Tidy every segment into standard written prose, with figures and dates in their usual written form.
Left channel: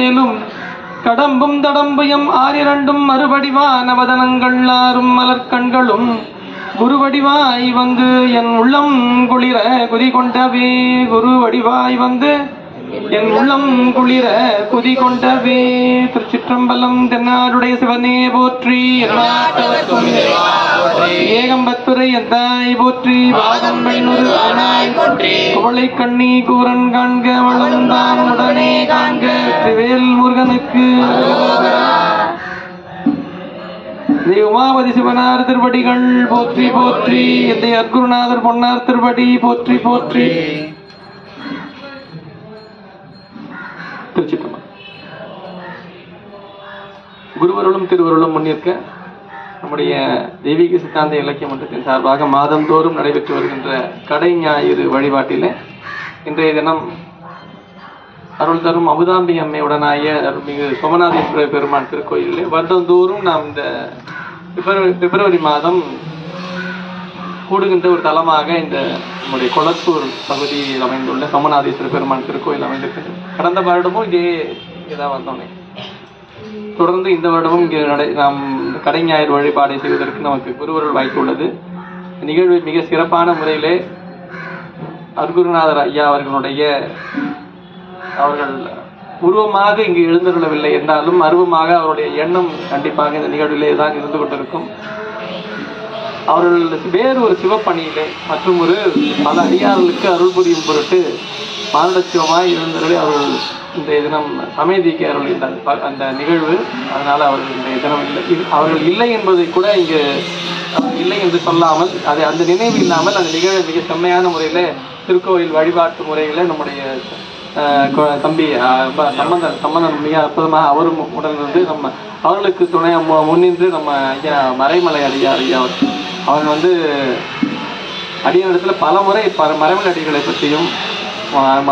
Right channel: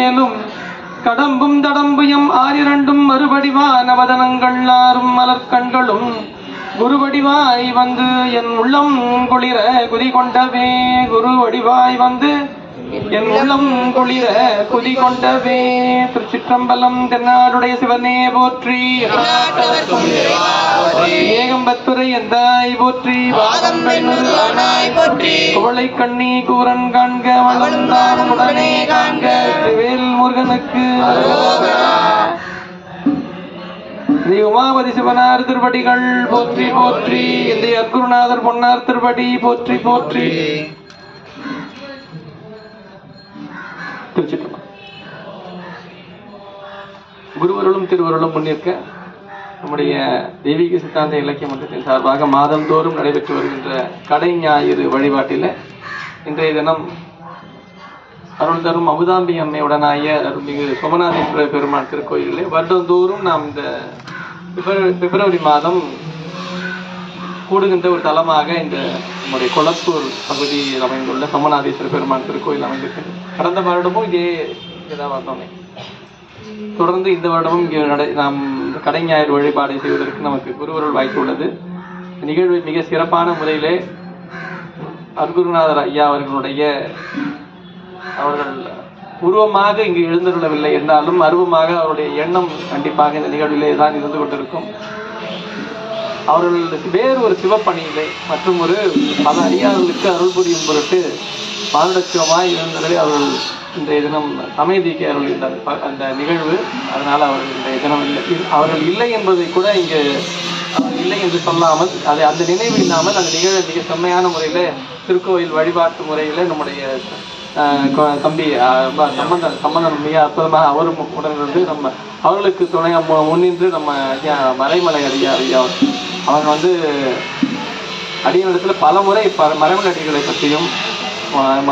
மேலும் கடம்பும் தடம்புயம் ஆரிரண்டும் மறுபடிவான வதனங்கள் ஆறும் மலர்கண்களும் குருவடிவாய் வந்து என் உள்ளம் குளிர குதி கொண்டவே குருவடிவாய் வந்து என் உள்ளம் குளிர குதி கொண்டவே. திருச்சிற்றம்பலம். தென்னாடுடைய சிவனே போற்றி. ஏகம்பத்துரை எந்தாய் போற்றி. வாதம் பெண்ணொரு ஆனாய் போற்றி. குவளை கண்ணி கூரன் காண்க வளர்ந்தான் உடனே காண்க. வெற்றிவேல் முருகனுக்கு உமாபதி சிவனார் திருவடிகள் போற்றி போற்றி. அற்குருநாதர் பொன்னார் திருவடி போற்றி போற்றி. குருவருளும் திருவருளும் முன்னிற்க நம்முடைய தெய்வீக சித்தாந்த இலக்கிய மன்றத்தின் சார்பாக மாதந்தோறும் நடைபெற்று வருகின்ற கடை ஞாயிறு வழிபாட்டில இன்றைய தினம் அருள் தரும் அமுதாம்பி அம்மையுடனாய அருள்மிகு சோமநாதேஸ்வர பெருமான் திருக்கோயிலே வருடந்தோறும் நாம் இந்த பிப்ரவரி மாதம் கூடுகின்ற ஒரு தலமாக இந்த நம்முடைய கொளத்தூர் பகுதியில் அமைந்துள்ள சோமநாதேஸ்வர பெருமான் திருக்கோயில் அமைந்திருக்கிறது. கடந்த வருடமும் இங்கேதான் வந்தோமே. தொடர்ந்து இந்த வருடமும் இங்கே நாம் கடை ஞாயிறு வழிபாடை செய்வதற்கு நமக்கு குருவருள் வாய்ப்பு உள்ளது. நிகழ்வு மிக சிறப்பான முறையிலே அருகுருநாதர் ஐயா அவர்கள் உருவமாக இங்கு எழுந்துள்ளவில்லை என்றாலும் அருவமாக அவருடைய எண்ணம் கண்டிப்பாக இந்த நிகழ்விலே தான் இருந்து கொண்டிருக்கும். அவர்கள் வேறு ஒரு சிவப்பணியிலே மற்றும் ஒரு பல அடியார்களுக்கு அருள் புரியும் பொருட்டு பாரடசிவமாய் இருந்தவர்களே அவர்கள் இன்றைய தினம் சமயதிக்கு அவர்கள் அந்த நிகழ்வு. அதனால அவர்கள் இன்றைய தினம் இல்லை. அவர்கள் இல்லை என்பதை கூட இங்கு இல்லை என்று சொல்லாமல் அது அந்த நினைவு இல்லாமல் அந்த நிகழ்வை மிக செம்மையான முறையில திருக்கோயில் வழிபாட்டு முறையில நம்முடைய தம்பி சம்பந்தன் மிக அற்புதமாக அவரும் உடனிருந்து நம்ம அவர்களுக்கு துணை முன்னின்று நம்ம ஐயா மறைமலை ஐயா அவங்க அடியனிடத்துல பல முறை மறைமலை அடிகளை பற்றியும்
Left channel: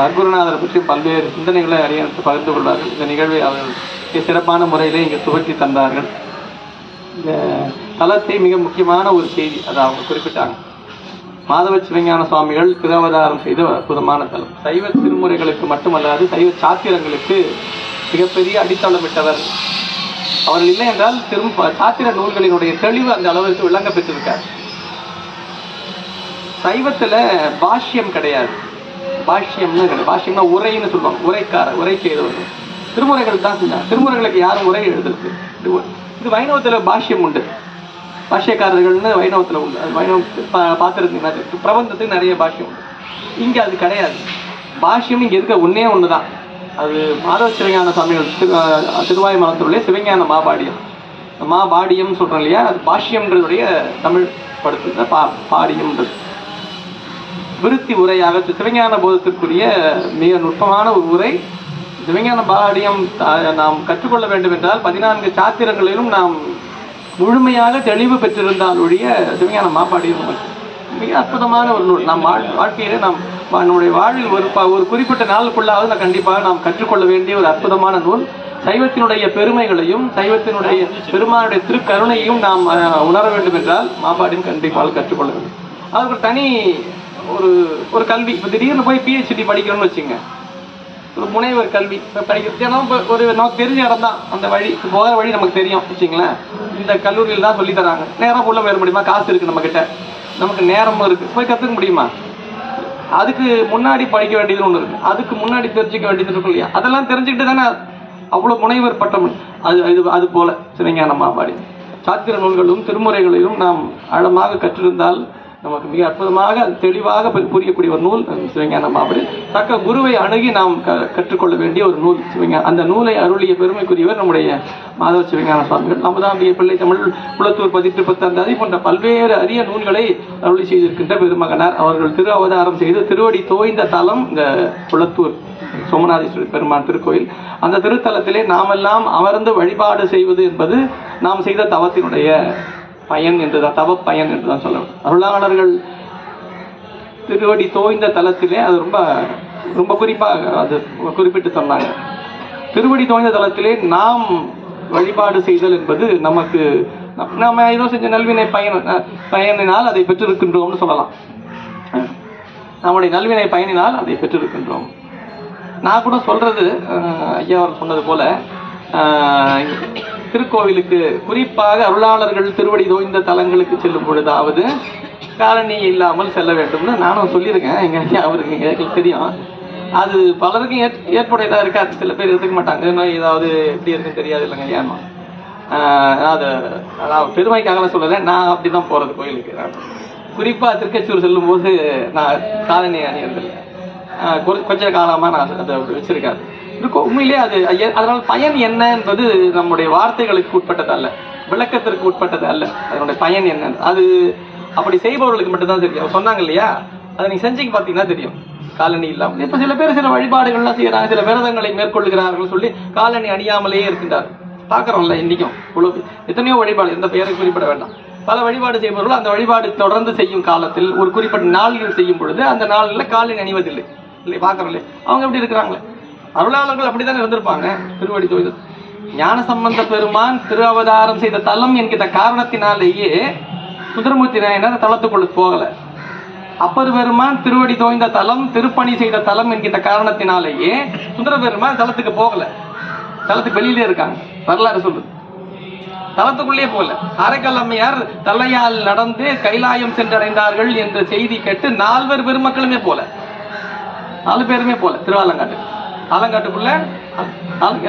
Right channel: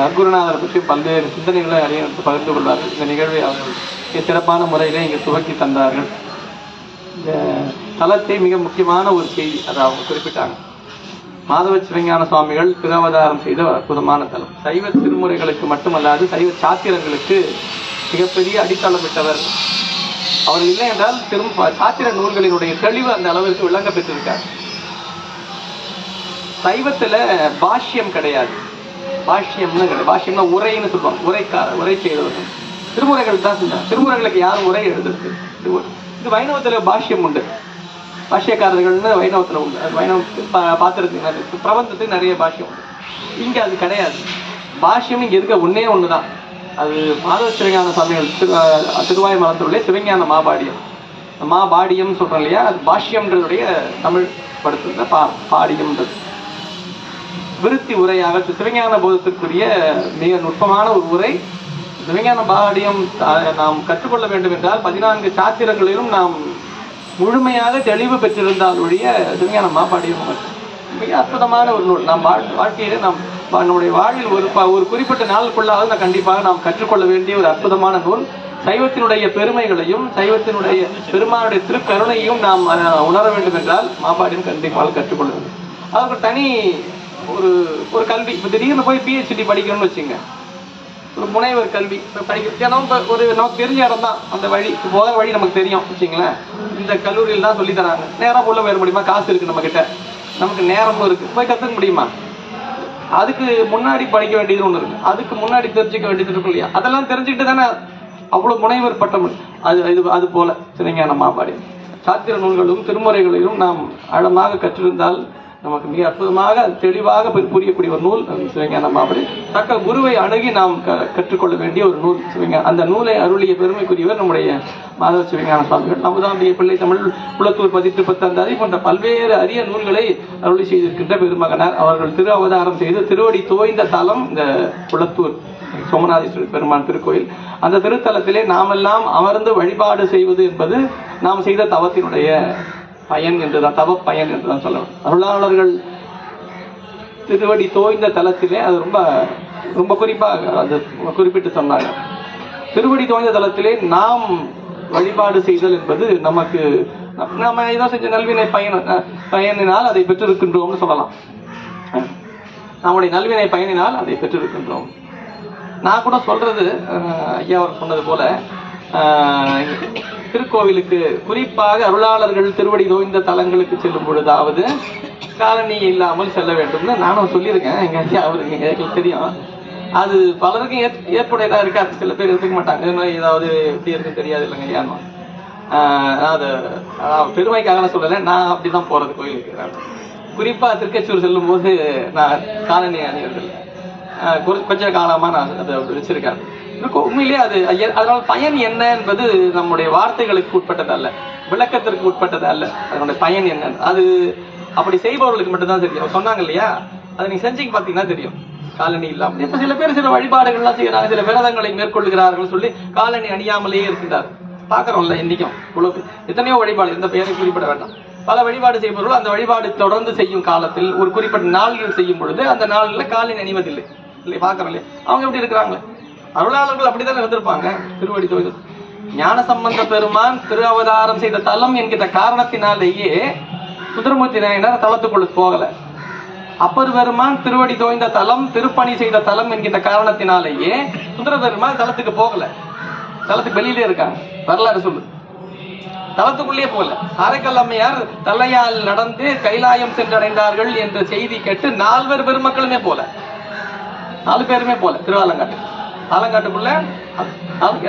அற்புதநாதரை பற்றியும் பல்வேறு சிந்தனைகளை அடியனிடத்து பகிர்ந்து கொள்வார்கள். இந்த நிகழ்வை அவர்கள் சிறப்பான முறையிலே இங்கே துவக்கி தந்தார்கள். இந்த தலத்தை மிக முக்கியமான ஒரு செய்தி அதை அவங்க குறிப்பிட்டாங்க. மாதவ சிவஞான சுவாமிகள் திருவதாரம் செய்த அற்புதமான தலம். சைவ திருமுறைகளுக்கு மட்டுமல்லாது சைவ சாத்திரங்களுக்கு மிகப்பெரிய அடித்தளமிட்டவர். அவர்கள் இல்லை என்றால் சாத்திர நூல்களினுடைய தெளிவு அந்த அளவிற்கு விளங்க பெற்றிருக்கார். சைவத்துல பாஷ்யம் கிடையாது. பாஷ்யம்னா உரைன்னு சொல்லுவாங்க. உரை செய்தவர்கள் திருமுறைகள் தான் சொன்னாங்க. திருமுறைகளுக்கு யாரும் உரை எழுதுறது. இது வைணவத்துல பாஷ்யம் உண்டு. பாஷ்யக்காரர்கள்னு வைணவத்துல உண்டு. அது வைணவ பார்த்துருந்தீங்கன்னா பிரபந்தத்துக்கு நிறைய பாஷ்யம் உண்டு. இங்க அது கிடையாது. பாஷ்யம் இங்க இருக்க ஒண்ணுதான். அது மாதவ சிவஞான சுவாமிகள் திருவாய் மகத்துடைய சிவஞான மாபாடியம் சொல்றோம் இல்லையா. அது பாஷ்யங்களுடைய தமிழ் படுத்துற பாடியம்ன்றது விருத்தி உரையாக சிவஞான போதத்திற்குரிய மிக நுட்பமான ஒரு உரை. சிவஞான பாடியம் நாம் கற்றுக்கொள்ள வேண்டும் என்றால் 14 சாத்திரங்களிலும் நாம் முழுமையாக தெளிவு பெற்றிருந்தால் ஒழிய சிவஞான மாபாடியம் மிக அற்புதமான ஒரு நூல். நம் வாழ்க்கையில நம்முடைய வாழ்வில் ஒரு குறிப்பிட்ட நாளுக்குள்ளாவது கண்டிப்பாக நாம் கற்றுக்கொள்ள வேண்டிய ஒரு அற்புதமான நூல். சைவத்தினுடைய பெருமைகளையும் சைவத்தினுடைய பெருமானுடைய திருக்கருணையும் நாம் உணர வேண்டும் என்றால் மாபாடியம் கண்டிப்பாக கற்றுக்கொள்ள வேண்டும். அது ஒரு தனி ஒரு கல்வி. இப்போ திடீர்னு போய் PhD படிக்கணும்னு வச்சுங்க, ஒரு முனைவர் கல்வி படிக்கிறது. ஏன்னா ஒரு நமக்கு தெரிஞ்ச இடம் தான், அந்த வழி போகிற வழி நமக்கு தெரியும் வச்சுங்களேன். இந்த கல்லூரியில் தான் சொல்லி தராங்க. நேரம் உள்ள போயிட முடியுமா? காசு இருக்கு நம்ம கிட்ட, நமக்கு நேரமும் இருக்கு, போய் கற்றுக்க முடியுமா? அதுக்கு முன்னாடி படிக்க வேண்டியது ஒன்று இருக்கு, அதுக்கு முன்னாடி தெரிஞ்சுக்க வேண்டியது இருக்கும் இல்லையா? அதெல்லாம் தெரிஞ்சுக்கிட்டு தானே அவ்வளோ முனைவர் பட்டம். அது போல சிவஞான மாபாடியம் சாத்திர நூல்களும் திருமுறைகளிலும் நாம் ஆழமாக கற்றிருந்தால் நமக்கு மிக அற்புதமாக தெளிவாக புரியக்கூடிய ஒரு நூல் சிவஞான மாபாடியம். தக்க குருவை அணுகி நாம் கற்றுக்கொள்ள வேண்டிய ஒரு நூல் சிவஞான. அந்த நூலை அருளிய பெருமைக்குரியவர் நம்முடைய மாதவ சிவஞான சுவாமிகள். அமுதாம்பிகை பிள்ளை தமிழ் குளத்தூர் 10 அதை போன்ற பல்வேறு அரிய நூல்களை அருளி செய்திருக்கின்ற பெருமகனார். அவர்கள் திரு அவதாரம் செய்து திருவடி தோய்ந்த தலம் இந்த குளத்தூர் சோமநாதேஸ்வரர் பெருமான் திருக்கோயில். அந்த திருத்தலத்திலே நாமெல்லாம் அமர்ந்து வழிபாடு செய்வது என்பது நாம் செய்த தவத்தினுடைய பயன் என்றுதான், தவ பயன் என்றுதான் சொல்லணும். அருளாளர்கள் திருவடி தோய்ந்த தலத்திலே அது ரொம்ப ரொம்ப குறிப்பாக அது குறிப்பிட்டு சொன்னாங்க. திருவடி தோய்ந்த தலத்திலே நாம் வழிபாடு செய்தல் என்பது நமக்கு நம்ம ஏதோ செஞ்ச நல்வினை பயனினால் அதை பெற்றிருக்கின்றோம்னு சொல்லலாம். நம்முடைய நல்வினை பயனினால் அதை பெற்றிருக்கின்றோம். நான் கூட சொல்றது ஐயா அவர் சொன்னது போல திருக்கோவிலுக்கு குறிப்பாக அருளாளர்கள் திருவடி தோய்ந்த தலங்களுக்கு செல்லும் பொழுதாவது காலணி இல்லாமல் செல்ல வேண்டும்னு நானும் சொல்லியிருக்கேன். எங்க ஐயா அவருக்கு எங்களுக்கு தெரியும். அது பலருக்கும் ஏற்புடையதா இருக்காது. சில பேர் எடுத்துக்க மாட்டாங்க. ஏதாவது எப்படி இருக்குன்னு தெரியாது இல்லைங்க ஐயா. அது பெருமைக்காக சொல்லலை, நான் அப்படிதான் போறது கோயிலுக்கு. குறிப்பா திருக்கச்சூர் செல்லும் போது நான் காலணி அணியறதில்லை. கொஞ்ச காலமா நான் அதை வச்சிருக்கேன். உண்மையிலேயே அது அதனால பயன் என்ன என்பது நம்முடைய வார்த்தைகளுக்கு உட்பட்டது அல்ல, விளக்கத்திற்கு உட்பட்டது அல்ல. அதனுடைய பயன் என்ன அது அப்படி செய்பவர்களுக்கு மட்டும்தான் தெரியும். சொன்னாங்க இல்லையா, அதை நீங்க செஞ்சு பாத்தீங்கன்னா தெரியும். காலணி இல்லாமல் இப்ப சில பேர் சில வழிபாடுகள்லாம் செய்யறாங்க, சில விரதங்களை மேற்கொள்கிறார்கள் சொல்லி காலணி அணியாமலேயே இருக்கின்றார். பாக்குறோம்ல இன்னைக்கும் எத்தனையோ வழிபாடு, எந்த பெயரை குறிப்பிட வேண்டாம். பல வழிபாடு செய்பவர்கள் அந்த வழிபாடு தொடர்ந்து செய்யும் காலத்தில் ஒரு குறிப்பிட்ட நாள்கள் செய்யும் பொழுது அந்த நாளில் காலணி அணிவதில்லை இல்லை. பாக்குறோம்ல அவங்க எப்படி இருக்கிறாங்களே. அருளாளர்கள் அப்படித்தானே இருந்திருப்பாங்க. திருவடி தோய்ந்த ஞானசம்பந்த பெருமான் திரு அவதாரம் செய்த தலம் என்கிற காரணத்தினாலேயே சுந்தரமூர்த்தி நாயனார் தலத்துக்குள்ள போகல. அப்பர் பெருமான் திருவடி தோய்ந்த தலம், திருப்பணி செய்த தலம் என்கிற காரணத்தினாலேயே சுந்தர பெருமான் தலத்துக்கு போகல. தலத்துக்கு வெளியிலே இருக்காங்க. வரலாறு சொல்லுது. தலத்துக்குள்ளே போகல. காரைக்கால் அம்மையார் தலையால் நடந்து கைலாயம் சென்றடைந்தார்கள் என்ற செய்தி கேட்டு 4 பெருமக்களுமே போல, 4 பேருமே போல. திருவாலங்காட்டு ஆலங்காட்டுக்குள்ள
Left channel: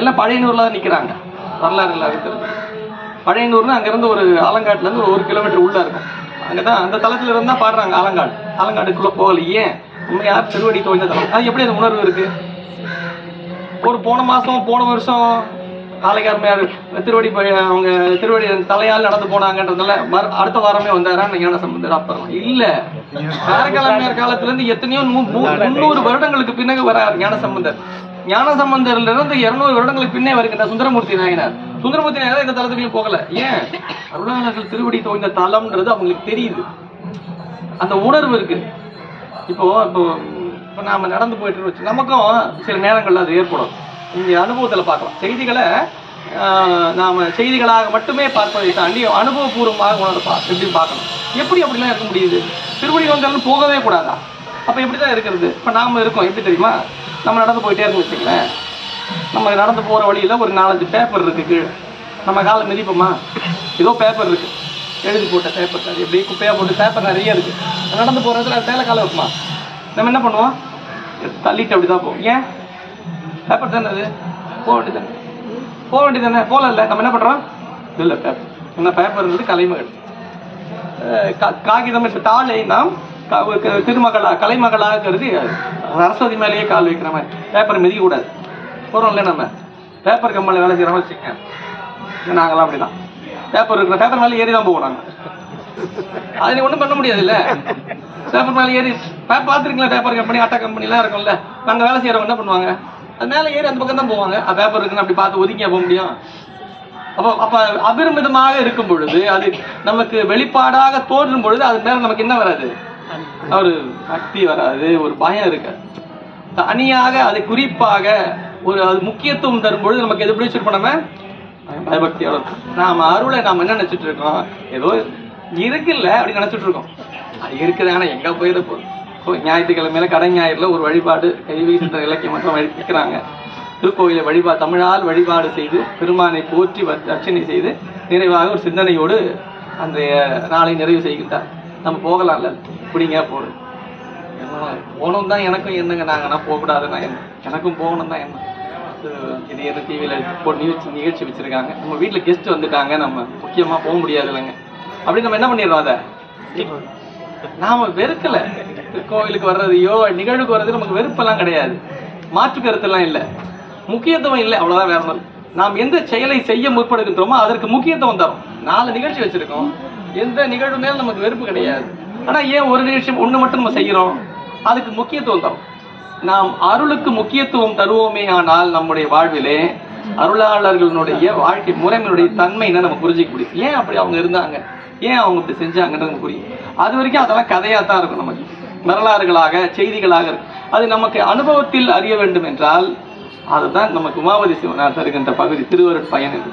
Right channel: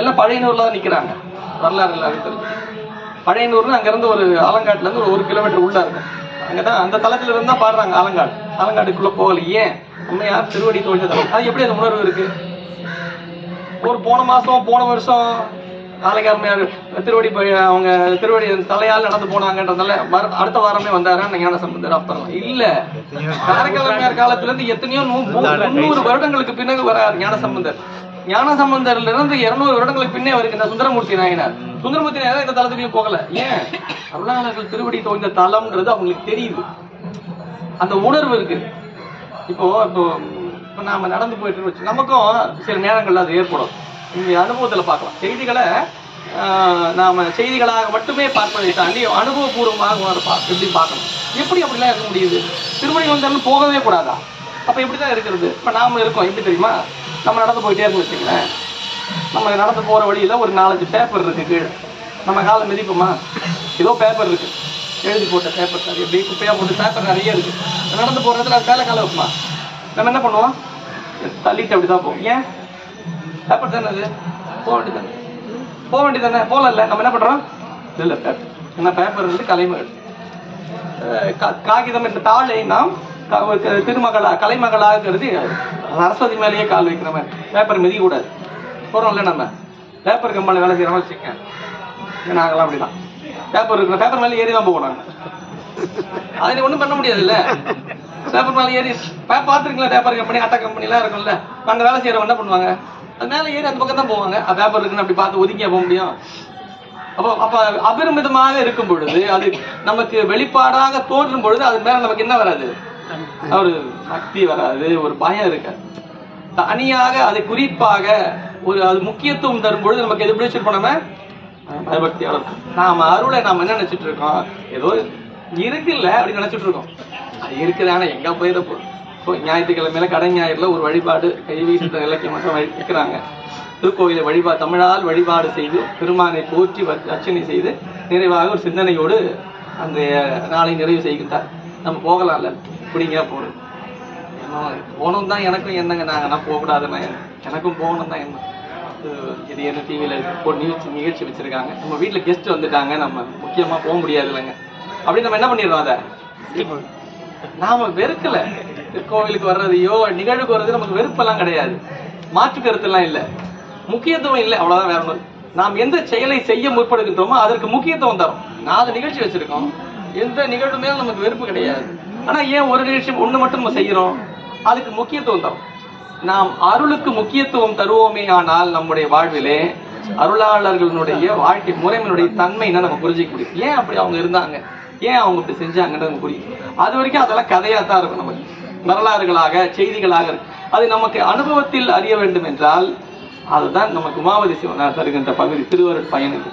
எல்லாம் பழையனூர்ல தான் நிக்கிறாங்க. வரலாறு இல்லாத பழையனூர்னு அங்க இருந்து ஒரு ஆலங்காட்டுல இருந்து ஒரு 1 கிலோமீட்டர் உள்ள இருக்கும். அங்கதான் அந்த தளத்துல இருந்தா பாடுறாங்க. ஆலங்காட்டுக்குள்ள போகல. ஏன்? உண்மையார் திருவடி தோய்ந்த தலம். அது எப்படி அந்த உணர்வு இருக்கு? ஒரு போன வருஷம் ஆலங்கார் திருவடி அவங்க திருவடி தலையால் நடந்து போனாங்கன்றதுனால அடுத்த வாரமே வந்தாரா ஞானசம்பந்தர்? அப்புறம் இல்ல, காரைக்கால் காலத்துல இருந்து எத்தனையோ 300 வருடங்களுக்கு பின்னாடி வராரு ஞானசம்பந்தர். ஞானசம்பந்தர்ல இருந்து 200 வருடங்களுக்கு பின்னே வருகின்ற சுந்தரமூர்த்தி நாயனார். சுந்தரமூர்த்தி நாயனார் இந்த தலத்துக்குள்ளயும் போகல. ஏன்? அருளாளர்கள் திருவடி தோய்ந்த தலம்ன்றது அவங்களுக்கு தெரியுது, அந்த உணர்வு இருக்கு. இப்போ நாம நடந்து போயிட்டு வச்சு நமக்கும் சில நேரங்கள்ல அது ஏற்படும். இங்க அனுபவத்துல பார்க்கலாம். செய்திகளை நாம செய்திகளாக மட்டுமே பார்ப்பதை தாண்டி அனுபவபூர்வமாக உணர்ப்பா எப்படி பார்க்கணும். எப்படி அப்படிலாம் இருக்க முடியுது? திருவடி வந்து போகவே கூடாதா? அப்ப எப்படிதான் இருக்கிறது? இப்ப நாம இருக்கோம் எப்படி தெரியுமா? நம்ம நடந்து போயிட்டே இருந்து வச்சுங்களேன். நம்ம நடந்து போற வழியில ஒரு 4-5 பேப்பர் இருக்கு கீழே. நம்ம காலை மிதிப்போமா? ஏதோ பேப்பர் இருக்கு, எழுதி போட்ட பேப்பர். அது எப்படி குப்பையா போட்டு பேப்பர் நிறைய இருக்கு. நடந்து போறதுல அது மேல காலை வைப்போமா? நம்ம என்ன பண்ணுவோம்? தள்ளிட்டு அப்படிதான் போவோம். ஏன்? பேப்பர் தானே அது, போக வேண்டியதானே. போல இல்லை, நம்ம என்ன பண்றோம்? இல்ல பேப்பர் என்ன பேப்பர் இருந்து கலைமகள் காகிதம் என்ற தாளை நாம் திருமகளா கலைமகளாக கருதி சரஸ்வதி மேலேயே கால் வைக்கிற மாதிரி பேப்பர் மிதிக்க கூடாது. போறோம்ல நம்ம பேப்பர் கம்பெனில வேலை செய்யறோம் வச்சுக்க. நாங்களாம் அப்படிதான் பேப்பர் இருக்கிற பேப்பர் மேலே ஏறி தான் போவோம். நாங்க அதை நீ ஒண்ணும் பண்ண முடியாது இல்ல. பேப்பர் மேலே ஏறி பாத்துருக்கீங்களா? பேப்பர் கம்பெனி அட்டா கம்பெனி எல்லாம் இருக்கும்ல, அங்க வேலை செய்யறவங்க என்ன பண்ணுவாங்க? அது மேல ஏறி அந்த பக்கம் தான் போவாங்க. பேப்பர் இருக்குன்னு அப்படி பார்த்து ஒதுக்கியா போக முடியும்? அப்ப அபரிமிதமாக இருக்கும் பொழுது, அது நமக்கு வெளிப்பாடாக தோன்றும் பொழுது அது மேல நமக்கு என்ன வராது? ஒரு சக்தி வராது, ஒரு பயம் இருக்காது. தனியாக அதை குறிப்பாக ஒரு அது முக்கியத்துவம் தரும் பொழுது நமக்கு எது பிடிச்சிருப்போம்? நம்ம பயபக்தியோட நாம அருளை நாம என்ன நினைச்சிட்டு இருக்கோம்? ஏதோ இருக்குல்ல அப்படி நினைச்சிட்டு இருக்கோம். இருக்குது, ஆனா எங்க போயிட போகுது? ஞாயிற்றுக்கிழமையில கடை ஞாயிறுல ஒரு வழிபாடு கைவீசுற இலக்கியம் மட்டும் வைக்கிறாங்க. திருக்கோயிலை தமிழால் வழிபாடு செய்து பெருமானை போற்றி அர்ச்சனை செய்து நிறைவாக ஒரு சிந்தனையோடு அந்த நாளை நிறைவு செய்கின்றார். நம்ம போகலாம்ல, இப்படிங்க போகணும். போகணும் தான் எனக்கும் என்னங்க. நாங்கன்னா போகக்கூடாதுன்னா என்ன? எனக்கும் போகணும் தான் என்ன. இது என்ன டிவியில நிகழ்ச்சி வச்சிருக்காங்க, நம்ம வீட்டுல கெஸ்ட் வந்துட்டாங்க, நம்ம முக்கியமா போக முடியாது இல்லைங்க. அப்படி நம்ம என்ன பண்ணிடுறோம்? அதை நாம வெறுக்கல. கோவிலுக்கு வர்றதையோ நிகழ்வுக்கு வர்றது நமக்கு வெறுப்பெல்லாம் கிடையாது, மாற்று கருத்தெல்லாம் இல்லை, முக்கியத்துவம் இல்லை, அவ்வளவுதான். வேற ஒன்று, நாம் எந்த செயலை செய்ய முற்படுகின்றோமோ அதற்கு முக்கியத்துவம் தரும். 4 நிகழ்ச்சி வச்சிருக்கோம், எந்த நிகழ்வு மேல நமக்கு வெறுப்பு கிடையாது. ஆனா ஏன் ஒரு நிகழ்ச்சி ஒண்ணு மட்டும் நம்ம செய்யறோம்? அதுக்கு முக்கியத்துவம் தரும். நாம் அருளுக்கு முக்கியத்துவம் தருவோமே ஆனால் நம்முடைய வாழ்விலே அருளாளர்களுடைய வாழ்க்கை முறைமையுடைய தன்மைன்னா நம்ம புரிஞ்சிக்க முடியும். ஏன் அப்படி அவங்க இருந்தாங்க, ஏன் அவங்க இப்படி செஞ்சாங்கன்னு நமக்கு புரியும். அது வரைக்கும் அதெல்லாம் கதையா தான் இருக்கும், நமக்கு வரலாறுகளாக செய்திகளாக இருக்கு. அது நமக்கு அனுபவத்தில் அறிய வேண்டும் என்றால் அதுதான் நமக்கு உமாவதி சிவனார் தருகின்ற பகுதி திருவருட் பயன் என்று.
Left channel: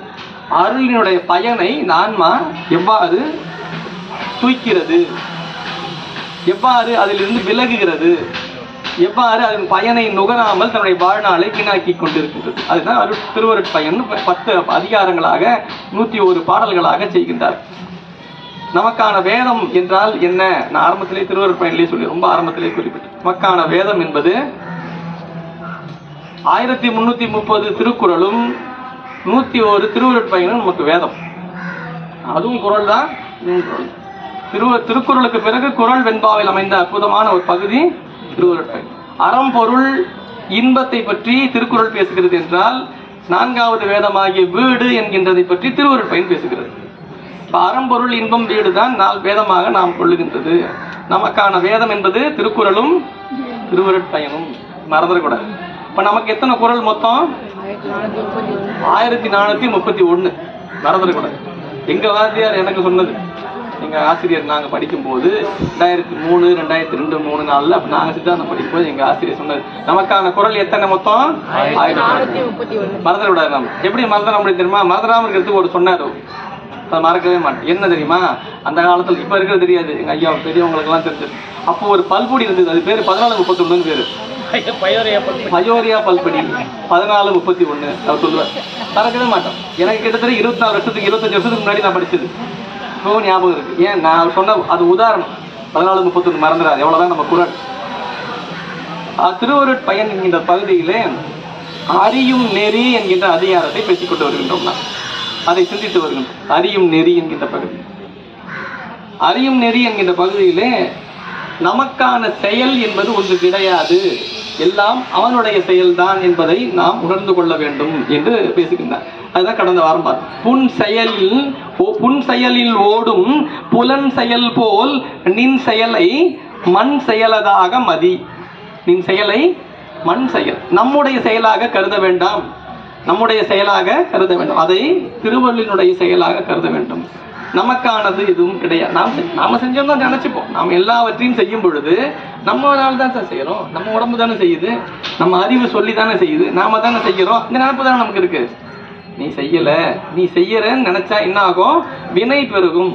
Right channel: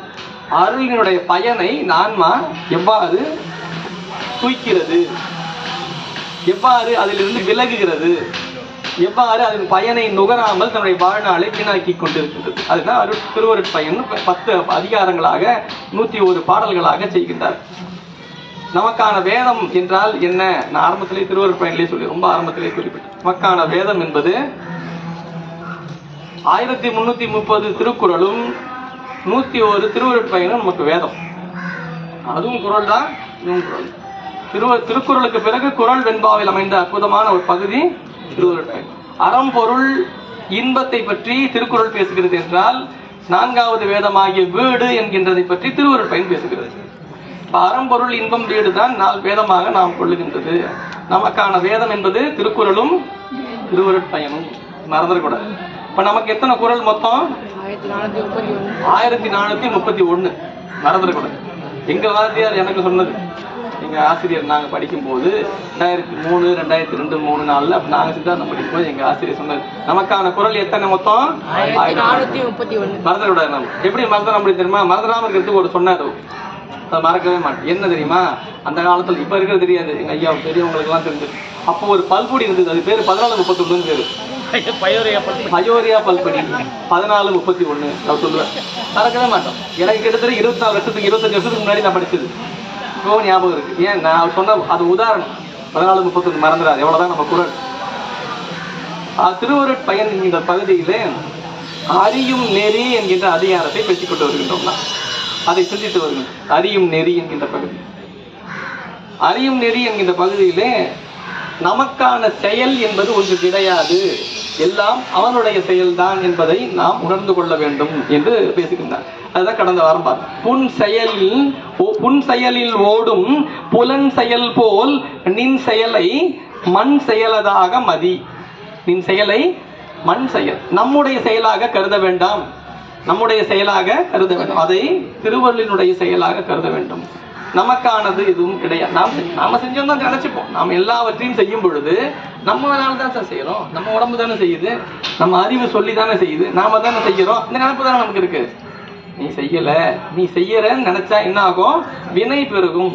அருளினுடைய பயனை நான்மா எவ்வாறு தூய்க்கிறது, எவ்வாறு அதிலிருந்து விலகுகிறது, எவ்வாறு அதன் பயனை நுகராமல் தன்னுடைய வாழ்நாளை வீணாக்கி கொண்டிருக்கின்றது. அதுதான் திருவருட்பயன் 10 அதிகாரங்களாக 101 பாடல்களாக செய்கின்றார். நமக்கான வேதம் என்றால் என்ன? நான் ஆரம்பத்திலே திருவருட்பயனிலே சொல்லி ரொம்ப ஆரம்பத்திலே குறிப்பிட்டேன். நமக்கான வேதம் என்பது 1330 திருக்குறளும் 101 திருவருட்பயனும் நமக்கு வேதம். அதுவும் குறள் தான். திருக்குறளுக்கு பிறகு குறள் வெண்பாவில் அமைந்த அற்புதமான ஒரு பகுதி திருவருட்பயன். அறம்பொருள் இன்பத்தை பற்றி திருக்குறள் பேசுகிறது என்றால் 4வது வேதமாகிய வீடு என்கின்றதை பற்றி திருவருட்பயன் பேசுகிறது. அறம்பொருள் இன்பம் வீடு தான் 4 வேதமாக நாம் கொள்ளுகின்றது. நமக்கான வேதம் என்பது திருக்குறளும் திருவருட்பயனும். மறந்துடக்கூடாது. இப்ப நமக்கு எத்தனை குறள் மொத்தம்? 1431. மறந்துடக்கூடாது. எங்க வாத்தியார் எனக்கு சொன்னது, எங்க ஆசிரியர் நாங்க படிக்கும் போது 2003, 2002, 3, 4 நாங்க சித்தாந்தம் படிக்கும் போது எங்க ஆசிரியர் சொன்னது நமக்கான குறள் எத்தனை மொத்தம்? 1431. மறந்துடக்கூடாது. நம்ம எப்படி மறந்துட முடியும் தெரியுமா? மறந்துடாம இருக்கிறதுக்கு ஒரு சொன்னாரு, அதை மறக்கவே மாட்டேன். என்ன தெரியுமா? அந்த காலத்துல இப்ப இருக்கிறது தெரியாது, எங்க ஐயா பெரியவங்களுக்கு எல்லாம் தெரிஞ்சது. அப்போ ஒரு பல்பொடி இருந்தது, அது பேரு 1431 பேரு. அயோரியா பல்படி 1431 அவர் சொல்லுவார். மறக்கவே மாட்டோம். எனக்கு கிட்டத்தட்ட 24 வருஷத்துக்கு 25 வருஷத்துக்கு முன்னாடி நான் படிச்சது இப்போ ஞாபகம் இருக்கு. ஏன் நான் சொன்ன அது உதாரணம். 1431 மறந்துடாது. எவ்வளவுதான் நம்ம குறள். திருவருட்பயன் என்கின்ற பகுதியிலே அறியும் நெறி என்கின்ற அதிகாரத்தை பேசிக்கொண்டு வருகின்றோம். அதை சிந்தித்து வருகின்றோம். அறியும் நெறி என்கின்ற பகுதி. அறியும் நெறி என்கின்ற பகுதியிலே நமக்கான செயல் என்பது ஒன்று கிடையாது, எல்லாம் அவனுடைய செயல்தான் என்பதை நாம் உணர்ந்து கொள்ள வேண்டும் என்று பேசுகின்றார். அதுதான் கடந்த வாரம் பார்த்தோம். புன் செயலில் ஓடும் புலன் செயல் போல் நின் செயலை மண் செயலதாக மதி. நின் செயலை மண் செயல், நம்முடைய செயலாக கருத வேண்டாம். நம்முடைய செயலாக கருத வேண்டும், அதை திருவள்ளுவனுடைய செயலாக கருத வேண்டும். நமக்கானது எதுவும் கிடையாது. நாம செஞ்சோம் தான் நினைச்சுப்போம். நாம எல்லாவற்றையும் செய்யும் பொழுது நம்மளால தான் சார் செய்யறோம். நம்ம உடம்பு தானே செய்யுது, நம்ம அறிவு சொல்லி தானே செய்யுது, நாம தானே செய்யறோம். இந்த நினைப்பு தானே நமக்கு இருக்கு. நீ செய்யல, நீ செய்யறன்னு நினைச்சா என்ன ஆகும்? வினை பெருகும்.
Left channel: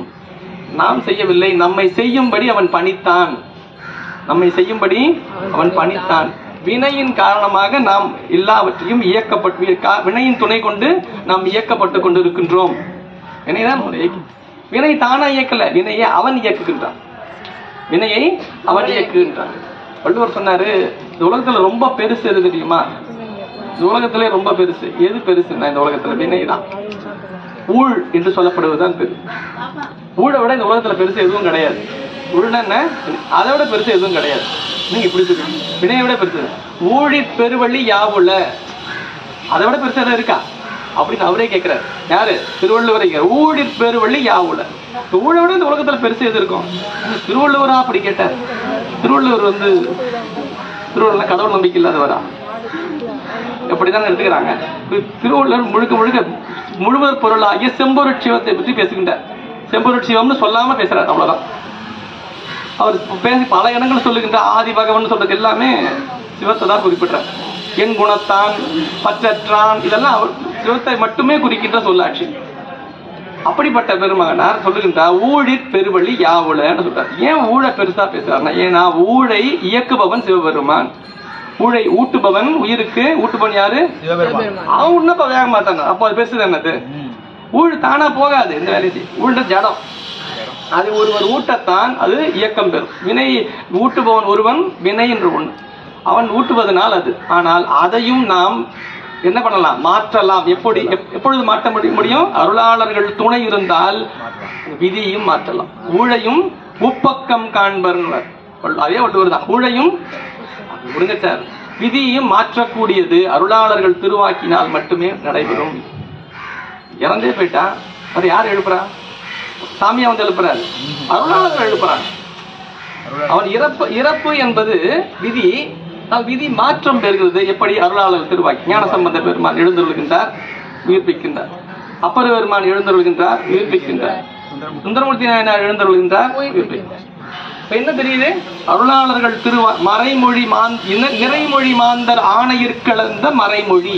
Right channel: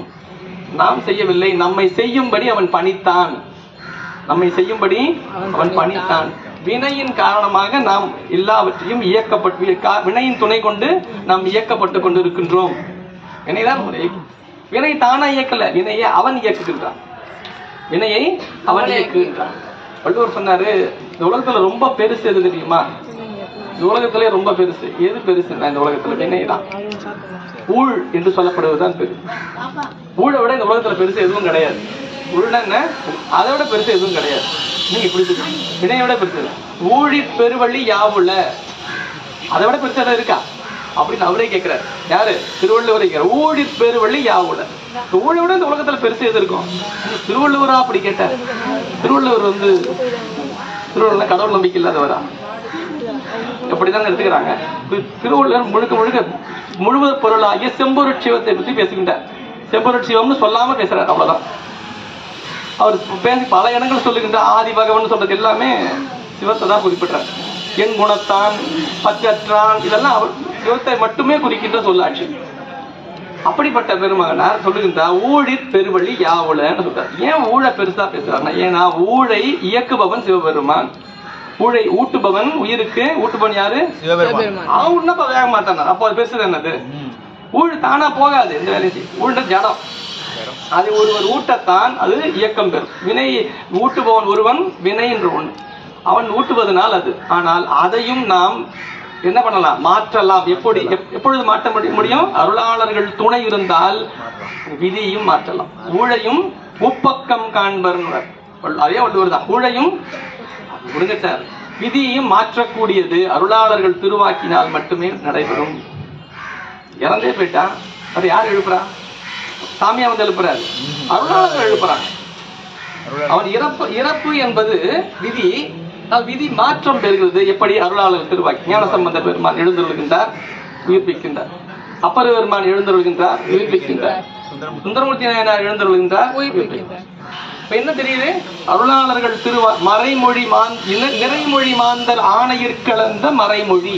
நாம் செய்யவில்லை, நம்மை செய்யும்படி அவன் பணித்தான். நம்மை செய்யும்படி அவன் பணித்தான். வினையின் காரணமாக நாம் எல்லாவற்றையும் வினையின் துணை கொண்டு நாம் இயக்கப்பட்டு கொண்டு இருக்கின்றோம். வினைதான் வினை தானா இயக்கல, வினையை அவன் இயக்குகின்றான். வினையை அவன் இயக்குகின்றான். வள்ளுவர் சொன்னாரு, இந்த உலகத்துல ரொம்ப பெருசு எது தெரியுமா? இந்த உலகத்திலே ரொம்ப பெருசு எது? பெருசுன்னா இந்த உலகத்துல வினைதான். ஊழ் என்று சொல்லப்படுவதுதான் பெருசு. ஊழை விட இந்த உலகத்துல பெருசு எதுவும் கிடையாது. ஊழ்னா என்ன? அதை விட பெருசு எதுவும் கிடையாது. நீங்க இப்படி சொல்லுங்க, வினையை விட பெருசு. ஊழிற் பெருவழி யாவுல, அதை விட பெருசா இருக்கா அப்படின்னு அவரே கேட்கிறார். யாரு? திருவள்ளுவரை. ஊழிற் பெருவழி யாவுல, ஊழை விட இந்த உலகத்துல பெருசு எது இருக்கும்? திருவள்ளுவரா அப்படி கேட்டார். திருவள்ளுவர் திருவள்ளுவர் கடவுள் நம்பிக்கை இல்லாதவரா? எப்படிதான் எடுத்துக்கிறாங்க. திருவள்ளுவர் முழுக்க முழுக்க முழுவதும் பொருளாகிய செம்பொருட் சிவத்தை பற்றி பேசுகின்றார். செம்பொருட் சிவம்னு சொல்லாம பேசுறாரு, அவ்வளவுதான். அவர் பேசி பல இடங்கள் சொல்லுகின்ற ஆதி பகவன் சொல்றது எல்லாமே சிவத்தை தான் குறிப்பிட்டார். என் குணத்தான், பற்றற்றான், இதெல்லாம் அவர் சிவத்தை மட்டுமே குறிக்கின்ற சொல்லாட்சி. அப்படிப்பட்ட பெருமகனார் சொல்லுகின்றார், ஊழிற் பெருவழி யாவுலன்னு சொல்றார். ஏன் ஊழை பெருசா பேசுறாருன்னா, ஏன்னா ஊழை இயக்குபவன் சிவபெருமான். ஊழை ஊட்டுபவன், உயிருக்கு ஊட்டுபவன் யாரு? அவன் உன்னப்ப வேக மாட்டான. அப்போ அது பெருசு என்னது? ஊழ் தானா போகாது, இந்த வேலையை செய்யும். ஊழ் ஜடம், அது ஒருவர் ஊட்டத்தான் அது இயக்கம் பெறும். வினை ஊட்டுபவன் ஒருவன், வினை என்று ஒண்ணு, அவன் ஊட்டுவதனால் அது. ஆனால் அதையும் நாம் என்ன பண்ணலாம்? மாற்றலாம். எப்பொழுது மாற்ற முடியும்? அருளாளர்கள் துணை இருந்தால் விதியும் மாற்றலாம். ஊழையும் உப்பக்கம் காண்பர், அதே வள்ளுவர் தான். ஊழையும் முடிஞ்ச சார், விதியையும் மாற்றக்கூடியது அருளாளர்கள் திருவாக்கினால் மட்டுமே நடைபெறும். இறந்தே போயிட்டா அது யார் எழுப்புறா? சாமியா வந்து எழுப்புறாரு, அருளாளர்கள் எழுப்புறாங்க. அவன் இறப்பு என்பது விதி. விதி மாற்றம் பெறுகிறது. எப்படி? அருளாளர் திருவாக்கி. ஞானசம்பந்த பெருமான் எழுந்தருள்கின்றார், உயிர்ப்பிக்கின்றார். அப்பர் பெருமான் எழுந்தருள்கின்றார், உயிர்ப்பிக்கின்றார். சுந்தரமூர்த்தி நாயனார் எழுந்தருள்கின்றார், உயிர்ப்பிக்கின்றார். இப்ப என்ன தெரியுது? அருளாளர்கள் மறைமொழி நிறைமொழி மாந்தர் ஆணையிற்கலந்த மறைமொழி.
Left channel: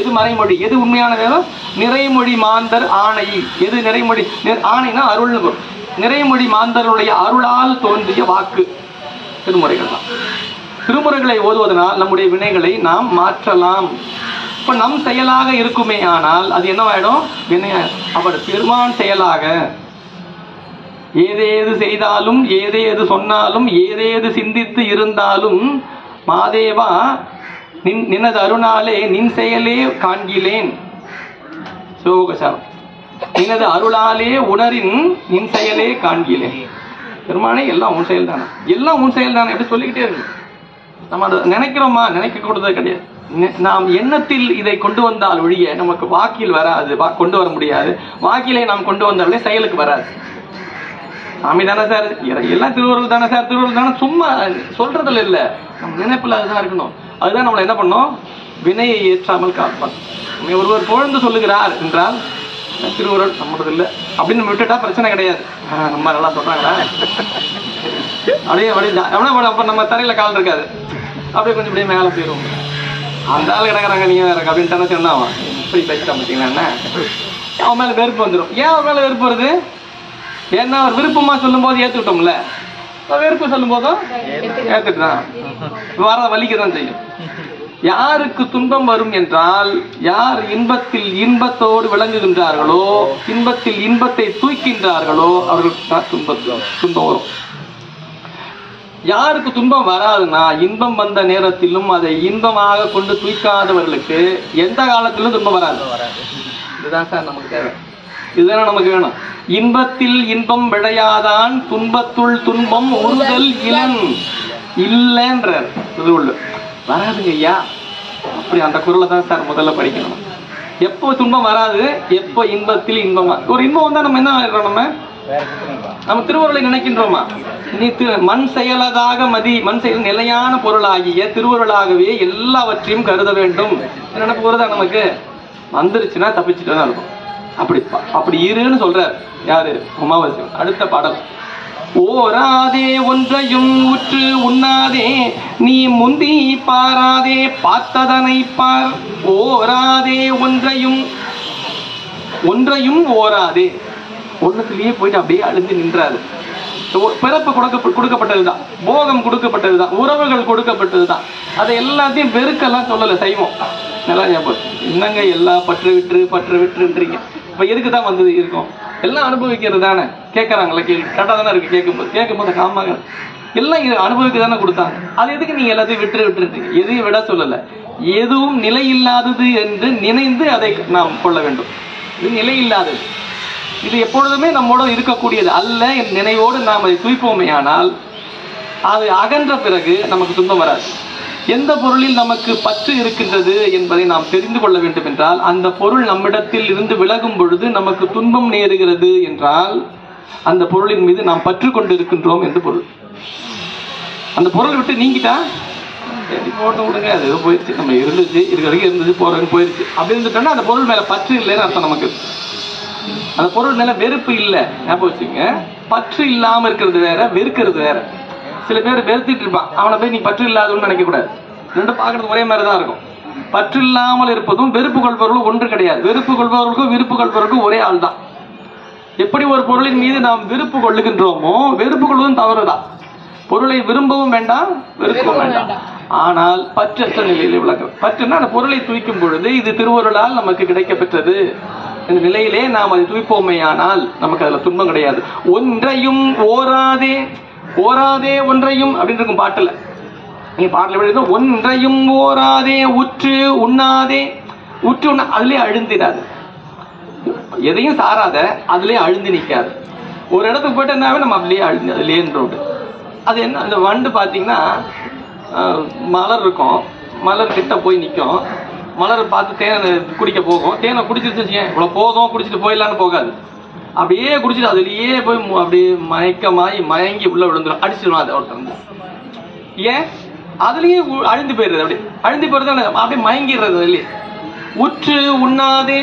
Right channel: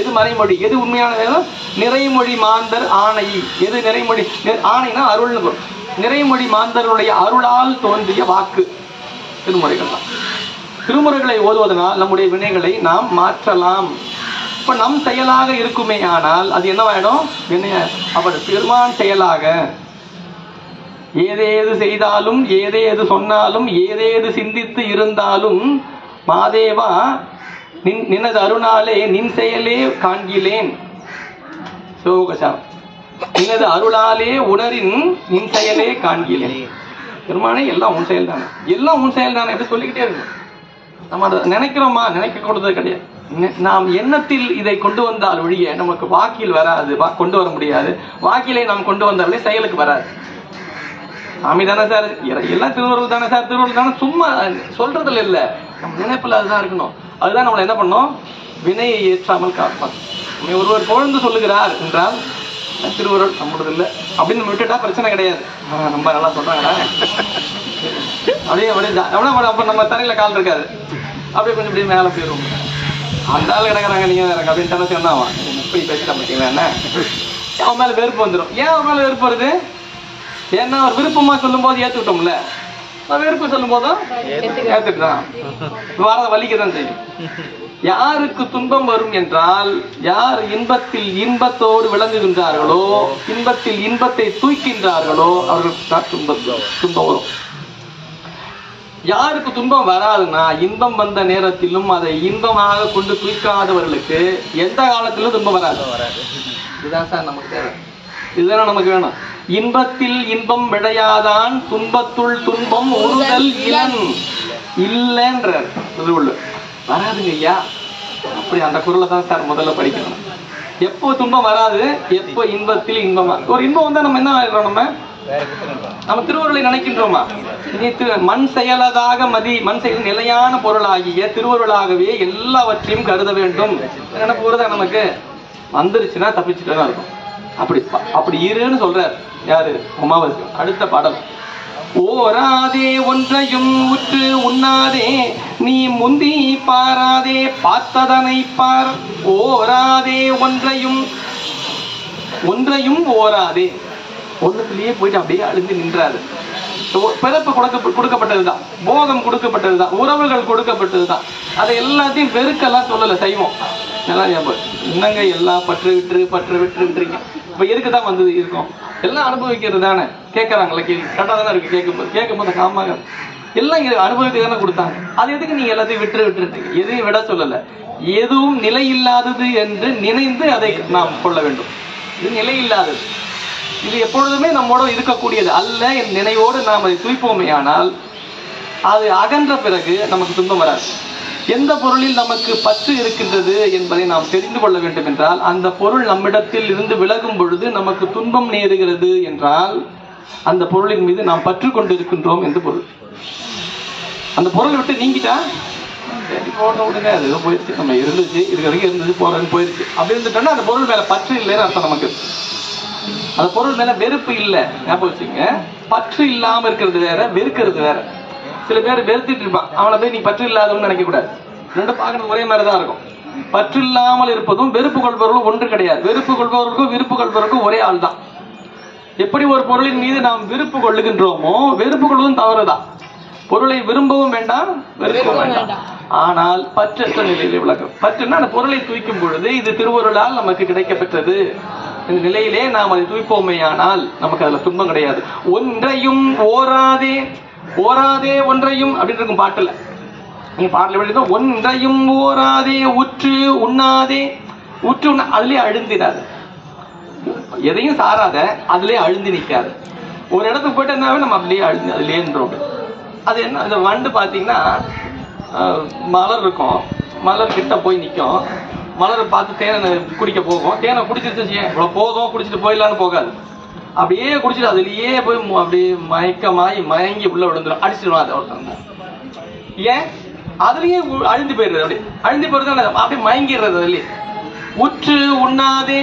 எது மறைமொழி? எது உண்மையான வேதம்? நிறைமொழி மாந்தர் ஆணை. எது நிறைமொழி? ஆணைனா அருள். நிறைமொழி மாந்தருடைய அருளால் தோன்றிய வாக்கு திருமுறைகள் தான். திருமுறைகளை ஓதுவதனால் நம்முடைய வினைகளை நாம் மாற்றலாம். இப்ப நம் செயலாக இருக்குமே ஆனால் அது என்னவாயிடும்? வினைய. அப்ப பெருமான் செயலாக ஏதேது செய்தாலும், ஏதேது சொன்னாலும், ஏதேது சிந்தித்து இருந்தாலும், மாதேவா நினது அருணாலே நின் செயலே காண்கிலேன். சோகசாம் நினது அருளாலே உணரின் நின் செயலே காண்கிலேன். பெருமானே எல்லாம் உன் செயல் தானே, எல்லாம் உன் செயல் தானே என்று சொல்லிக்கிட்டே இருக்கு. நம்ம அதை நினைக்கிறோமா? நினைக்க கூடாது கிடையாது. நாம் எண்ணத்தில் இதை கொண்டு வந்தால் ஒழிய நமக்கு வாக்கில் வராது, கொண்டு வர முடியாது. வாக்கிலே நாம் கொண்டு வந்தாலே செயலுக்கு வராது. சாமி தானே சார், எல்லாம் திருவருள் தானே சார், திருவருள் தானே, சும்மா சொல்றதுல இல்ல, நம்ம நினைப்புல அதுதான் இருக்கணும். அதுதான் நம்மளை என்ன பண்ணோம்? வினையை ஏற்றாமல் காப்பான். ஒருவர் புகழ்ந்து சொல்லுகிறார் என்றால் திருவருள் நம்மளது இல்லை அப்படின்னு விட்டுட்டா பிரச்சனை கிடையாது. ரொம்ப நல்லா சொல்றாங்களா, அப்படியே அப்படியே நம்ம தரையில கால் இருக்காது, அப்படியே கொஞ்சம் அப்படியே மேல போயிருவோம். அந்த ஆள் கிடக்குறாங்க, நீங்க வேற அப்படின்னு சொன்னாவா இப்படி பேசிட்டா பார்த்தீங்கன்னா என்ன, அவன் மேல வெறுப்பு வந்துடும். ஏன் அவன் மேல வெறுப்பு வருது? ஏன்னா அவர் விருப்பமா சொல்லும் போது ஏத்துக்கிட்டோம்ல, வெறுப்பு சொல்லும் போதும் ஏத்துக்கிட்டான், வர வலிக்கதான் செய்யும். யாருக்கு துன்பம் வரும் என்றால், யார் இன்பத்தில் இன்பத்தோடு விளங்குகின்றார்களோ, இன்பத்தில் இன்பத்தை தூய்க்கின்றார்களோ அவர்களுக்கு தான் துன்பம் வரும். யாருக்கு துன்பம் வராதுன்னா, இன்பம் வந்த நேரத்திலும் அதை இன்பமாக கொண்டு தூய்க்காதவர்களுக்கு எந்த காலத்திலும் துன்பம் வராது. இதுதான் சார் நமக்கு தேவை, இதுதானே நமக்கு வேணும். இன்பத்தில் இன்பம் விளையாதான், துன்பத்துள் துன்பம் உறுதல் இளன் இல்லைன்ற வராதுங்க ஐயா. அப்படி அந்த குரலை தான் சார் முதல்ல படிக்கணும். எப்போ துன்பம் வராது, எப்போ இன்பத்தில் இன்பமா. ஒரு இன்பம் வந்தா நம்ம என்ன ஆயிடுறோம்? நம்ம திருவருளை நினைக்கின்றோமா? நீ மண் செயலதாக மதி, மண் செயல் நிலையான பொருளாகிய திருவருளாகவே எல்லாவற்றையும் கருத வேண்டும். என்ன போறதா நமக்கு வந்துருச்சுன்னா தப்பிச்சுட்டு தான் இருக்கும். அப்படி இருன்னு சொல்றார் யாரு? உமாவாசி. அடுத்த பாடல், ஓராதே ஒன்றையும் உற்று உண்ணாதே, நீ முந்தி பாராதே பார்த்ததனை பார். ஓராதே ஒன்றையும் ஓராதே, ஒன்னத்திலேயே போயிட்டு அப்படியே அழுந்து நின்றாரு. பிறப்பு கொடுக்கப்பட்டதுதான், போகம் கொடுக்கப்பட்டதுதான், உறவுகள் கொடுக்கப்பட்டதுதான். அதை எல்லாத்தையும் வெறுக்கெல்லாம் சொல்லல செய்வோம். நல்லா என்னங்க எல்லா பற்று விட்டுன்றீங்க. இப்ப எதுக்குதான் வந்து இருக்கும்? எல்லாம் அனுபவிக்கிறது தானே. கேட்கறாங்களா? கேள்வி கரெக்டா தானே இருக்கு. கேட்கும்போது காமாக எல்லாம் இங்க அனுபவிக்க தானே கொடுத்தாங்க. அது எதுக்கு நீங்க எல்லாத்தையும் விட்டுருந்தீங்க? எதையும் விட சொல்லல. எதுவும் நிலை இல்லாதது என்று நினைந்து அதை நாம் கொள்ள வேண்டும். இது நிலை இல்லாதது, இது எப்பொழுதுமே நம்மோட இருக்கக்கூடியது அல்ல என் நினைவோடு நாம் அதை தூய்ப்போமே ஆனால் அது அகன்ற பிறகு நமக்கு துன்பம் வராது. எந்த பொருளில் நமக்கு பற்று இருக்கின்றது என்பதை நாம் தெரிந்து கொள்ள வேண்டும் என்றால், அந்த பொருள் நம்மிடத்தில் இருந்து விலகும் பொழுது நமக்கு துன்பம் நேருகிறது என்றால் அந்த பொருளின் மீது நாம் பற்று கொண்டு இருக்கின்றோம் என்று பொருள். அந்த பொருளை விட்டு நீங்கிட்டா போட்ட விடுங்க, அது போயிடுச்சு, நம்ம இருந்துச்சு, இருக்க வரைக்கும் இருந்துச்சு, போறது போயிடுச்சு அப்படி இருந்துட்டோம்னா அந்த பொருள் மேல பற்று இல்லைன்னு அர்த்தம். நமக்கு அந்த பொருள் மேல வெறுப்பு இல்லை. ஞாபகம் வச்சுங்க, பற்று இல்லாம இருக்கிறது வேற, வெறுக்கிறது வேற. சில பேர் வெறுத்துட்டு இருப்பான், அவனை போய் நீ பற்று இல்லாதவன்னு நினைக்க கூடாது. ரெண்டும் பார்க்கறது ஒரே மாதிரிதான் இருக்கும். பற்று இல்லாமல் இருப்பதும் வெறுப்பு கொள்பவர்களும் ஒன்று கிடையாது. வெறுப்பு கொள்பவர்களுக்கும் விருப்பு கொள்பவர்களுக்கும் ஒரே ஆள் தான். எப்படி ஒரு பொருளின் மீது நாம் விருப்பு கொள்ளுகின்றோமோ, வெறுப்பு கொள்வதும் தவறுதான். பொருளை விரும்பவும் வேண்டாம், வெறுக்கவும் வேண்டாம். ஆனால் பற்றற்ற நிலையில விளக்கம். பற்றுன்னா அந்த பொருளை தூய்க்கும் பொழுது இது திருவருளால் நமக்கு கிடைக்கப்பெற்றது இந்த நிலையிலே நாம் அதை தூய்ப்போமே ஆனால் நமக்கு அதுல துன்பம் கிடையாது. ஒன்றையும் ஓராதே, ஓராதே ஒன்றையும் அப்படின்னு இருக்கும் பாட்டுல. நீங்க பாட்டுல எழுத ஒன்றையும் ஓராதே, உற்று உண்ணாதே. உற்று உண்ண அதுலயே அழுந்திடாது, எதையும் சாராத அதுலயே அழுந்து நிக்காது. ஒரு இடத்துக்கு போயிட்டு என்னாவே நம்ம அப்படியே அழுந்து அதுலயே இருந்தோம். அது என்ன, அந்த வண்டு பாத்தீங்கன்னா மலர் இருக்கும், மலர் கிட்ட போய் நிற்கும், மலரை பார்த்து தேனை குடிக்க போகும். தேனை குடிச்சிருச்சு இவ்வளவு போதும், குடிச்சிட்டு போயிடலான்னு போகாது. அப்படியே குடிச்சிட்டு அதுலயே போய் அப்படியே மயங்கி உள்ள விழுந்துடும், அடிச்சிடும் அதை ஒருத்தன். ஏன்? அதுலயே அழுந்து போயிடுறது, அப்படியே அழுந்து போயிடுறது, அப்படியே மயங்கிடுறது அதுலயே. உற்று உண்ணாதே,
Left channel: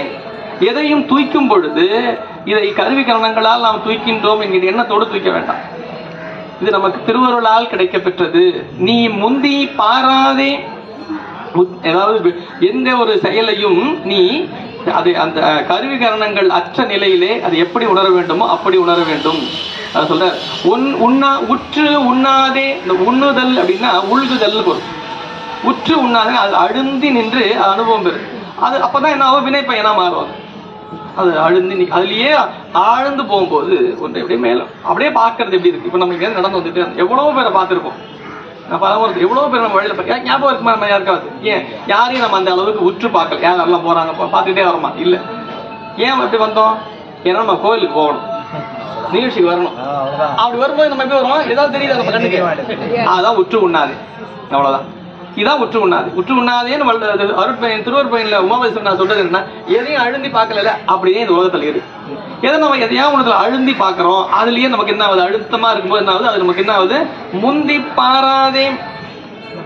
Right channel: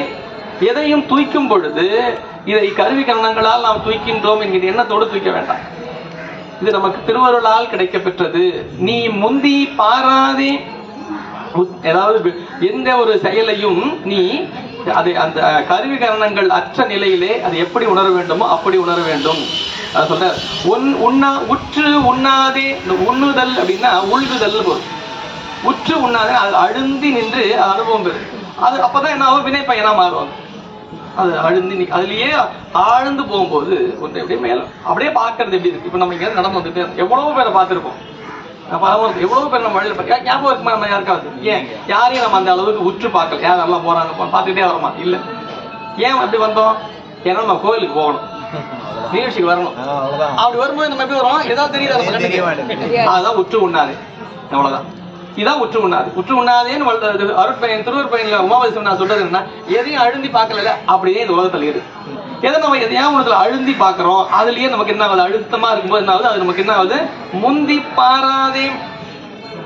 எதையும் தூய்க்கும் பொழுது இதை கருவி கரணங்களால் நாம் தூய்க்கின்றோம் என்கிற எண்ணத்தோடு தூய்க்க வேண்டாம். இது நமக்கு திருவருளால் கிடைக்க பெற்றது. நீ முந்தி பாராதே, ஏதாவது எந்த ஒரு செயலையும் நீ அதை அந்த கருவி கரணங்கள் அற்ற நிலையிலே அது எப்படி உணர வேண்டுமோ அப்படி உணர வேண்டும். அதை சொல்ற உற்று உண்ணாதே. இந்த உண்ணுதல் அப்படின்னா உள்குதல் பொருள். உற்று உண்ணாதே அது அழுந்தி நின்று அனுபவம் பெறும். அது அப்பதான் என்ன ஆகும், வினை பயனா மாறுவாங்க. அது அழுந்தி அதுலயே ஆழ்ந்து போகும்போது கொஞ்சம் எப்படியே மேல அப்படியே பாக்குறது எப்படி இருக்கு. இப்ப நம்ம இங்க நடந்து வந்துட்டு எவ்வளவு பேரை பார்த்திருப்போம். எவ்வளவு பேர் நம்ம வழியில ஞாபகம் இருக்குமா நம்ம யாருக்காவது? ஏன் யாரையும் நம்ம அந்த அளவுக்கு உற்று பார்க்கல. யாரெல்லாம் போறாங்க பார்த்துக்கிட்டே வரமா? இல்ல. ஏன் அப்படி வந்தோம்? ஏன்னா நம்ம கோயிலுக்கு போகணும், நிகழ்ச்சிக்கு வரணும். அப்படி வரும்போது நம்ம எப்படி வரோம்? ஏதாவது தெரியுதா நம்ம கண்ணுக்கு? அதான் உற்று உண்ணாது. அவ்வளவுதான். இதான் உற்று உண்ணாது. உற்று உண்ணாதேன்னு அருட்பயன் திருவருட்பயன்ல உமாபதி நான் சொல்றது என்ன, எதையும் அழுந்தி பார்க்கல. அப்படியே இந்த உலகத்துல இருக்கு. எதை நம்ம எதையாவது ஒன்று அழுந்தி பார்க்கிறோம், அதுலயே நமக்கு என்ன ஆகுது, அழுத்தமா இருக்கும்போது என்ன ஆகுது, அது நமக்கு என்ன ஆகுது, முந்தி பாராதே.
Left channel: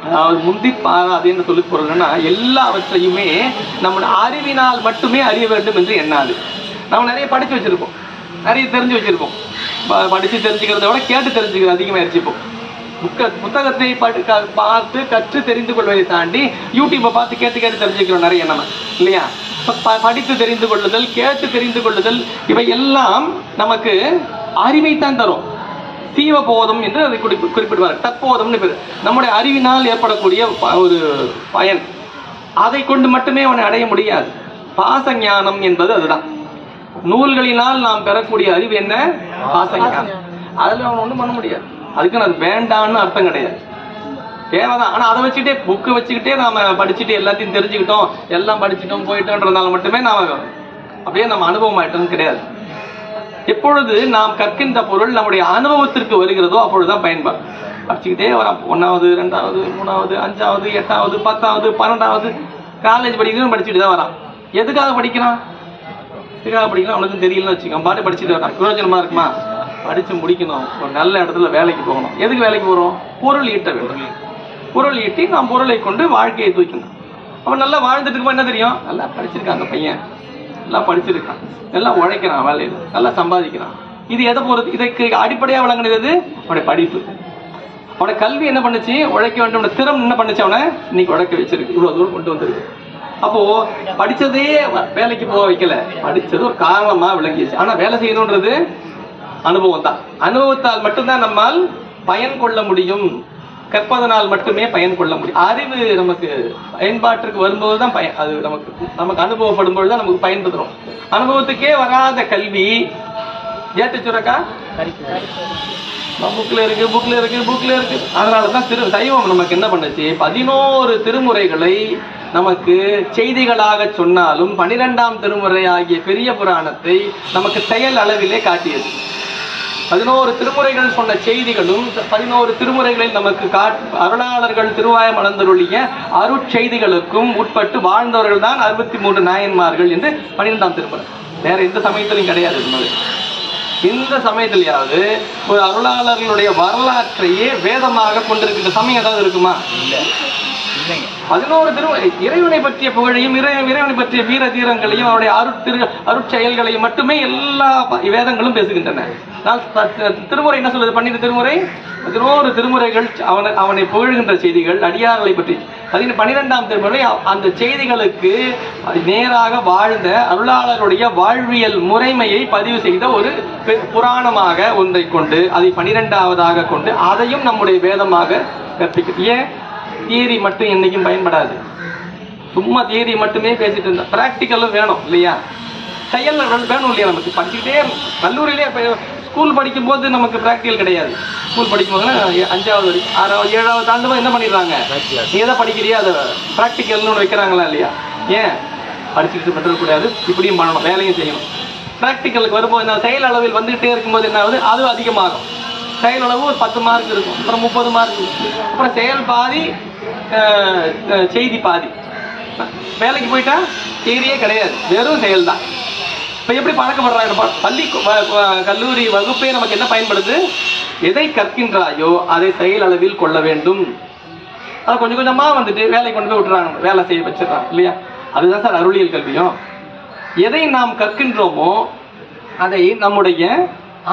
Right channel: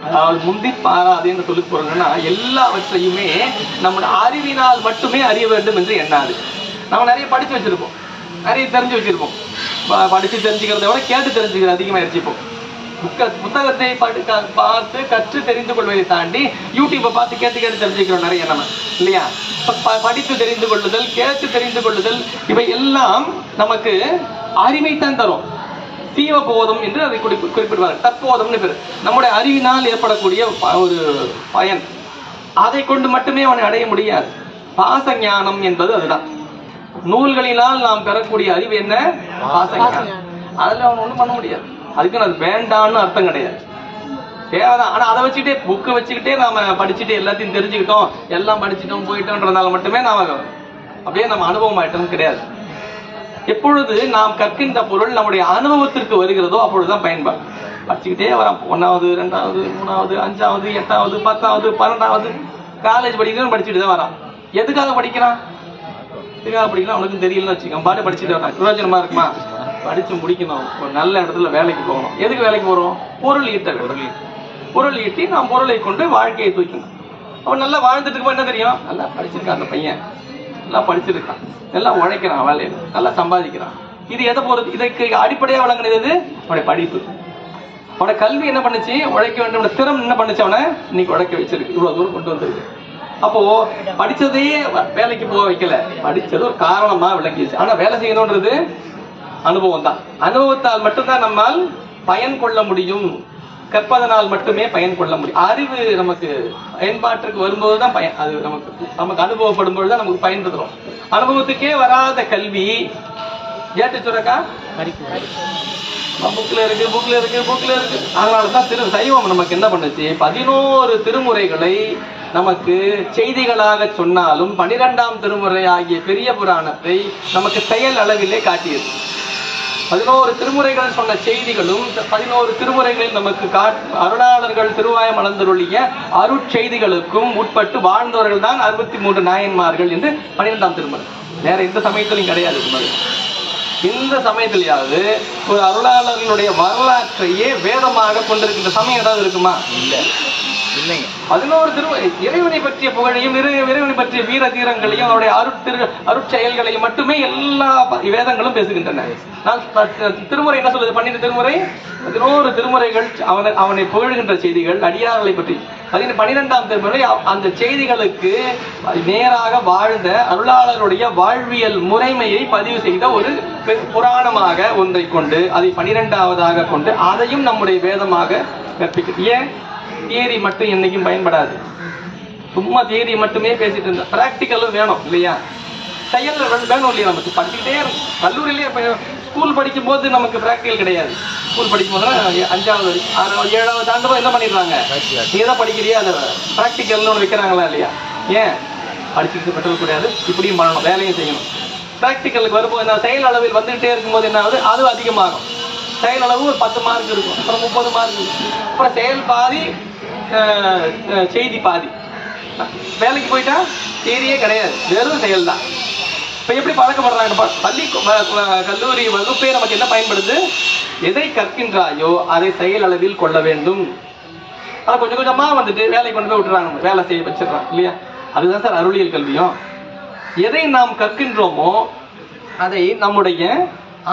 அதாவது முந்தி பாராதேன்னு சொல்லி போறோம்னா எல்லாவற்றையுமே நம்முடைய அறிவினால் மட்டுமே அறிய வேண்டும் என்று எண்ணாது. நம்ம நிறைய படிச்சு வச்சிருப்போம், நிறைய தெரிஞ்சு வச்சிருப்போம். படிச்சு தெரிஞ்சுக்கிறத விட கேட்டு தெரிஞ்சுக்கிறது அதிகமா இருச்சுப்போம். புத்தகத்தை பார்த்து கற்று தெரிந்து கொள்வதை தாண்டி யூடியூப்பை பார்த்து கேட்டு கேட்டு தெரிஞ்சுக்கிறோம் நிறைய நம்ம, இல்லையா? படித்து தெரிந்து கொள்ளுதல், கேட்டு தெரிந்து கொள்ளுதல், இவை எல்லாம் நமக்கு அறிவைத்தான் தரும். சீவ போதும் என்று அதை குறிப்பிடுவார். தற்போதும்னு பேர். நம்முடைய அறிவினால் ஏற்படக்கூடிய ஒரு பயன், அதை கொண்டு மட்டுமே அவனை அடைய முடியாது. பாசஞானம் என்பது அதுதான். நூல்களினால் நாம் பெறக்கூடிய அறிவு என்ன? பாசஞானம். அதுல அவன் ஒண்ணும் பண்ண முடியாது. அதுக்கு அது வேண்டான்னு அர்த்தம் கிடையாது, தேவைதான். ஆனா அதை வச்சுக்கிட்டே புக்கை வச்சுக்கிட்டே நாம படிச்சுட்டு எல்லாத்தையும் தெரிஞ்சுக்கிட்டோம், எல்லாம் படிச்சுட்டோம் போயிட்டோன்றதுனால மட்டுமே நாம அப்படியே நம்ம அனுபவம் ஆயிட்டோம் கிடையாது. எப்பொழுது நாம் கற்கின்ற பொருள் நம்முடைய அனுபவத்திற்கு வருகிறதோ அப்பொழுதுதான் பயன்பாடு. படிச்சுக்கிட்டே வரான். 1வது 2வது 3வது 5வது 8வது 10வது 12வது காலேஜ் படிக்கிறோம், படிச்சுட்டு தான் வரான். எதுக்காக படிக்கிறான்? எதுக்காக படிக்கிறான் அவனுக்கும் தெரியலன்னு வச்சுக்கோங்க. பாட்டு படிச்சுட்டு வரான். பிரயோஜனமா இருக்குமா? படிச்சு முடிக்கணும், ஒரு நல்ல இடத்துல வேலைக்கு போகணும். எதுக்கு வேலைக்கு போறோம்? பொருள் ஈட்ட வேண்டும். பொருள் ஈட்டி நாம் பொருளை கொண்டு வாழ்க்கையை தூக்கணும். அவன் நல்லா வாழ்ந்துட்டு இருக்கும். என்ன தெரியும்? நல்லா படிச்சிருக்கான் அந்த பையன், நல்லா படிச்சிருக்கான், நல்லா உழைக்கிறான், வேலையில நல்லா சம்பாதிக்கிறான். இது எதை பொறுத்து? இதற்கு அடிப்படையா விளங்குனது அவனுடைய படிப்பு. அவனுடைய கல்வி என்ன பண்ணுச்சு? உழைக்க வேண்டும். திறம் என்ன பண்ணுச்சு? அவனை இன்னைக்கு உழைக்க வச்சிருக்கு, இவ்வளவு தூரம் கொண்டு வந்திருக்கு. அப்போ படிச்சதே வேலைக்கு போக வைக்கல, படிச்சது ஒரு காரணமா விளங்கிச்சு. ஆனா வேலை செய்யணும்ன்றது அனுபவம் தான். அனுபவத்தால் மட்டும்தான் நம்மால் பயன் கொள்ள முடியும். கற்பதனால் மட்டுமே பயன் கொள்ள முடியும். அறிவு நமக்கு பயன்பாட்டிற்கு வரும்போதுதான் பயன். அது நமக்கு அனுபவப்படும் பொழுதுதான் நமக்கு பயன் தரும். அனுபவத்துக்கே வராத கல்வி ஏட்டு சுரக்கா புக்ல இருக்கு. அதனாலதான் சைவம் நமக்கு என்ன பண்ணுச்சு? 11 திருமுறைகளை நமக்கு செய்திகளாக சொன்னாலும் 12ஆம் திருமுறை ஆகிய பெரிய புராணத்தை நமக்கு செயல் அளவிலே காட்டியது. 11 திருமுறைகள் சொன்ன செய்திகளும் 11 திருமுறைகளில் நமக்கு அருளாளர்கள் திருவாயம் அளந்தருளிய அருட்செய்திகளுக்கும் உட்பட்டு வாழ்ந்தவர்கள் தான் 63 நாயன்மார்கள் என்று 12ஆம் திருமுறை. வேற எந்த சமயத்திலும் கிடையாது. இந்த சமயத்திலேயாவது ஒரு அருளாளர்களுடைய வரலாற்றையே வேதமாக கொண்டிருக்கின்ற சமயம் ஏதாவது இருக்குமா? 11 திருமுறை இறைவனை பற்றிய புகழையும் இறைவனை பற்றிய வீர தீரங்களையும் அவருடைய அருட்செயல்களையும் மட்டுமே எல்லா வேதங்களும் பேசுகின்றன. திருமுறை என்ன சொல்றது? 12 திருமுறை 11 திருமுறைகள் அவனை புகழ்கின்ற செய்திகள், அடியார்களை பற்றி. 12ஆம் திருமுறை அந்த செய்திகளுக்கு நேராக வாழ்ந்த அருளாளருடைய வாழ்வியல் முறைமையை பதிவு செய்த ஒரு புராணமாக ஒன்றை கொண்டு அதை 12ஆவதாக கொண்டு அதையும் நம்முடைய வேதமாக கற்பிக்க. ஏன் தியரி மட்டும் என்னைக்கும் பயன்படாது. சும்மா தியரி மட்டுமே பேசிட்டு இருந்தா பிராக்டிக்கலும் வேணும் இல்லையா? செயல் வேணும் இல்லையா? நமக்கு படிச்சுக்கிட்டே கல்லூரியிலே ஸ்கூல் படிக்கும் போது நமக்கு பிராக்டிக்கல் கிடையாது. ஸ்கூல் படிக்கும் போது 5வது 6வது 7வது தாண்டும்போது என்ன பண்ணிடுறாங்க? நீ எதை படிக்கிறியா அதை பிராக்டிக்கல்னு வைக்கிறாங்களா இல்லையா? ஏன் படிச்சுக்கிட்டு பெற்ற கூடாது, இப்படியும் பண்ணணும், வேலையும் செய்யணும். பிராக்டிக்கலுக்கு வரும்போது என்ன, செயல் அளவில் வந்துகிட்டே இருக்கும்போது என்ன ஆகுது? அது அதிகமாகும். செயல் அளவு ஒரு 10 மார்க் இருக்கும், அப்புறம் 30 மார்க், அப்புறம் செயல் பாதி செய்தி பாதி. வேலைக்கு போயிட்டா செய்தியே கிடையாது, வெறும் செயல் தான். இப்ப எப்படி பழக்கப்படுறாங்க? பள்ளி கல்லூரி வகுப்பே நமக்கு என்ன பயன்படுது? எதை கற்கின்றாயோ அதை செயல் அளவில் கொள்ள வேண்டும். அதை கொஞ்சம் கொஞ்சமா வந்துட்டு வேலைக்கு கொண்டு போய் விட்டுறாங்க, வேலை செய்ய வச்சிடறாங்க இல்லையா? அதுதான் சார் அருளியல் கல்வியும். எதை நாம் கற்கின்றோமோ அதை நம்முடைய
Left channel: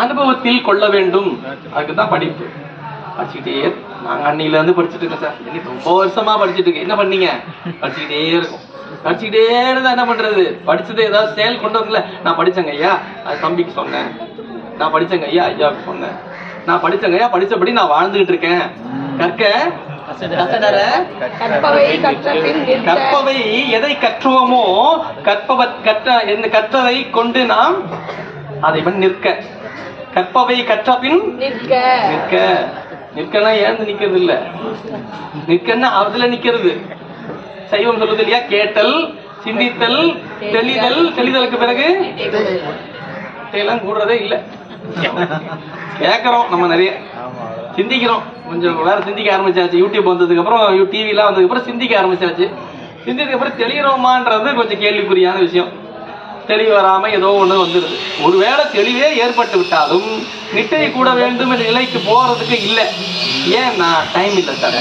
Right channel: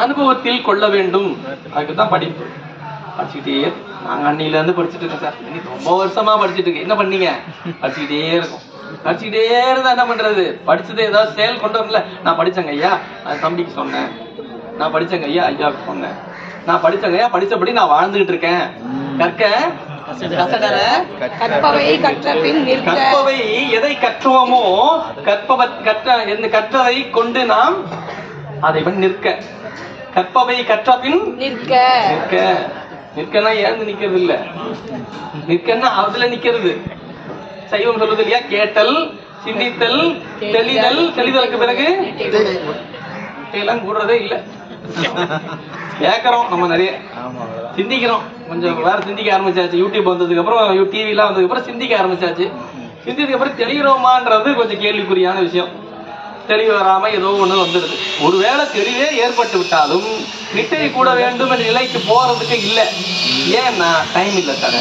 அனுபவத்தில் கொள்ள வேண்டும். அதுக்குதான் படிப்பு. படிச்சுக்கிட்டே நாங்க அன்னில இருந்து படிச்சுட்டு இருக்கேன் சார், இன்னைக்கு ரொம்ப வருஷமா படிச்சுட்டு இருக்கேன். என்ன பண்ணீங்க? படிச்சுக்கிட்டே இருக்கும். படிச்சுக்கிட்டே இருந்தா என்ன பண்றது? படிச்சது ஏதாவது செயல் கொண்டு வரல. நான் படிச்சேங்க ஐயா, அது தம்பிக்கு சொன்னேன், நான் படிச்சேங்க ஐயா, ஐயாவுக்கு சொன்னேன், நான் படிச்சேங்க ஐயா, படிச்சபடி நான் வாழ்ந்துகிட்டு இருக்கேன். கற்க கசடர கற்பவை எதை கற்றுவோமோ கற்றதை கொண்டு நாம் அதை நிற்க. கற்பவை கற்ற பின் நிற்க. நிற்கனா ஏந்து நிக்கிறது இல்ல, நிற்கன்னா அதுல நிக்கிறது. சைவம் சொல்றது இல்லையா, கேட்டல், சிந்தித்தல், தெளிதல், தெளிதலுக்கு பிறகு எல்லாம் கூடுறதே இல்ல. கேட்கறோம் நம்ம, நிறைய சிந்திக்கிறோம், கொஞ்சம் வேற சிந்திக்க ஆரம்பிச்சாச்சு. யூடியூப் வந்ததுக்கு அப்புறம், டிவி எல்லாம் வந்ததுக்கு அப்புறம் சிந்திக்க ஆரம்பிச்சாச்சு. சிந்திச்சதுக்கு அப்புறம் தெளிகிறோமான்றது கொஞ்சம் கேள்விக்குறியான விஷயம். தெளிவு வராம ஏதோ ஒண்ணு வந்துருது. ஒருவேளை தெளிவே ஏற்பட்டு விட்டாலும் நிட்டை கூட வேண்டும் என்ற நிலைக்கு போறதுக்கு இல்ல. ஏன்னா டைம் இல்ல சார்,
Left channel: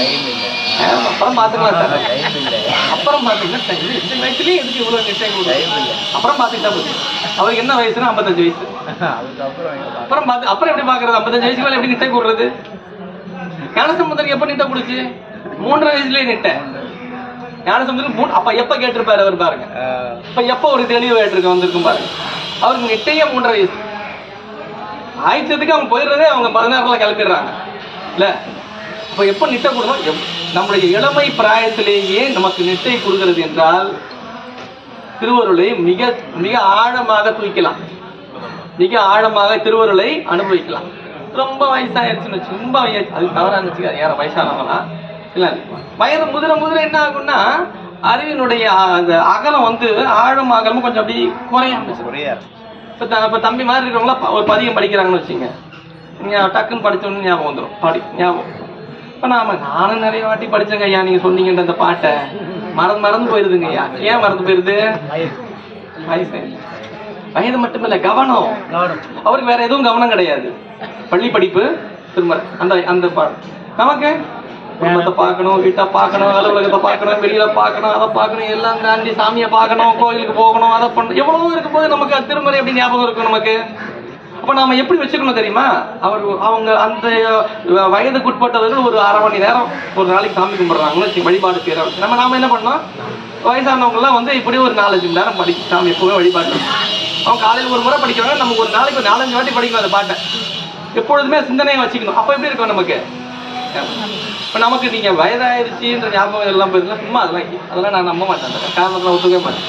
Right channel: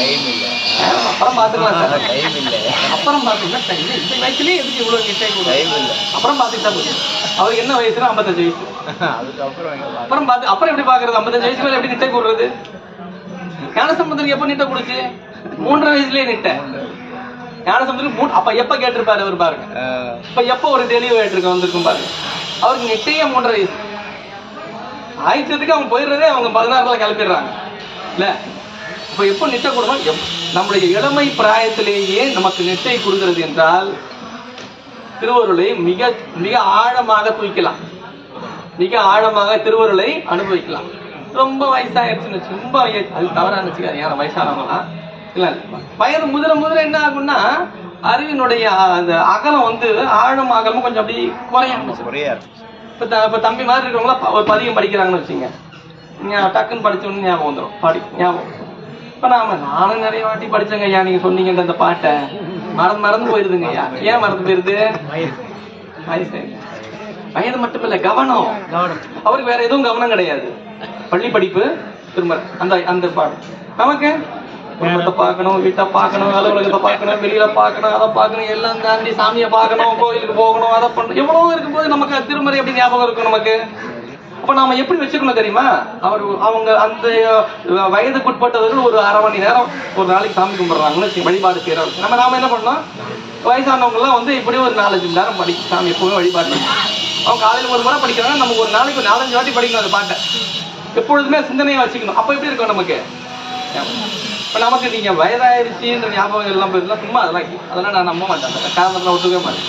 அப்புறம் பாத்துக்கலாம் சார், அப்புறம் பாத்தீங்கன்னா டைம் இல்ல. இந்த வயசுலயே எதுக்கு இவ்வளவு நிட்டை கூட, அப்புறம் பாத்துக்கிட்டா போச்சு. அவருக்கு என்ன வயசுனா 55 வயசு. அப்புறம் அப்புறம் எப்படி பாக்குறது? 55 வயசுக்கு மேல எப்படி நிட்டை கூடுறது? ஞானசம்பந்தனுக்கு எப்ப நிட்டை கூடுச்சு? 3.5 வயசுலயே நிட்டை. ஞானசம்பந்தனுக்கு அப்ப எப்ப கேட்டிருப்பாரு அவர் பாருங்க. இப்ப எப்ப ஒரு தெளிவு கேட்டிருக்க வந்திருக்கும் பாருங்க. அவருக்கு நிட்டையே 3.5 வயசு ஆயிடுச்சதுக்கு அவங்க போயிடுறதே அவங்க 16 கிளப்பிடுறாங்க இல்ல. இப்ப எப்ப நிட்டை கூடணும்? நம்முடைய இளமை பிராயத்திலேயே நமக்கு நிட்டை கொடுக்கிறது என்றால் திருவருளை மிக மிக ஆழமாக தூக்கலாம், மிக ஆழமாக திருவருளை அனுபவிக்கலாம். ரொம்ப வயசாயிருச்சுன்னு வச்சு, ரொம்ப அது தவறான வச்சுக்காது. யாரும் வயசானவங்களா இல்ல, வயது முதிர என்ன ஆகும்னா அறிவினுடைய அந்த அகலம் வந்து ஆழமாகலும் கொஞ்சம் அப்படி குறைய ஆரம்பிச்சு. இப்ப தம்பி மாதிரி இருக்கிறவங்களா ஒரு பதியம் படிக்கிறாங்கன்னு வச்சுங்க, டக்குன்னு படிச்சோன்னு ஞாபகம் வந்துடும், பாடி ஞாபகம். இப்ப நானும் நிறைய வாட்டி படிச்சேங்க ஐயா, நீங்க சொன்னீங்கன்ற அந்த பாட்டை மறந்து போயிருதுங்க ஐயா. ஏன் மறந்து போயிருது? வயது மட்டுமில்ல, கவனம். அவருக்கு வேற எதுவும் கவனம் கிடையாது. பள்ளி படிப்பு, திரும்ப அந்த பாடம். நமக்கு குடும்பத்தை பார்க்கணும், வீட்டை பார்க்கணும், அலுவலகத்தை பார்க்கணும், வெளியில பார்க்கணும், அதை பார்க்கணும், எல்லாம் தாண்டி சாமியை பார்க்கணும், கோயிலுக்கு போகணும், அதை பண்ணணும், எவ்வளவு இருக்கும் போது நமக்கு திருமறை எப்படி ஞாபகம் இருக்கும் நமக்கு? அப்ப நாம எப்படி வச்சுக்கணும் தெரியுமா? அவங்க அந்த வயதுக்குட்பட்டவர்கள் ஒரு 1/2 மணி நேரம் ஒரு நாளைக்கு சாமி கும்பிடுறாங்கன்னு வழிபாடு செய்யறோம். நாம என்ன பண்ணோம்? வயசானவங்க எல்லாம் வந்து இப்படி ஒரு 4-5 மணி நேரம் படிக்க சாமி எப்பவுமே வழிபாடு. அவங்க காலையில் ஒரு முறை படிக்கிறாங்க, நமக்கு ஒரு நாளைக்கு 4-5 வாட்டி படிக்கணும் அந்த பாட்டை. எப்பொழுதுமே சிந்தனையை வச்சுக்கணும். அப்ப எப்படி இருக்கும் நமக்கு? இப்ப நமக்கு நீங்க வயதாயிருச்சுன்ற ஞாபகம் எல்லாம் போயிருந்தா சும்மா அதெல்லாம் நான் நம்ப மாட்டேன். அந்த காரணத்துல ஒத்துக்க மாட்டேன்.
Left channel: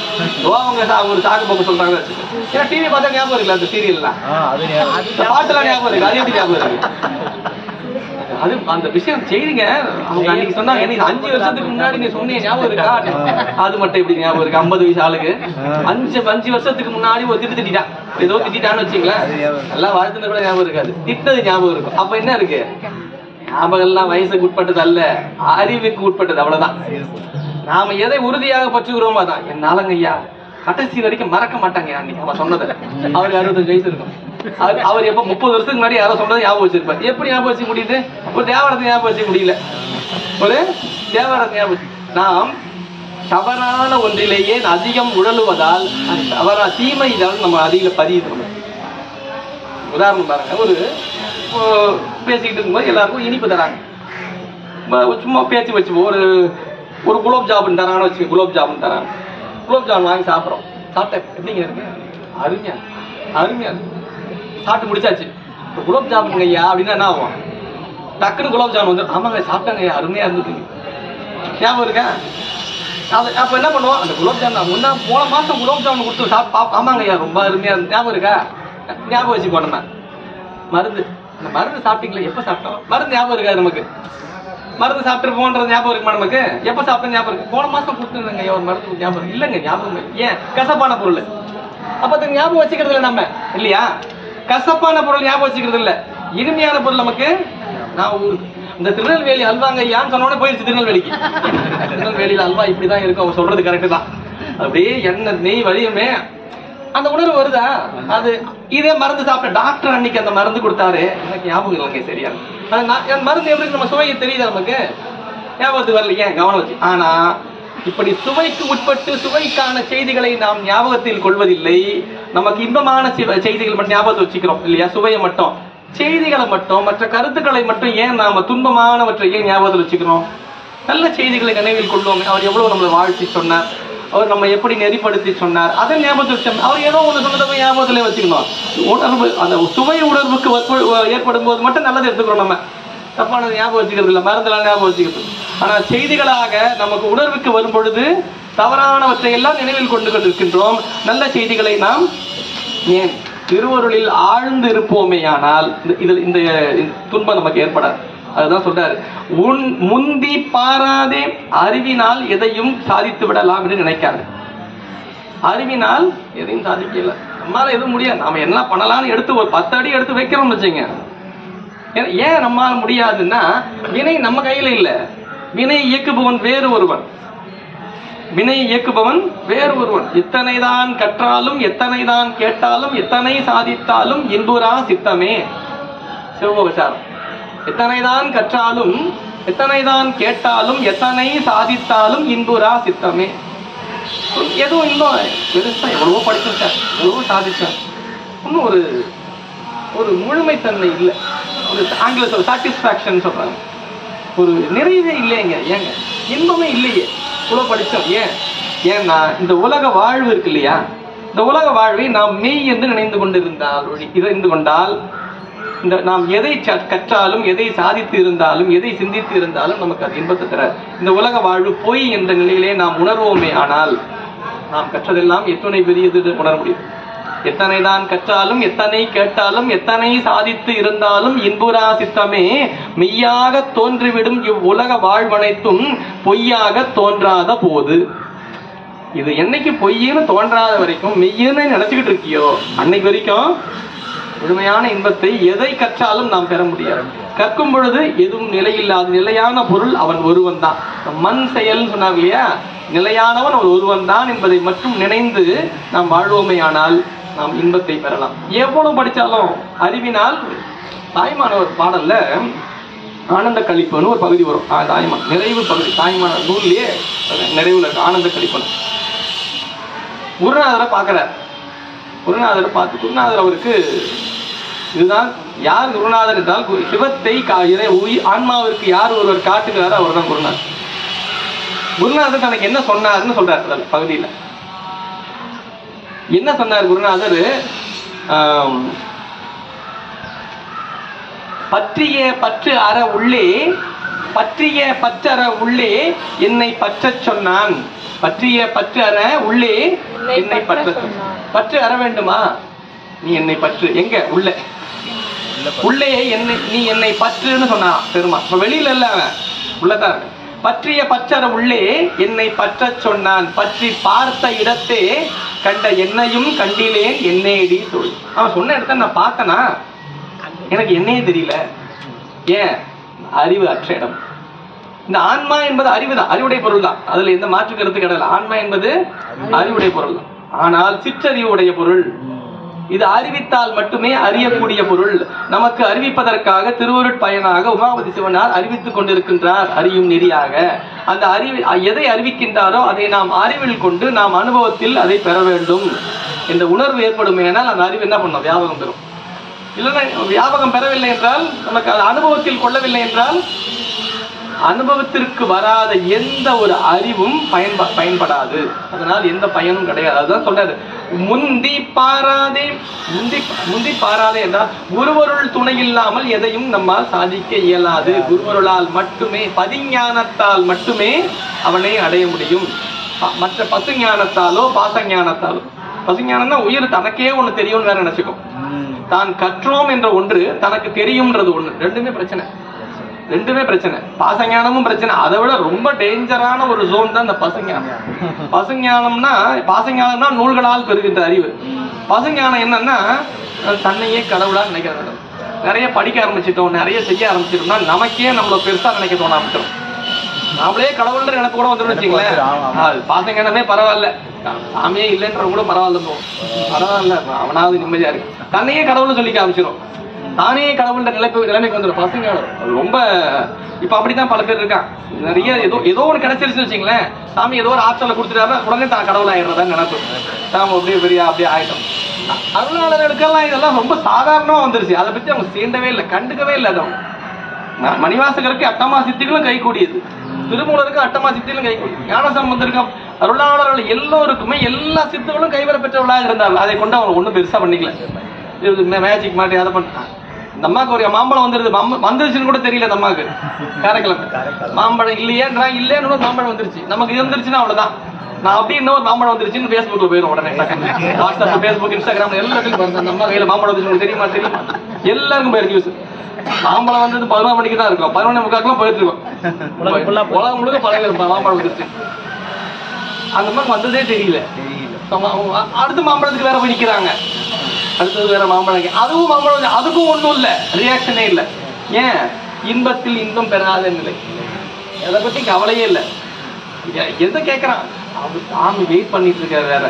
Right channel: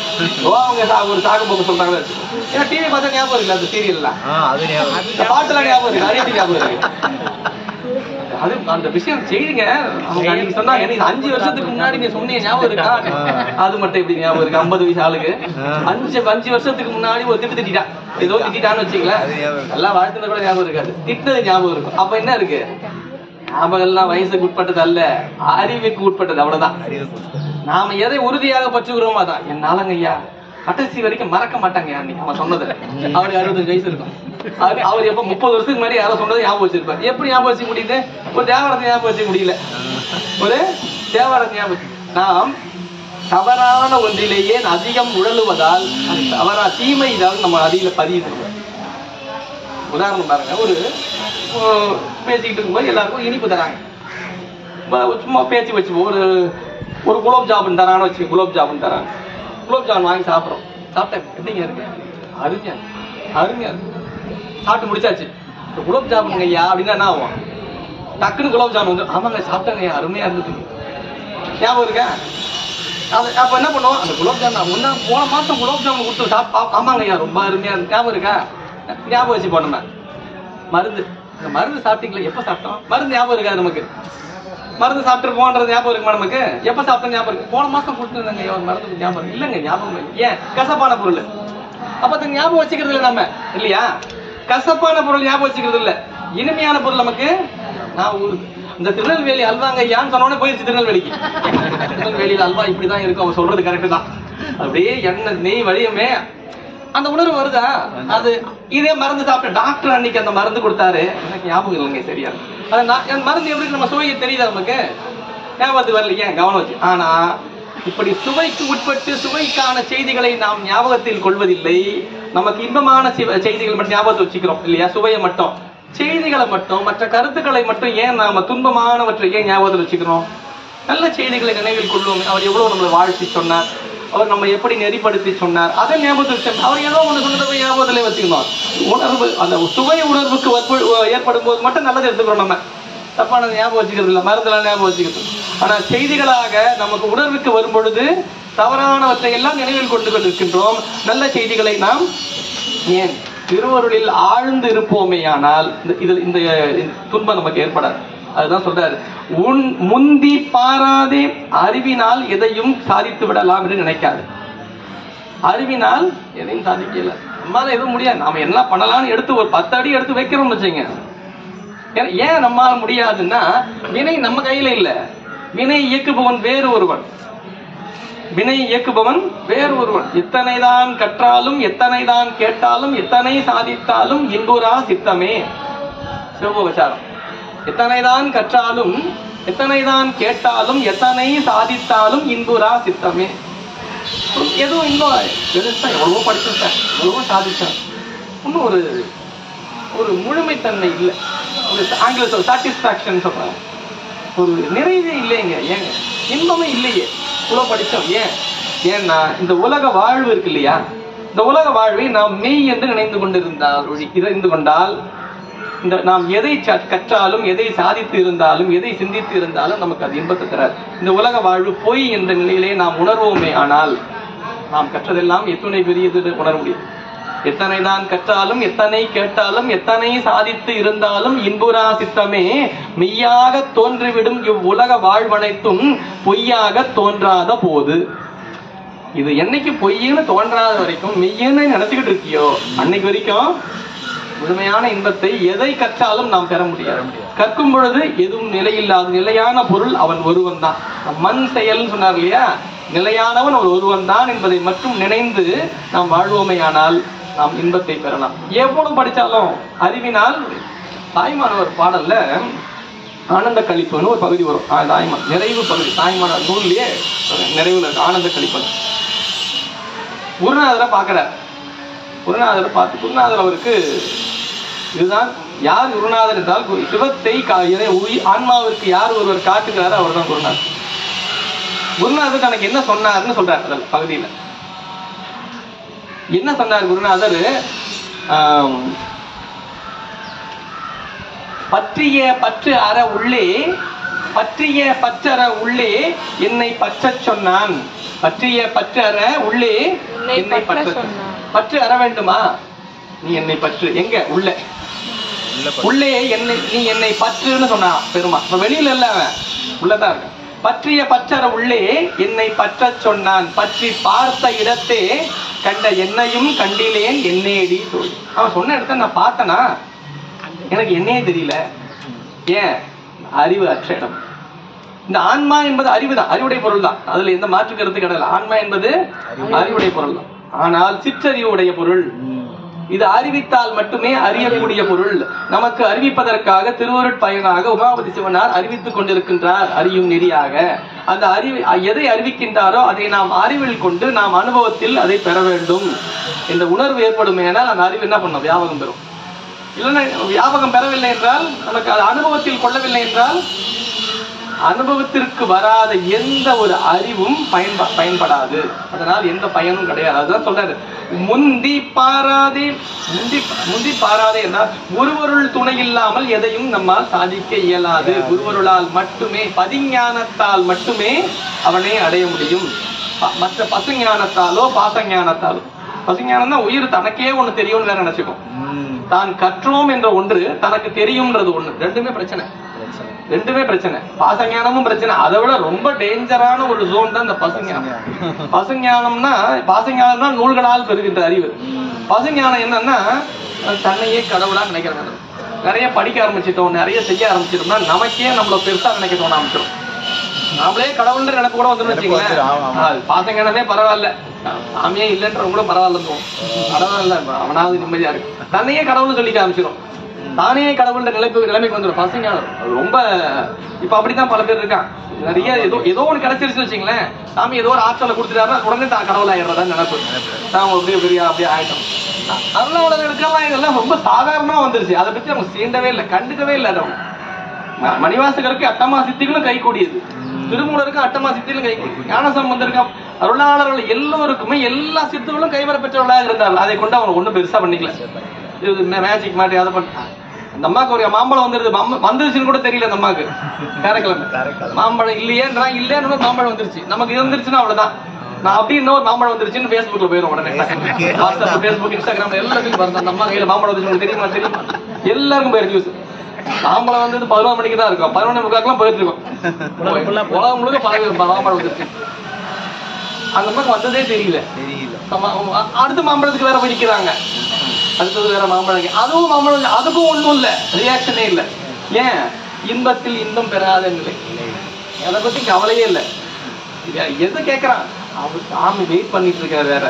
அவங்க ஒரு சாக்கு போக்கு சொல்றாங்க. ஏன்னா டிவி பார்த்தா ஞாபகம் இருக்குல்ல, அந்த சீரியல்லாம் பாட்டுல ஞாபகம் இருக்கு. அது எப்படி ஞாபகம் இருக்கு? அது அந்த விஷயம் செய்திங்க. அவங்க அன்னைக்கு சொன்னாங்க, எனக்கு 5 வருஷத்துக்கு முன்னாடி நீ சொன்னீங்க ஞாபகம் இருக்கா? அது மட்டும் எப்படி ஞாபகம் இருக்கு? 50 வயசு ஆளுக்கு 5 வருஷத்துக்கு முன்னாடி ஒரு திட்டான், ஏதோ திட்டான்னு வச்சுங்களேன், நல்லா வாழ்த்துன கூட ஞாபகம் இருக்காது, திட்டது ஞாபகம் இருக்கும். அப்ப என்ன இருக்கு? ஞாபகம் எல்லாம் வயசுக்கு உட்பட்டது அல்ல, அறிவுக்கு உட்பட்டது, அவ்வளவுதான். நாம எதை உறுதியாக பற்றுகிறோமோ அதான். என்னாலங்க ஐயா கடைசி வரைக்கும் மறக்க மாட்டாங்க. அன்னைக்கு அவன் சொன்னது, அவருக்கு 65 வயசு இருக்கும். அவர் எப்ப 30 வருஷத்துக்கு முன்னாடி யாரோ சொன்னதை ஞாபகம் வச்சிருப்பாரு. எப்படி ஞாபகம் வச்சுக்க முடியுது? ஒரு தேவாரத்தை ஞாபகம் வச்சுக்க முடியல. ஒரு தேவாரத்தை ஞாபகம். நாம் தவறான ஒன்றிலேயே அதிகம் உழலுவதால் தவறா தீமை இதாவது நம்ம அதிக பதியுது. உதாரணம் பாருங்க, ஒரு பேசிக்கிட்டு இருக்கும்போது எல்லாருக்கும் இனிப்பு தராங்க. சும்மா பேச்சு வச்சு ஒரு குலோப் ஜாமுன் தரான்னு வச்சு, குலோப் ஜாமுன் தராங்க. குலோப் ஜாமுன் வாங்கி சாப்பிட்றோம். சாப்பிட்டேன், எப்படிங்க இருக்கு? அருமையா அருமையா சாப்பிட்டு முடிச்சாச்சு. குலோப் ஜாமுன் ஐயா அப்படின்னா என்ன ஆகும்? டக்குன்னு குலோப் ஜாமுன் வந்து, ஆமாங்க சாப்பிட்டாங்க ஐயா, அருமையா இருந்துட்டு ஞாபகம் இருக்கா? அது அப்ப என்ன பண்ணுவோம்? அந்த குலோப் ஜாமுன் போன மாசம் குலோப் ஜாமுன் கொடுத்து ஆமாங்க ஐயா ரொம்ப அருமையா இருந்து ஞாபகம் இருக்கா? ஞாபகம் வச்சு போனோம். மருந்து, அந்த மருந்து சாப்பிட்டீங்களா? எப்ப சாப்பிட்டோம்? மருந்து ஞாபகம் இருக்காது நமக்கு. மருந்து சாப்பிட்டுருப்போன்றது ஞாபகம் இருக்குமா நமக்கு? எப்ப சாப்பிட்டோம் ஞாபகம் இருக்கு? போன மாசம் கொடுத்துருந்தாங்க ஒரு மருந்து ஞாபகம் இல்லைங்க, ஞாபகம் ஏன்? கசப்பான பொருள். அப்ப அதுக்கு ஞாபகம் வச்சுக்கிறது இல்லை நம்ம, இல்லையா? கசப்பான பொருள் ஞாபகம் வச்சுக்கிறது இல்ல, இனிமையான பொருள் நமக்கு. நான் இந்த திருநெல்வேலி அல்வாங்க ஐயான்னு சொன்னோட போயிடுச்சு திருநெல்வேலிக்கு. திருநெல்வேலியில அல்வா இப்படிதான் இருக்கும், அவன் சொல்றது கரெக்டு தான். அப்படியே எண்ணெய் நெய் வழியுமே அந்த உணர்வு வருதா? அது இதே மருந்து சாப்பிட்ட டாக்டர் அன்னைக்கு அந்த மருந்து கொடுத்தாரு, எனக்கு ஞாபகம் இல்லைங்க சரியா. அந்த மருந்து எப்படி நம்ம சுவையை தெரியுதா நமக்கு? ஞாபகத்துக்கு வரல, ஏன்? கவனம் வச்சு. ஆனா இப்படி சுவைக்கு உட்பட்டு சுவைக்கான செய்திகளை நாம் ஞாபகத்தில் கொள்வதில்லை. நமக்கு இன்பமான செய்திகள் மட்டும் ஞாபகத்தை வச்சுக்கிறோம், இல்லையா? சுவையை மட்டும், செய்திகளை மட்டும், மற்ற கருத்துக்களை மட்டும் ஏன் நாம துன்பமானவற்றை ஏன் ஞாபகத்தில் வச்சுக்கிறோம்? நல்ல செய்திகளை நினைவில் கொள்வோம். அவர் எவ்வளவு நம்மளை வாழ்த்தி சொன்னார், அவர் நம்ம எப்படி நெறிப்படுத்தி சொன்னார், அதை ஞாபகத்தில் வச்சோம். அவர் ஏதோ ஒண்ணு சொன்னதை ஞாபகத்திலே வச்சுக்கணும். உணர்வு, அந்த சுவை உணர்வுக்கு ஏற்படும் போது மட்டும் நல்லதை எடுத்துக்கிறோம். நம்ம தப்பானது ஞாபகம் வச்சுக்கிறது இல்லை, மருந்தெல்லாம் ஞாபகம் வச்சுக்கிறது. ஆனா செய்திகளாக நமக்கு உணர்வுக்கு வரும் பொழுது தவறானவற்றை எல்லாம் நினைவில் கொண்டு கொண்டிருக்கின்றோம். நல்ல செய்திகளை நாம் ஏன் திருவருளில் ஆழ்ந்து இருப்போமே, ஆனால் இந்த துன்பம் நமக்கு ஏற்படாது. அதுதான் சொல்றாரு, உன் முந்தி பாராதே அறிவினால் எதையும் சாதித்து விடலாம் என்று நினைக்காது. அறிவினால் எதையும் சாதிக்கல, நம்மளால எதுவும் முடியாது. நாம என்ன பண்ணலாம்னு எடுத்து ஒரு 10 அடி எடுத்து வைக்கிறோம்னு வச்சுங்க. ஏன் நம்மால முடியாதுன்னா, வினை நம்ம கையில இல்ல, வினை இயக்குபவன் வேறு ஒருவன். வினை இயக்குபவன் வேறு ஒருவன். எத்தனைதான் கற்றாலும், எத்தனைதான் கேட்டாலும், எத்தனை சாதித்தாலும் இன்புறா சித்தமே. சிவபோகசாரம். எத்தனைதான் கற்றாலும், எத்தனைதான் கேட்டாலும், எத்தனை சாதித்தாலும் இன்புறா சித்தமே. எதுவும் இன்னும் எவ்வளவோ படிச்சிருக்கார், எவ்வளவோ சாதிச்சார், இன்னும் ஒரு முழுமைத்தன்மை இல்லை. ஒரு ஆங்கில சாட்டிஸ்பாக்சன் சொல்றாங்க, ஒரு நிறைவே இல்லைங்க. ஏங்க இன்பமே இல்லையே, இவ்வளவு படிச்சோம். ஏன்னா இந்த உலக வாழ்வு இருக்கு இல்லையா, இந்த உலக வாழ்வை நாம் மெய் என்று நினைந்து கொண்டால் இந்த நாம் எதை கற்றாலும், எதை சாதித்து இருந்தாலும், எதை சிந்தித்து இருந்தாலும் நமக்கு அது இன்பத்தை தராது. இந்த உலக வாழ்வு பொய் என்ற நிலையிலே நாம் உணர்வோமே, ஆனால் நாம் கற்றதெல்லாம் எத்தனை பெரியது உணர முடியும். எத்தனைதான் கற்றாலும், எத்தனை கேட்டாலும், எத்தனை சாதித்து இருந்தாலும் இன்புறா சித்தமே. மெய்யாக தோன்றிவிடும் இவ்வுலக வாழ்வனைத்தும் பொய்யாக தோன்றாத போது. இது என்னைக்கு பொய்ன்னு தோன்றாத வரைக்கும் மெய்யன்னு நினைச்சுக்கிட்டு இருக்கியோ, அன்னைக்கு வரைக்கும் முழுமையான இன்பத்தை எதை கற்றாலும் நாம் பெற முடியாது. கற்கும் பொழுது எதுவும் நிலையில்லாத நிலையான பொருள் அவன் ஒருவன் தான். மண் செயல் சொன்னார் இல்லையா, நிலையானவன் அவன் ஒருவன் தான் என்பதை மட்டும் நினைந்து நாம் வாழ்வோமே, ஆனால் நாம் இன்பத்தை பெறலாம். எவ்வளவு படிச்சாலும் அறிவினால். தாய்மானவர் பாடல்ல ஆனந்த கழிப்புன்னு ஒரு பகுதி வரும். தாய்மான் நிறைவு பகுதி, தாய்மான நூல்லையே நிறைவுல இருக்கு ஆனந்த கழிப்பன். குருநாதரை பார்க்கிறார். குருநாதரை பார்த்து குருநாதர் அவருக்கு இதுதான் யார் குருநாதர் என்றால், சிவத்தை ஆன்மாவிற்கு யார் ஒருவர் காட்டுகிறாரோ அவர் தான் குருநாதர். குருநாதர் தனக்கு என்ன சொன்னார்னு சொல்றார் பகுதியில. என்ன சொன்னார் குருநாதர்? பற்றிய பற்று அற உள்ளே, பற்றிய பற்றற உள்ளே என்னை பற்ற சொன்னான். பற்றிய பற்று அற உள்ளே என்னை பற்ற. பற்று அற வேண்டுமா, நீ என்னை பற்று. எங்க? உள்ள, உள்ளே என்னை, நீ என்னை பற்றுன்னு சொன்னா பெருமா. வெளியில இல்ல, அவன் உள்ளதான் இருக்கு. பற்றிய பற்றற உள்ளே என்னை பற்ற சொன்னான். பற்றி பார்த்த இடத்தே கண்ட என்னையும் கண்டிலேன் என்னேடி தோல். அவன் சொன்ன இடத்த நான் பார்த்தனா, எனக்கு என்னையே தெரியல. ஏன்? அறிவு அற்ற இடம். இந்த ஆன்மா என்பது அறிவுதான், அறிவுடைய பொருள் தான். அதுல எந்த மாற்று கருத்து கிடையாது. ஆன்மா என்பது அறிவுடைய பொருள் தான். ஆனால் சிற்றறிவுடைய பொருள். இது அறிவித்தால் மட்டுமே அறியக்கூடிய பொருள். நமக்கு அறிவிப்பதற்காக திருவருட் பயனாக உமாபதி சிவனார் அறிவித்துக் கொண்டிருக்கின்றார், அறியும் நெறியாக. அந்த எதை அறிவிக்கின்றாரோ அதை நாம் அறிவில் கொண்டு நாம் அனுபவத்தில் அதை பெற வேண்டும் என்ற உணர்வு ஏற்படும். ஆனால் அந்த அறிவு என்ன பண்ணும்? வியாபகம் பெறும். இல்லைன்னா வியாபகம் பெறவில்லை என்றால், நமக்கு அது அனுபவத்தில் கொள்ளவில்லை என்றால், அனுபவத்திற்கு வராத எந்த ஒரு அறிவும் பயன்படாது. அதனால் எந்த பயனும் கிடையாது. அதுதான் சொல்றாரு, முந்தி பாராதே. முந்தி பாராதே என்றால் குருவருள் துணை இல்லாமல் எதையும் நம்மால் சாதிக்க இயலாது. குருவருளால் மட்டுமே, பதிஞானத்தால் மட்டுமே அவனை அடைய முடியும். மற்ற பசுஞானத்தாலோ பாசஞானத்தாலோ, பசுஞானம் தான் உயிர் தனக்கே ஒண்ணு தெரியும் வேற நினைச்சுக்கும். தான் கற்றோம் என்ற ஒன்று தனக்கு தெரியும்ன்றது ஒண்ணு, ரெண்டுமே பிரச்சனை. ரெண்டுமே பிரச்சனை. பாசஞானமும் பிரச்சனை. அதை விட ரொம்ப டேஞ்சரான ஒரு ஜோன் தான் இந்த பசுஞானம். பாசஞானம்னா நூல்களால் பெறுகின்ற அறிவு. பசுஞானம் என்னன்னா தன்னையே கடவுளா நினைக்கிறாங்க. நிறைய படிக்க ஆரம்பிச்சிட்டோம், நிறைய செய்ய ஆரம்பிச்சிட்டோம்னா நமக்கே நம்மள பெருசா நினைக்க தோண ஆரம்பிச்சிடும். நாமளே கடவுள்ன்ற எனக்கு கூட வந்துடும் வச்சுங்களேன். பாசஞானமே பரவாயில்ல, சாமியே இல்லைன்ற கூட பரவாயில்ல, பரவாயில்ல, அவனாவது நிம்மதியா இருக்கு. தன்னையே கடவுள்னு சொல்லிக்க ஆரம்பிச்சிடும். தானே கடவுள்ன்ற நிலைமைக்கு வந்துடும் பசுஞானம். ரொம்ப இப்ப அப்படித்தான் பல பேர் இருக்கான். நிறைய ஏதோ ஒண்ணு கிடைச்சிருச்சு வச்சுங்களேன், சாமி ஏதோ ஒரு ஆற்றலை கொடுத்துட்டாரு, உடனே தான் கடவுள் ஆயிடுறதா நினைப்பு. நாம அப்படியே ஆயிட்டோம். அருளாளர்களுக்கெல்லாம் இதெல்லாம் ரொம்ப சாதாரணமா வந்துருச்சு. அதை பத்தி அவங்க சீண்டவே இல்லை, கண்டுக்கவே இல்லை. மணிவாசகருக்கு அட்டமா சித்திகளும் கை கூடியது, திருமூலருக்கு அட்டமா சித்திகளும் கை கூடியது, ஞானசம்பந்தருக்கு அருளாளர்கள் எல்லோருக்குமே எல்லா சித்துகளும் கைவர பெற்றவர்களாக இருந்தார்கள். அதை கொண்டு அவங்க ஒண்ணும் பெருசா பண்ணிக்கல. இது மேஜிக் மாட்டி அதை பண்ண இந்த அம்மாவுக்கு ஒரு மாம்பழம் வந்துருச்சுன்னு கூட தெரியல. அந்த அம்மாவுக்கு காரைக்கிழமை மாம்பழம் இல்லையேன்றா இல்லைன்னு மாம்பழம் வந்துருச்சு. நமக்கு இருந்துருச்சுன்னா அவ்வளவுதான். நான் அப்படி இன்னொரு மாம்பழம் வந்துருச்சுன்னு Facebookல போயிடும் உடனே. வாட்ஸ்அப், Facebook, Instagram எல்லாத்துக்கும் பாருங்க அந்த அம்மா கையில மாம்பழம் வந்துருச்சு தெரியுமா தெரியுமா எல்லாருக்கும் போயிரு நியூஸ். மாம்பழம் வந்து 11 மணிக்கு தான் இருக்கும், 11:45 போயிட்டு இருக்கும். உலகம் முழுக்க மாம்பழம் வந்துருச்சு. அந்த மாதிரி வந்ததே தெரியல. அடுத்த மாம்பழத்துக்கு வேற போய் நிக்கிறாங்க. அடுத்தது வேற மாம்பழம், அதுவும் மாம்பழம், அதுக்கும் ஒண்ணும் இல்ல, ரியாக்ஷனே இல்ல. ஏன்? இன்பத்தில் இன்பம் பெறாத நிலை. அதை பத்தி கவலையே இல்லை. எதை கேட்கறான் அவன்? சாமி வெயிட் பண்ணிட்டு இருக்காரு. வேற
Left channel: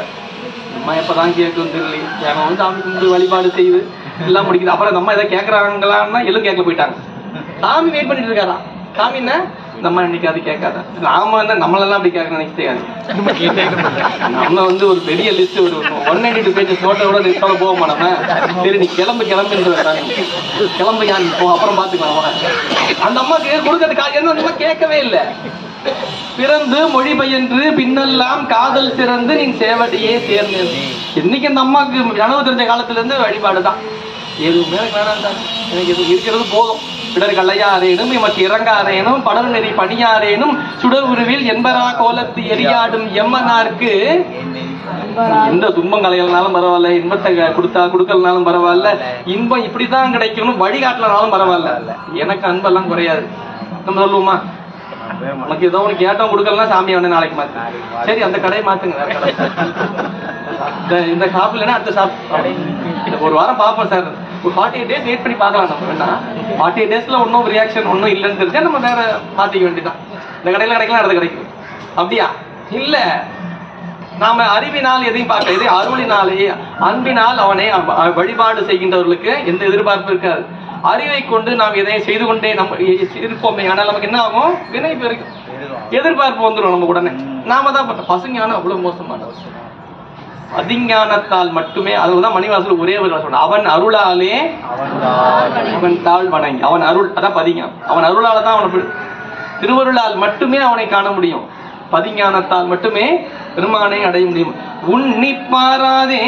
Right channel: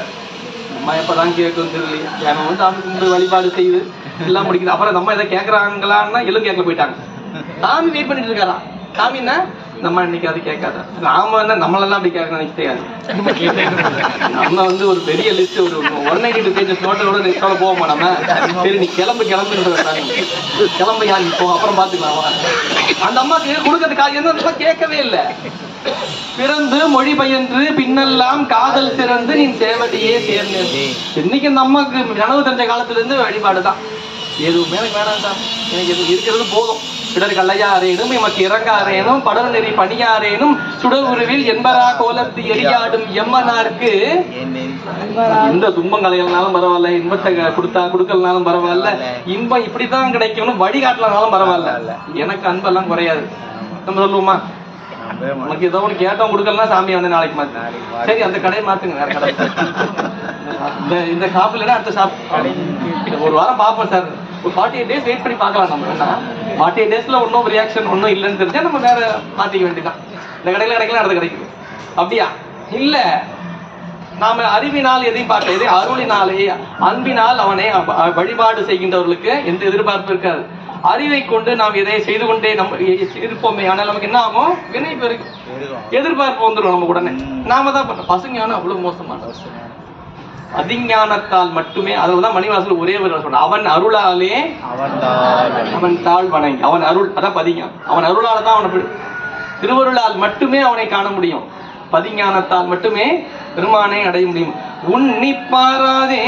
அம்மா எப்பதான் கேட்கும் தெரியல. அவன் வந்து சாமி கும்பிட்டு வழிபாடு செய்து எல்லாம் முடிக்குது. அப்புறம் நம்ம எதை கேட்கறாங்களான்னா எல்லாம் கேட்க போயிட்டாங்க. சாமி வெயிட் பண்ணிட்டு இருக்காரா? சாமின்னா நம்ம இன்னைக்கு அது கேட்காத. நாம என்ன நம்மளெல்லாம் அப்படி கேட்க நினைக்க தெரியாது. நம்ம வந்து ஒரு பெரிய லிஸ்ட், ஒரு 192 பேஜஸ் நோட்டை விட லிஸ்டோட போவோமா நம்ம? சரி நீ கிளம்பு கிளம்பு யாரு இப்போ அப்புறம் பாத்துக்கலாம். அந்த அம்மாக்கு கொடுக்கறதுக்கு என்ன கேட்கவே இல்லை. பிறந்து மொழி பயின்று பின்னெல்லாம் காதல் சிறந்து நீ சேவடியே சேர்ந்து. என்னைக்கு அந்த அம்மாக்கு கனவு தெரிஞ்ச காலத்துல இருந்து வழிபாடுதான். எதுவுமே எனக்கு வேணாம் தான், எனக்கு எது இருக்கிறது போதும். பிடர் கல்லையாரேனும் எமக்கு இறங்காரேனும் படர் நெறி பணியாரேனும் சுடர் உருவில் என்பரா கோலத்து எரியாடும் எம்மனாருக்கு எந்த துன்பம் கலையிலனாலும் பரவாயில்ல, இன்பத்தை கொடுக்கலனாலும் பரவாயில்ல, இன்பம் இப்படித்தான் கிடைக்கும்னு வழிகாட்டலனாலும் பரவாயில்ல, எனக்கு அன்பெல்லாம் குறையாது. நம்ம சொல்லுவோமா? உனக்கு ஏதோ ஒண்ணு கேட்டோம் கொடுக்கலாம் சாமி வந்து நாளைக்கு மாத்து. சரி அந்த கடையை மாத்துங்க, வேற கடை. இந்த ஷாப் இல்லைன்னா அடுத்த ஷாப். ஒரு வாரம் பாப்போம் சார், ஒரு 48 days வெயிட் பண்ணி பார்க்கலாம். நம்ம என்ன 48 daysல ஒன்னும் ரியாக்ஷன் ஒன்னும் இல்லைன்னு தெரிஞ்சா நம்ம வேற மாத்திக்க வேண்டியதான். இந்த கடையில கிடைக்கலாம், அடுத்த கிடைக்கும். அப்படியா? இல்ல, நாம அறிவினால் எதையும் பார்க்க, இதே அருளினாலே அன்பினால் அவனை வழிபாடு செய்கின்றவர்களுக்கு எந்த எதிர்பார்ப்பு இருக்காது. அறிவை கொண்டு நாம் இதை செய்து கொண்டே நம்ம இருப்போமே, ஆனால் நமக்கு என்ன ஆகும்? வினை பெருக்கும், எதிர்பார்ப்பு வந்துடும் நம்ம உடனே. நாம தான் பசுஞானம் அவ்வளவு மோசமானது. அதிஞானத்தால் மட்டுமே, அதுதான் மணிவாசல் ஒரே ஒரு சொல்ற, அவன் அருளாலே அவன் தாழ் வணங்கி, அவன் அருள், அதான் பதிஞானம். அவன் அருளால தான் அவனை, திருவருளால் மட்டுமே அவனை காண முடியும். பதிஞானத்தால் மட்டுமே பெருமானை அடைய முடியும். உன்னி பாராதே,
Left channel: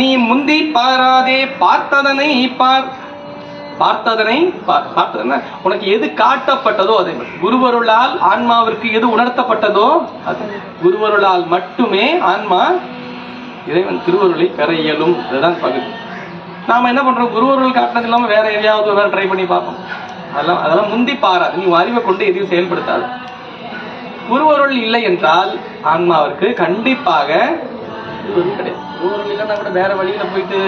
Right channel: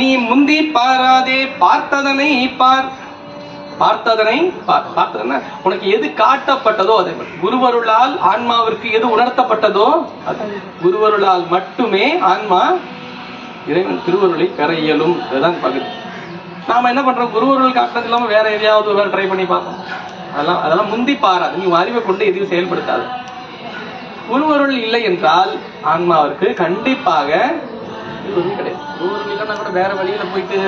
நீ முந்தி பாராதே, பார்த்ததனை பார். பார்த்ததனை பார்த்ததனை உனக்கு எது காட்டப்பட்டதோ அதே மாதிரி குருவருளால் ஆன்மாவிற்கு எது உணர்த்தப்பட்டதோ அது குருவருளால் மட்டுமே ஆன்மா இறைவன் திருவருளை பெற இயலும். அதுதான் பகுதி. நாம என்ன பண்றோம்? குருவருள் காட்டினது இல்லாம வேற எதையாவது ட்ரை பண்ணி பார்ப்போம். அதெல்லாம் முந்தி பாராது. நீ அறிவை கொண்டு எதையும் செயல்படுத்தாது. குருவருள் இல்லை என்றால் ஆன்மாவிற்கு கண்டிப்பாக கிடையாது. குருவருள் இல்லைன்னா கூட வேற வழியில போயிட்டு,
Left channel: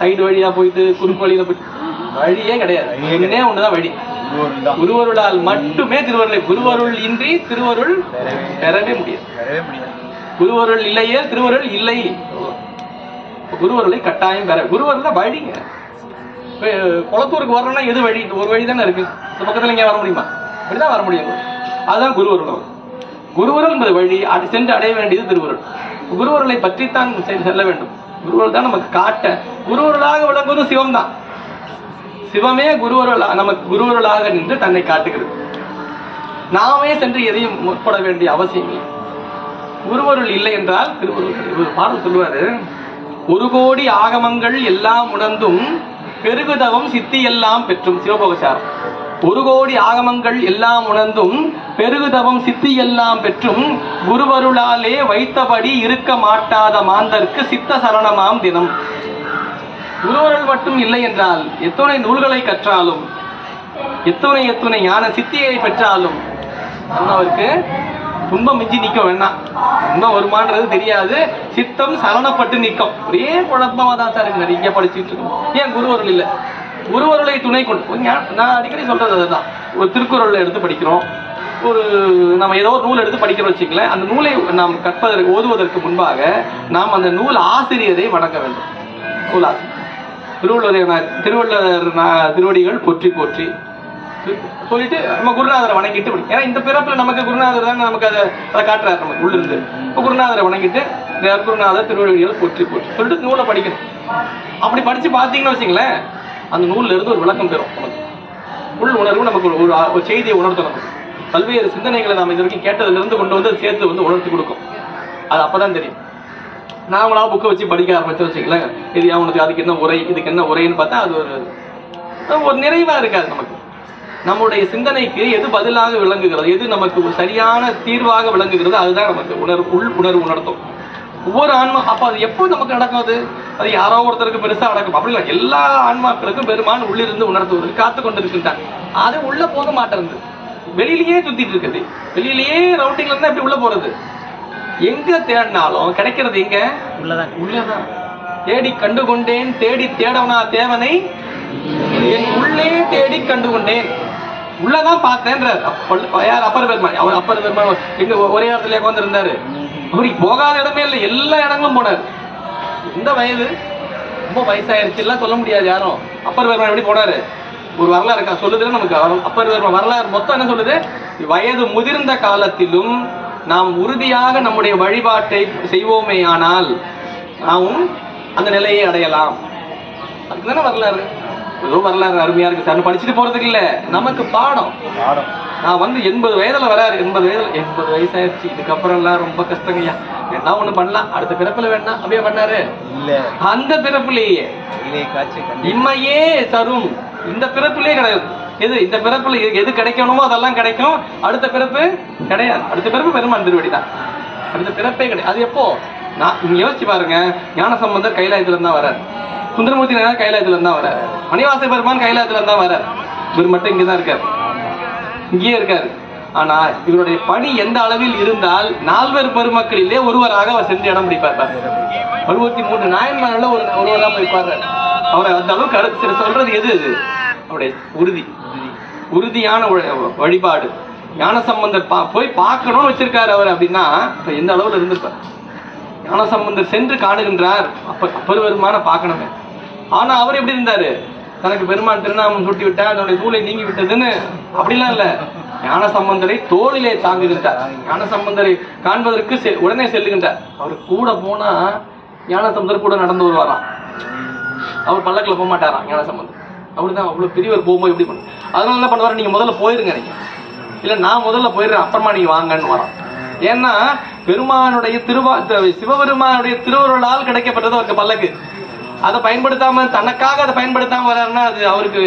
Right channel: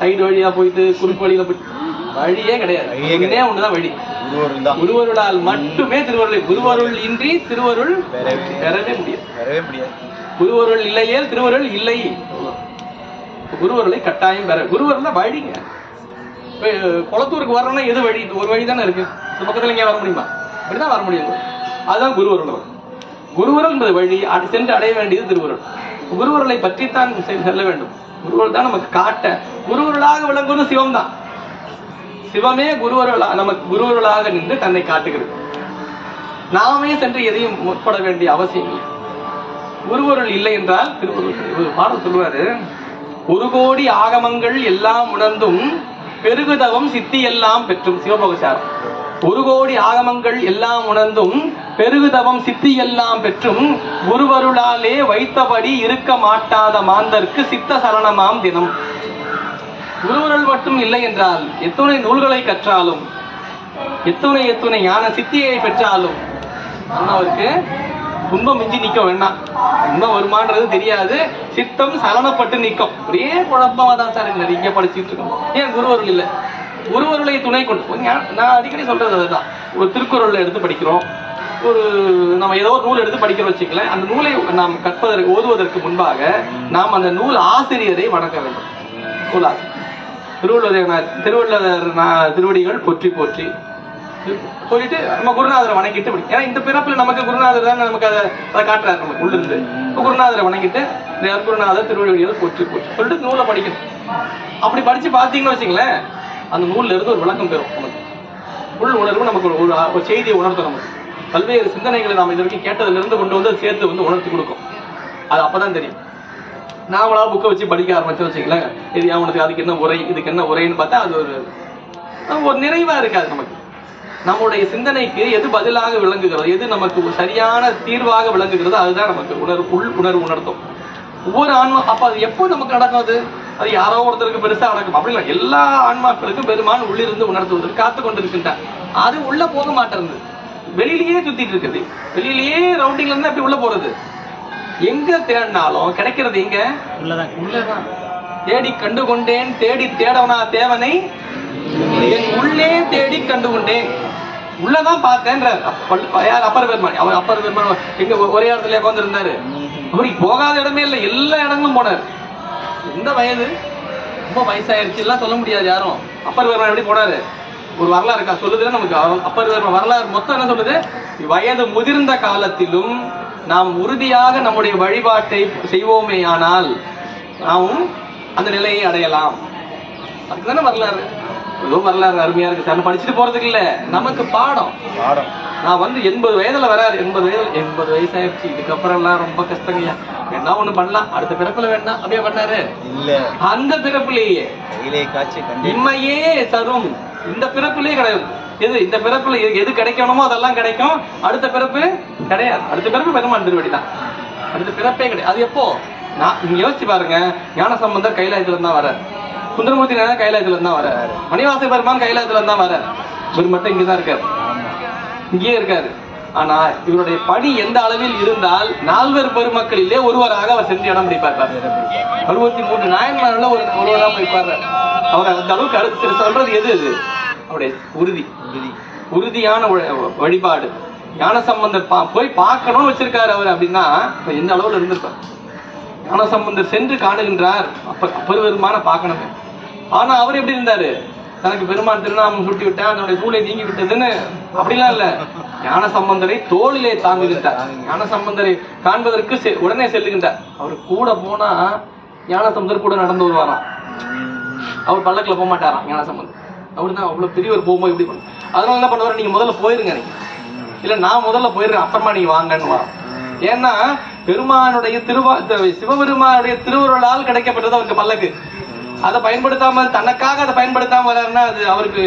சைடு வழியா போயிட்டு, குறுக்கு வழியில போயிட்டு, வழியே கிடையாது. ஒன்னே ஒண்ணுதான் வழி, குருவருளால் மட்டுமே திருவருளை. குருவருள் இன்றி திருவருள் பெறவே முடியாது. குருவருள் இல்லையே திருவருள் இல்லை. குருவருளை கட்டாயம் பெற. குருவருள் தான் வழிங்க. குளத்தூருக்கு வரணும்னா எது வழி? இந்த ஒரு வழி தானே இருக்கு. இந்த பக்கத்துல இங்கே வர முடியுமா? அப்படிதான் வர முடியும். அதுதான் குருவருள். குருவருள் என்பது வழி, அது சென்று அடைய வேண்டியது திருவருள். குருவருளை பற்றித்தான் செல்ல வேண்டும். குருவருள் தான் நமக்கு காட்ட. குருவருளாக விளங்குவது சிவம் தான். சிவமே குருவருளாக நமக்கு குருவருளாக நின்று தன்னை காட்டுகிறது. நாமே சென்று எதையும் முற்பட வேண்டிய அவசியம் இல்லை. குருவருள் இல்லை என்றால் திருவருள். ஒரு பாடல் சொல்லுவாரு, 1 கோடி ஆகமங்கள் எல்லாம் உணர்ந்தும் பெருகுதவம் சித்தி எல்லாம் பெற்றும். சிவபோகசாரம். 1 கோடி ஆகமங்கள் எல்லாம் உணர்ந்தும் பெருகுதவம் சித்தி எல்லாம் பெற்றும் குருவருளாலே வைத்தபடி இருக்க மாட்டாத மாந்தர்க்கு சித்த சரணமாம் தினம். குருவருள் மட்டும் இல்லை என்றால் எத்தனை நூல்களை கற்றாலும், எத்தனை ஞான சித்தியை பெற்றாலும் அண்ணவருக்கு துன்பம் மிஞ்சி நிற்க வேண்டாம். துன்பம் வருமானது தெரியாது, சித்தம் சலனப்பட்டு நிற்கும். ஒரே குழப்பமா தான் சார் நிறைய படிச்சுட்டு இருக்கோம். ஏன் குருவருள் இல்லை? குருவருளை துணை கொண்டு, நான் அடிக்கடி சொல்றது அதுதான். ஒரு திருக்குறளை எடுத்து படிக்கிறோம், ஒரு நம்ம ஏதோ ஒரு நூல் எடுத்து படிக்கிறோம் வச்சுக்கல, அந்த நூலை நாம் கற்பதற்கு ஓதுவதற்கு முன்பாக நாம் அந்த நூல் ஆசிரியரை வணங்க வேண்டும். நூலாசிரியர் திருவள்ளுவர் திருவடிகள் போற்றி போற்றி சொல்லிட்டு நம்ம குருநாதரை வணங்கிட்டு, ஏன்னா இந்த பிறப்புல நமக்கு குருநாதர் தான் நமக்கு அதை காட்டுறாரு. நமக்கு உள்ள இருந்து குருநாதரை வணங்கிட்டு குருநாதர் திருவடிகள் போற்றி போற்றி சொல்லிட்டு நூலை படிக்கணும். அப்படி படிச்சு பார்த்தீங்கன்னு வச்சுங்களேன், அந்த நூல்ல இருந்து ஒரு விளக்கம் பெறும். நமக்கு உள் உணர்வு, நமக்கு ஒரு செய்தியை உணர்த்தும். நமக்கு பல்வேறு சிந்தனைகளை நாம் இது வரைக்கும் கேட்டதுல இருந்து கொண்டு வந்து சேர்த்து வந்து உணர்த்தி கொடுக்கும். அது அப்பதான் தெரியும். நாமளா புக்கை வச்சு படிக்க ஆரம்பிச்சு வச்சுக்கலாம், இது அவனுக்கு அதுக்கு என்ன உரை, இதுக்கு என்ன உரைன்னு பார்த்தா அது ஒரு நிறைவா இருக்காது. நமக்கு நம்முடைய சிந்தனைக்கு எது பதிலாக விளங்குகிறது, எது நமக்கு ஒரு சரியான தீர்வாக விளங்குகிறது, அதுதான் நமக்கு உணர்வு உணர்த்தும். ஒவ்வொரு ஆன்மா அப்ப அது எப்போ நமக்கு நடக்கும், அது யாரோ ஒருத்தருக்கு பெருசா நடக்கும் அப்படி இல்லை. எல்லா ஆன்மாக்களுக்கும் பெருமான் உள்ளிருந்து உணர்த்துவதற்கு காத்து கொண்டு இருக்கின்றான். அது உள்ள போக மாட்டேங்குது, வெளியிலேயே சுத்திட்டு இருக்குது. வெளியிலேயே ரவுண்டிங்ல இருந்தா எப்படி உள்ள போறது? எங்க தேடினாலும் கிடைக்கிறது எங்க? உள்ளதான். தேடி கண்டு கொண்டேன், தேடி தேடவனா தேவனை என் உள்ளே தேடி கண்டு கொண்டேன். உள்ளதான் பார்த்தேன்றார் யார்? அப்பர் பெருமான். அவர் அப்பர் பெருமான் எங்க ஒரே இடத்துல உட்கார்ந்து இருந்தாரு. அவருக்கு போகாத இடமே இல்லை, எல்லா இடங்களும் போனார். இந்த வயது ரொம்ப வயசாயிருச்சு எல்லாம் சொல்ல முடியாது யாரும். அப்பர் பெருமான் எப்படி போனாரு? ஒரு வரலாறு இருக்கா சொல்லுதுல நமக்கு. அப்பர் பெருமான் வரலாறு மொத்தம் என்ன சொல்லுது? வயது முதிர்ந்த காலத்திலும் நாம் உறுதியாக நம்முடைய வழிபாட்டை செய்வோமே ஆனால் நாமும் அந்த நிலையை அடையலாம். அதுக்கு தானே வரலாறு. ஏதோ வரலாறு அருமையா இருக்கு சார் படிச்சுட்டு போறதுக்கு இல்ல, நமக்கு பாடம். நான் வந்து 80 வயதுல வராரு. 80 வயசாயிருச்சு, இதுக்கப்புறம் எல்லாம் ரொம்ப கஷ்டங்கய்யா, என்ன ஒண்ணு பண்ணலாம், அடுத்த பிறப்புல வேணா அப்படியே பண்ணாரு. அந்த பிறப்புலேயே இம்மையே தரும், இந்த பிறப்புலயே கிடையாது. எது இந்த பிறப்புல எது கிடைக்கணுமோ அதெல்லாம் கிடைக்கும். அடுத்த பிறப்பு கிடையாது. அடுத்த பிறப்பு பெருமான் திருவடி தான், அடுத்த பிறப்பே கிடையாது. அது எப்போ? நீங்க யோசிச்சு பாருங்க. ஞானசம்பந்தர் கைலாயத்துல இருந்தா வர்றாரு, சுந்தரமூர்த்தி நாயனார் கைலாயத்துல இருந்தா வர்றாரு, மணிவாச பெருமான் கைலாயத்துல இருந்தா வர்றாரு. இவர் மட்டும் இங்கதான் இருக்காரு, இங்கேயே இருக்காரு. ஆனா இவருடைய பணி எந்த அளவில் இருந்தால் 4 பெருமக்களிலே ஒருவராக அவர் சென்று இடம் பிடிப்பார். 63 நாயன்மார்ல ஒருவராக போய் பாடுறாரு. அவரை அந்த அளவுக்கு அடுத்து சொல்றது எது? அவருடைய உறுதியான வழிபாடு. ஞானசம்பந்தர் போய் பார்க்கணும்னு வச்சிருக்காரு அவர் அப்படின்னா எந்த அளவுல இருந்திருப்பார். ஞானசம்பந்தர் சென்று காணுகின்றார், பெருமான பார்க்கணுங்க. ஆனா அவர் எப்படி இருந்தாரு? தனக்கு பெருமான் திருநாமம் சுட்டி விட்டா அதனுடைய சூளை நீங்கி விட்டதுன்னு அப்படிலாம் இல்ல. ஞானசம்பந்தரை தோளிலே தாங்குகின்றார். ஞானசம்பந்தரை காண்பதற்கு உடனே செல்லுகின்றார். அவர் கூட போனா ஞானசம்பந்தர் கூட நடந்து வருவாராம். அவர் பல்லக்குல போக மாட்டாராம் ஞானசம்பந்தர். அவருதான் அவ்வளவு பெரியவர் போகும்போது எப்படி பண்ண. அதனால என்ன பண்ணுவாரு? நீங்க முதல்ல போயிருங்க, நீங்க இல்ல நான் முதல்ல போயிடுறேன், அப்புறமா நீங்க வாங்கன்னு வரோம். ஏன்னா பெருமானுடைய சிவபெருமானுடைய திருவருளால் கிடைக்கப்பட்டது அவருக்கு பல்லக்கு. அதை பயன்படுத்தாம தனக்காக அதை பயன்படுத்தாம வர்றாருன்னா அது அவருக்கு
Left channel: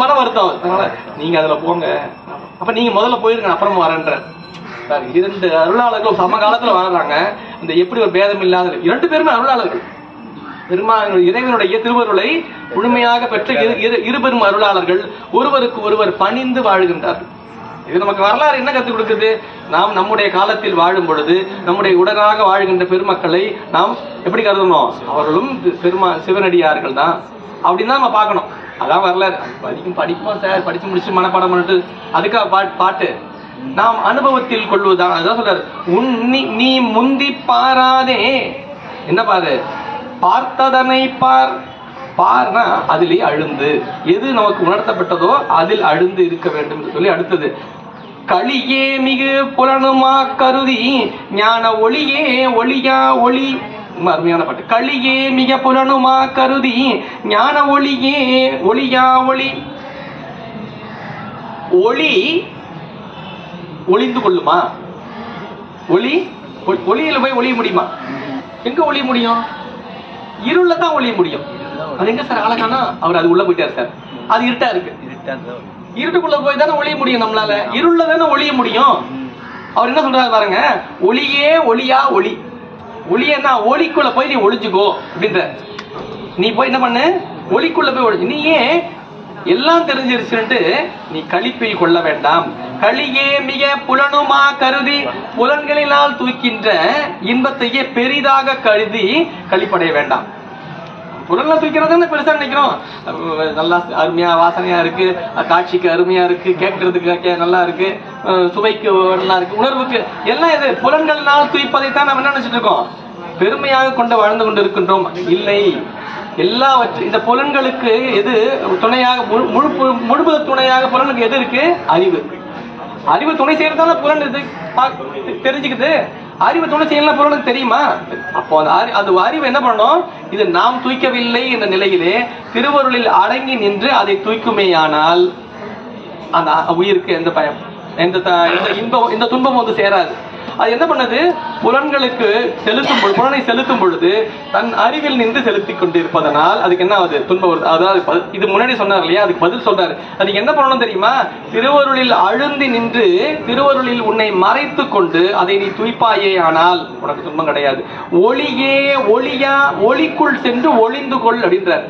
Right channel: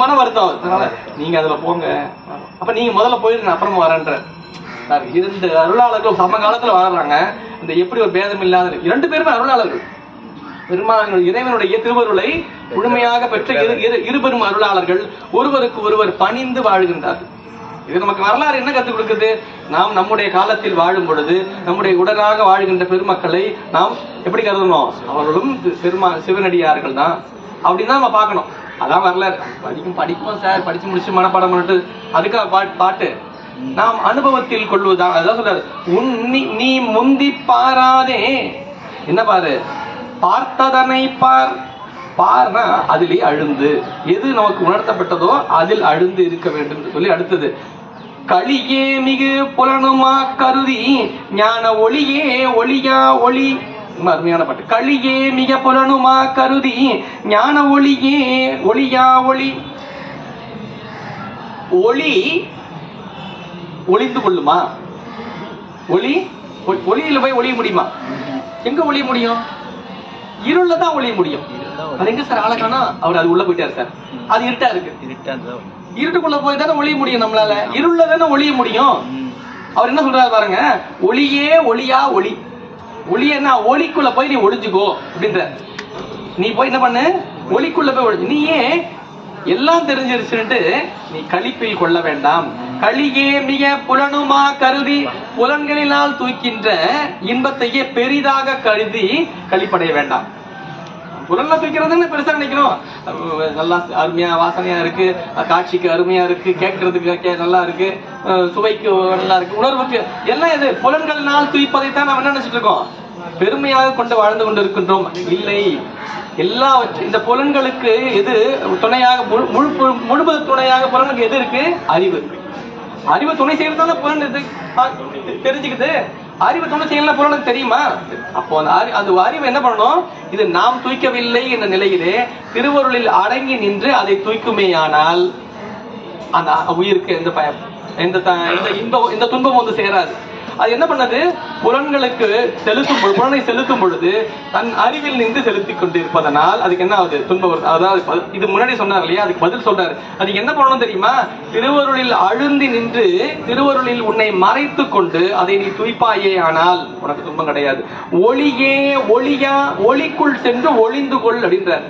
மன வருத்தம். அதனால நீங்க அதுல போங்க, அப்ப நீங்க முதல்ல போயிருங்க அப்புறமா வரேன்ற. 2 அருளாளர்கள் சமகாலத்துல வர்றாங்க. இந்த எப்படி ஒரு பேதம் இல்லாத 2 பேருமே அருளாளர்கள். பெருமானுடைய இறைவனுடைய திருவருளை முழுமையாக பெற்ற இரு பெரும் அருளாளர்கள் ஒருவருக்கு ஒருவர் பணிந்து வாழ்கின்றார்கள். இது நமக்கு வரலாறு என்ன கற்றுக் கொடுக்குது? நாம் நம்முடைய காலத்தில் வாழும் பொழுது நம்முடைய உடனாக வாழ்கின்ற பெருமக்களை நாம் எப்படி கருதணும்? அவர்களும் சிவனடியார்கள் தான் அப்படின்னு நம்ம பார்க்கணும். அதான் வரலாறு. படிப்போம் சார், படிச்சு முடிச்சு மனப்பாடம் பண்ணிட்டு அதுக்காக பாட்டு நாம் அனுபவத்தில் கொள்வதுதான். அதான் சொல்றாரு, நீ முந்தி பாராதே. என்ன பாரு? பார்த்ததனை பார். பார்னா அதிலே அழுந்து, எது நமக்கு உணர்த்தப்பட்டதோ அதில் அழுந்து இருக்க வேண்டும் சொல்லி அடுத்தது களியே மிகு புலனுமா கருதி ஞான ஒளியே ஒளியா ஒளி. அருமையான பாட்டு. களியே மிக புலனுமா கருதி ஞான ஒளியே ஒளியா ஒளி. ஒளி ஒளிந்து கொள்ளுமா? ஒளியில போய் ஒளிய முடியுமா? எங்க ஒளிய முடியும்? இருள தான் ஒளிய முடியும். அது எங்க சார் அழகானா? அவர் அது உள்ள போயிட்டாரு சார். அது இருட்டா இருக்கு. இருட்டுக்குள்ள போய் தானே ஒளிய முடியும் நம்மளால. இருள தானே ஒளிய முடியும். அவர் என்ன சொல்றாரு பாருங்க, ஒளியே ஒளியா ஒளி. ஒளியன்னா ஒளிக்குள்ள போய் நீ ஒளிஞ்சுக்கோ அப்படின்ற. நீ போய் என்ன பண்ணு? ஒளிக்குள்ள போய் ஒளி. நீயே எல்லாம் தெரிஞ்சிருச்சுட்டு நீ களிப்பில் கொள்ள வேண்டாம். களியே மிக புலனுமா கருதி, புலன்களினால் தூக்கின்ற இன்பத்தையே பெரிதாக கருதி களிப்படைய வேண்டாம். புலன்ல தூக்கிறது பெருசா நினைக்கிறோம். நல்லா அருமையா வாசனையா இருக்கு, காட்சிக்கு அருமையா இருக்கு, கேட்கறதுக்கு நல்லா இருக்கு, சுவைக்கு நல்லா இருக்கு, உணர்வுக்கு எல்லாம் இது புலன்களினால் தூய்ப்பதைத்தான் நம்ம என்ன நினைச்சிட்டு இருக்கோம்? பெருமையாக கொண்டு வாழ்ந்து கொண்டு இருக்கின்றோம். இல்லை, எல்லாவற்றையும் இந்த புலன்களுக்கு எது துணையாக, முழு துணையாக புலனுக்கு எது இருக்கு? அறிவு. அறிவு துணை செய்யறதால புலன் தெரிஞ்சுக்குது. அறிவு துணை செய்யலாம் புலனுக்கு தெரியுமா? அப்போ அந்த அறிவு என்ன பண்ணணும்? இது நாம் தூய்க்கவில்லை என்ற நிலையிலே திருவருளில் அடங்கி நின்று அதை தூய்க்குமேயானால் அந்த உயிருக்கு எந்த இந்த துன்பம் வந்து சேராது. அது என்ன பண்ணது? புலன்களுக்கு புலனை செலுத்தும் பொழுது தன் அறிவில் நின்று செலுத்தி கொண்டு இருப்பதனால் அதுக்கு என்ன ஆகுது? துன்பம். அதாவது இது முன்னாடி சொன்னார் இல்லையா, அதுக்கு பதில் சொல்றாரு. அதுக்கு என்ன பண்ணணும் தெரியுமா? திருவருளில் அழுந்தி நின்று திருவருளில் உன்னை மறைத்து கொண்டு அதை நீ துய்ப்பாயே ஆனால் உனக்கு துன்பம் கிடையாது. ஒளியே ஒளியா ஒளிக்குள் சென்று ஒளிந்து கொள் அப்படின்றார்.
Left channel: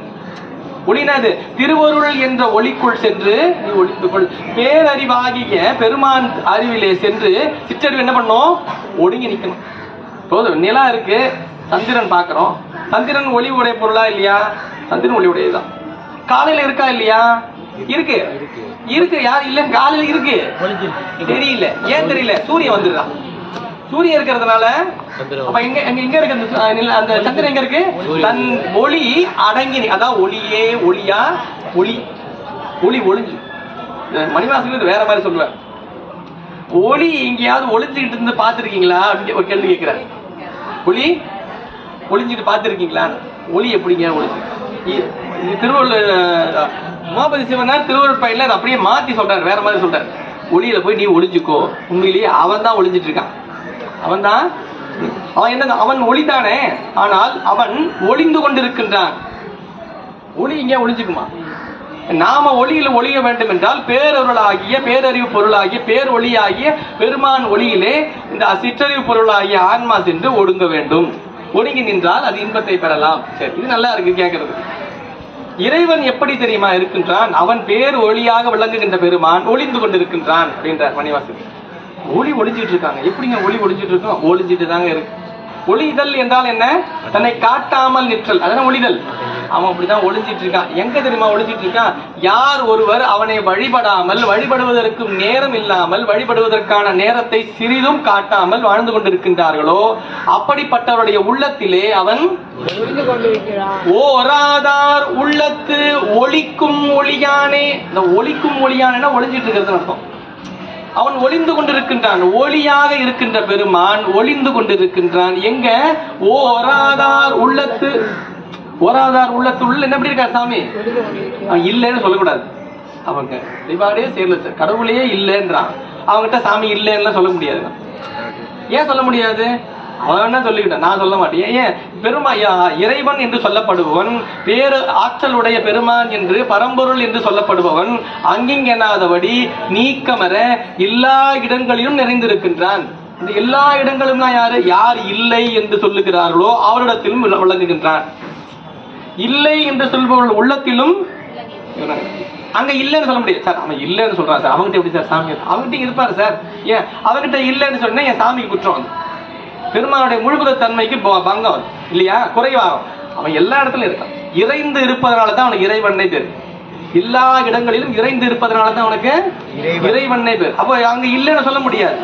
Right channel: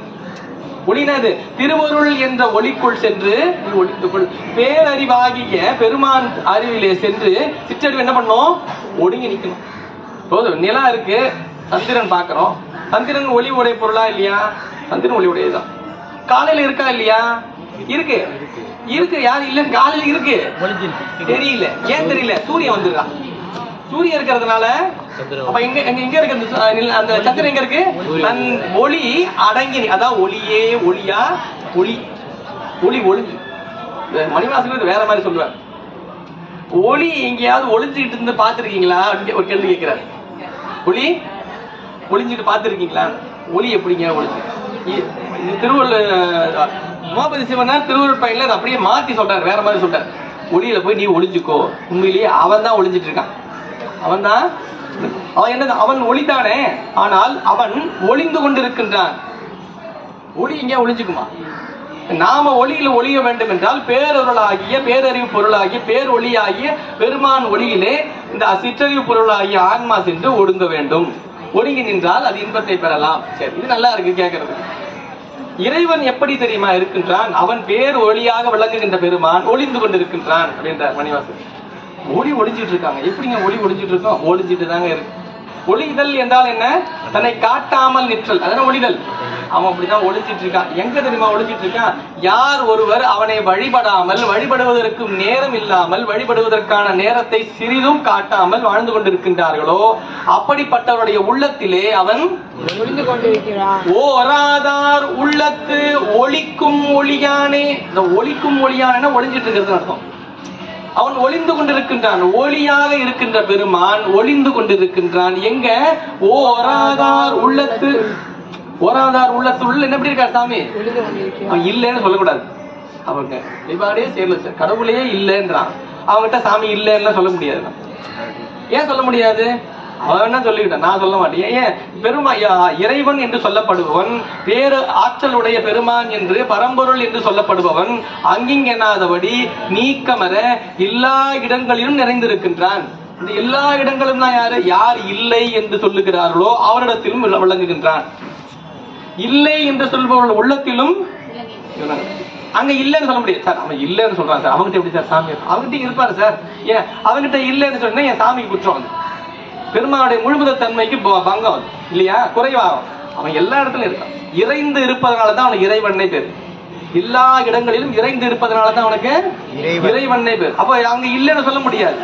ஒளினாது திருவருள் என்ற ஒளிக்குள் சென்று நீ ஒளிந்து கொள். பேரறிவாகிய பெருமான் அறிவிலே சென்று சிற்றறிவு என்ன பண்ணும்? ஒடுங்கி நிக்கணும். போதும். நிலா இருக்கு, சந்திரன் பாக்குறோம். சந்திரன் ஒளி உடைய பொருளா இல்லையா? சந்திரன் ஒளி உடையதுதான். காலையில இருக்கா இல்லையா? இருக்கு இருக்கு. யாரு இல்ல? காலையில இருக்கு, தெரியல. ஏன் தெரியல? சூரியன் வந்துடுறா. சூரியன் இருக்கிறதுனால எங்க இருக்கு அந்த சந்திரன்? எங்க இருக்கு? தன் ஒளி அடங்கி, அதான் ஒளியே ஒளியா ஒளி ஒளி ஒளிஞ்சு. மணிவாசன் வேற மாதிரி சொல்லுவார். ஒளி எங்கேயாவது ஒளிஞ்சுக்கிட்டு இருந்து பாத்துருக்கீங்களா அப்படின்னு ஒரு கேள்வி கேட்கிறார். ஒளி ஒளிஞ்சுட்டு பாத்துருக்கீங்களா? ஒளி எப்படிங்க ஒளிஞ்சு? திருவள்ளுவர் உமாபதி சிவனார் திருவள்ளுவர் பையன்ல அதை அப்படியே மாத்தி சொல்றாரு, வேற மாதிரி சொல்றாரு. ஒளியில போய் நீ ஒளிஞ்சுக்கோ. உண்மையிலேயே அவன் தான் ஒளிஞ்சிட்டு இருக்கான். அவன் தான் அவன் என்ன? அவன் ஒளிதானே, ஆனால் அவன் ஒளிந்து கொண்டிருக்கின்றான். ஒளி இங்க ஒளிஞ்சுக்குமா? நாம ஒளியில ஒளிய வேண்டும் என்றால் பேரொருளாகிய பேரறிவு பொருளாகிய பேர் ஒளியாகிய பெருமான் ஒளியிலே இந்த சிற்றறிவு பொருளாகிய ஆன்மா சென்று ஒடுங்க வேண்டும். ஒடுங்கி நின்றால் அது இன்பத்தை பெறலாம். சரி, இது நல்லா இருக்கு கேட்கறது. இறைவன் எப்படி தெரியுமா இருக்கின்றான்? அவன் பேர் ஒளியாக விளங்குகின்ற பெருமான் ஒளிந்து கொண்டிருக்கின்றான் அப்படின்றார் மணிவாசன். ஒளி ஒளிஞ்சிட்டு இருக்காங்க. எப்படிங்க ஒளி ஒளிஞ்சிட்டு இருக்கோம்? ஒளிஞ்சிட்டு தாங்க இருக்கு. ஒளிதல் என்றால் என்ன? தன்னை காட்டாமல் நிற்றல், அதான் ஒளிதல். அவன் அப்படிதான் ஒளிஞ்சிட்டு இருக்கான். எங்க தெரியுமா ஒளிஞ்சிட்டு இருக்கான்? யார் ஒருவர் அவனை வழிபடாமல், வழிபடுவதற்கு நேரம் இல்லாமல், வழிபடுவதற்கான நேரத்தை சிறிதும் காட்டாமல் வாழ்ந்து கொண்டிருக்கின்றார்களோ அப்படிப்பட்டவருடைய உள்ளத்திலே அவன் ஓராதார் உள்ளத்து ஒளிக்கும் ஒளியானே. இந்த ஒளிக்கும் ஒளியானே ஒளிஞ்சிட்டு இருக்கிறது அர்த்தம். அவன் ஒளிந்து கொண்டிருக்கின்றான். ஒளியாக இருக்கின்ற பெருமான் ஒளிந்து கொண்டிருக்கின்றான். எங்க? ஓராதார் உள்ளத்து. ஓராதார் உள்ளத்து உள்ள என்ன எப்படி இருக்கா சாமி? அவன் இல்லைன்னு சொல்லக்கூடாது. அவங்க வழிபாடே செய்யல, கடவுளே இல்லைன்றான். அவங்ககிட்ட சாமி இல்லைன்னு சொல்ல முடியாது. ஏன் சொல்ல முடியாது? அவன் என்ன சொல்லிக்கிட்டான், நான் சொல்ல மாட்டேன். ஏன்? இறைவன் என்று சொல்லப்படுபவன், பேரு ஆற்றலுடைய பெருமான் என்று பரம்பொருள் என்று சொல்லப்படுபவன் அங்கிங்கெனாதபடி நீக்கமர எல்லா இடங்களிலும் நிறைந்திருக்கின்றான். இந்த எல்லா இடங்களும் தான் யாரு? யார் இல்லை என்று சொல்லுகிறார்களோ அவரிடத்திலும் விளங்குகின்றான். இல்லை என்று சொல்பவர்கள் உள்ளத்திலும் அங்க இல்லைன்னு சொல்ல முடியாது. சார் அவன் இல்லைன்னு சொல்றான் சார், அவங்ககிட்ட எப்படி சார் சாமி? அவங்ககிட்ட இருப்பாரு சார். ஏன் அவன்கிட்ட இல்லைன்னு சொன்னா என் சாமிக்கு குற்றம். பெருமானுடைய முழுமுத தன்மைக்கு பங்கம் இல்லையா? குறைவாகும். அவன் எல்லா இடத்துலயும் இருக்கான். இறைந்து இருப்பதனாலதான் அவனுக்கு இறைவனை பேர். எல்லா இடங்களிலும் இறைந்து இருப்பதனாலதான் அவனுக்கு இறைவனை பேர். அப்போ அங்க இல்லைன்னு சொல்ல முடியாது.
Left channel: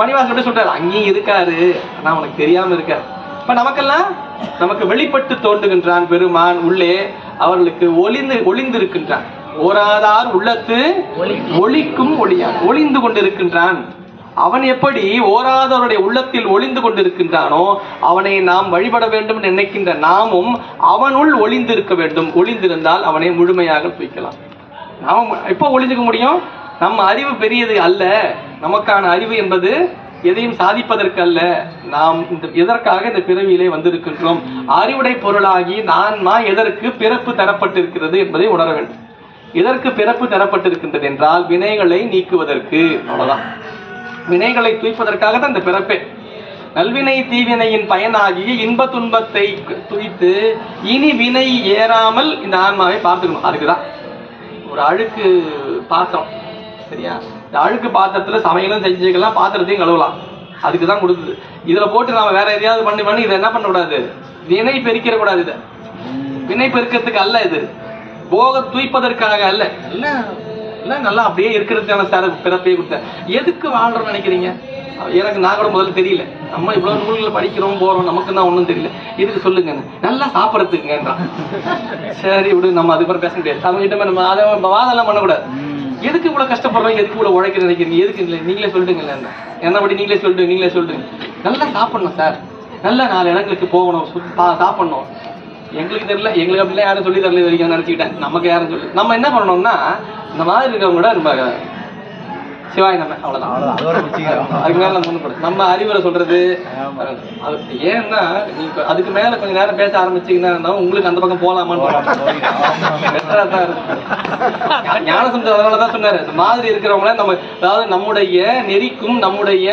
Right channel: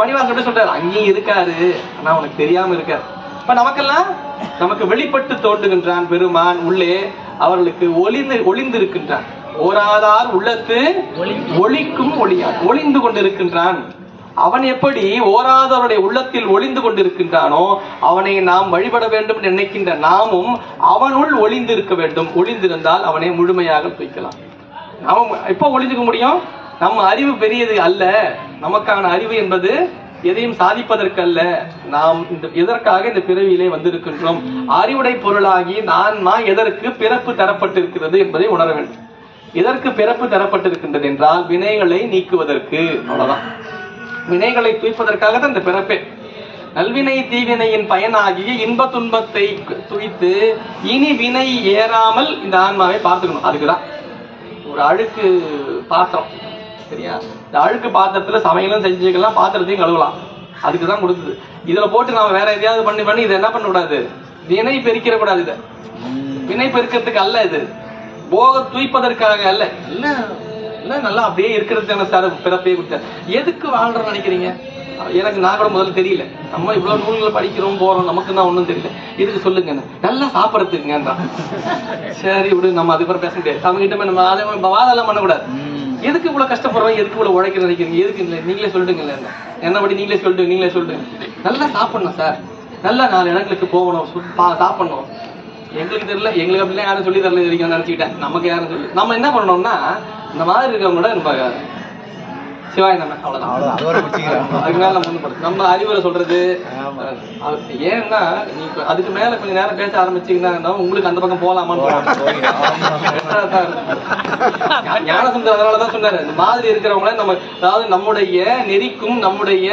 மணிவாசன் சொல்றாரு, அங்கேயும் இருக்காரு, ஆனா அவனுக்கு தெரியாம இருக்காரு. இப்ப நமக்கெல்லாம் நமக்கு வெளிப்பட்டு தோன்றுகின்றான் பெருமான். உள்ளே அவர்களுக்கு ஒளிந்து இருக்கின்றான். ஓராதார் உள்ளத்து ஒளிக்கும் ஒளியா ஒளிந்து கொண்டிருக்கின்றான். அவன் எப்படி ஓராதவருடைய உள்ளத்தில் ஒளிந்து கொண்டிருக்கின்றானோ அவனை நாம் வழிபட வேண்டும் நினைக்கின்ற நாமும் அவனுள் ஒளிந்து இருக்க வேண்டும். ஒளிந்திருந்தால் அவனை முழுமையாக துய்க்கலாம். நாம எப்ப ஒளிஞ்சுக்க முடியும்? நம்ம அறிவு பெரியது அல்ல. நமக்கான அறிவு என்பது எதையும் சாதிப்பதற்கு அல்ல. நாம் எதற்காக இந்த பிறவியிலே வந்திருக்கின்றோம்? அறிவுடை பொருளாகி ஆன்மா எதற்கு பிறப்பு தரப்பட்டிருக்கிறது என்பதை உணர வேண்டும். எதற்கு பிறப்பு தரப்பட்டிருக்கின்றது என்றால் வினைகளை நீக்குவதற்கு. அவ்வளவுதான். வினைகளை துய்ப்பதற்காக தான் இந்த பிறப்பே. நல்வினை தீவினையின் பயனாகிய இன்ப துன்பத்தை துய்த்து இனி வினை ஏறாமல் இந்த ஆன்மாவை பார்த்துக்கணும். அதுக்குதான் ஒரு அழுக்கு பாத்திரம், சரியா? இந்த அழுக்கு பாத்திரத்துல சமையலும் செஞ்சுக்கலாம், பாத்திரத்தையும் கழுவலாம். அதுக்குதான் கொடுக்குது. இதுல போட்டு நாம வேற எதையாவது பண்ணி இதை என்ன பண்ண கூடாது? வினை பெருக்கிற கூடாது. இதை வினை பெருக்கிறதுக்கு அல்ல, இது போக தூய்ப்பதற்காக அல்ல. நல்லா அப்படியே இருக்கிறதுக்கான சார் பிறப்பையே கொடுத்த. எதுக்கு வாழ்றோம்னு நினைக்கிறீங்க? எனக்கு நான் கூட முதல்ல தெரியல. நம்ம இவ்வளவு நூல்களை படிக்கிறோம் போறோம், நமக்கு தான் ஒன்றும் தெரியல. இதுக்கு சொல்லுங்க, நல்லா சாப்பிடறதுக்குங்கன்றான். சரி விடு, நம்ம அதுக்கப்புறம் பேச முடியாது. அவங்க கிட்ட நம்ம அதை வாதெல்லாம் பண்ணக்கூடாது. எதுக்கு இவ்வளவு கஷ்டப்படுறோம், எதுக்கு இவ்வளவு உழைக்க நினைக்கிறீங்க, எதுக்கு இல்லை நீங்களே சொல்லிடுங்க. என்ன படி நீங்களே சொல்லிடுங்க. நல்லா சாப்பிடணும் சார், நல்ல 4 இடங்களுக்கு போகணும், சாப்பிடணும். எங்களுக்கு தெரியல, எங்களுக்கு அப்படிலாம் யாரும் சொல்லி தரல வரைக்கும் நினைச்சுக்கிட்டேன். நமக்கு யாரும் சொல்லி நம்ம என்ன பண்ணணும்னா இந்த மாதிரி இருக்கவங்களோட நம்ம சிவாய் நம்ம அவ்வளவுதான். அதுக்கு மேல நம்ம அறிவுரை சொல்றது ஏன்னா நீ அதுக்கு மேல கொஞ்ச நேரம் பேச ஆரம்பிச்சீங்கன்னா உங்களுக்கு அந்த பக்கம் போலாமான்னு ஞானசம்பந்தர் அதனாலதான் சொன்னாரு, இந்த மாதிரி இருக்கிறவங்கள நம்ம அதாவது நம்முடைய நெறிக்கும் நம்முடைய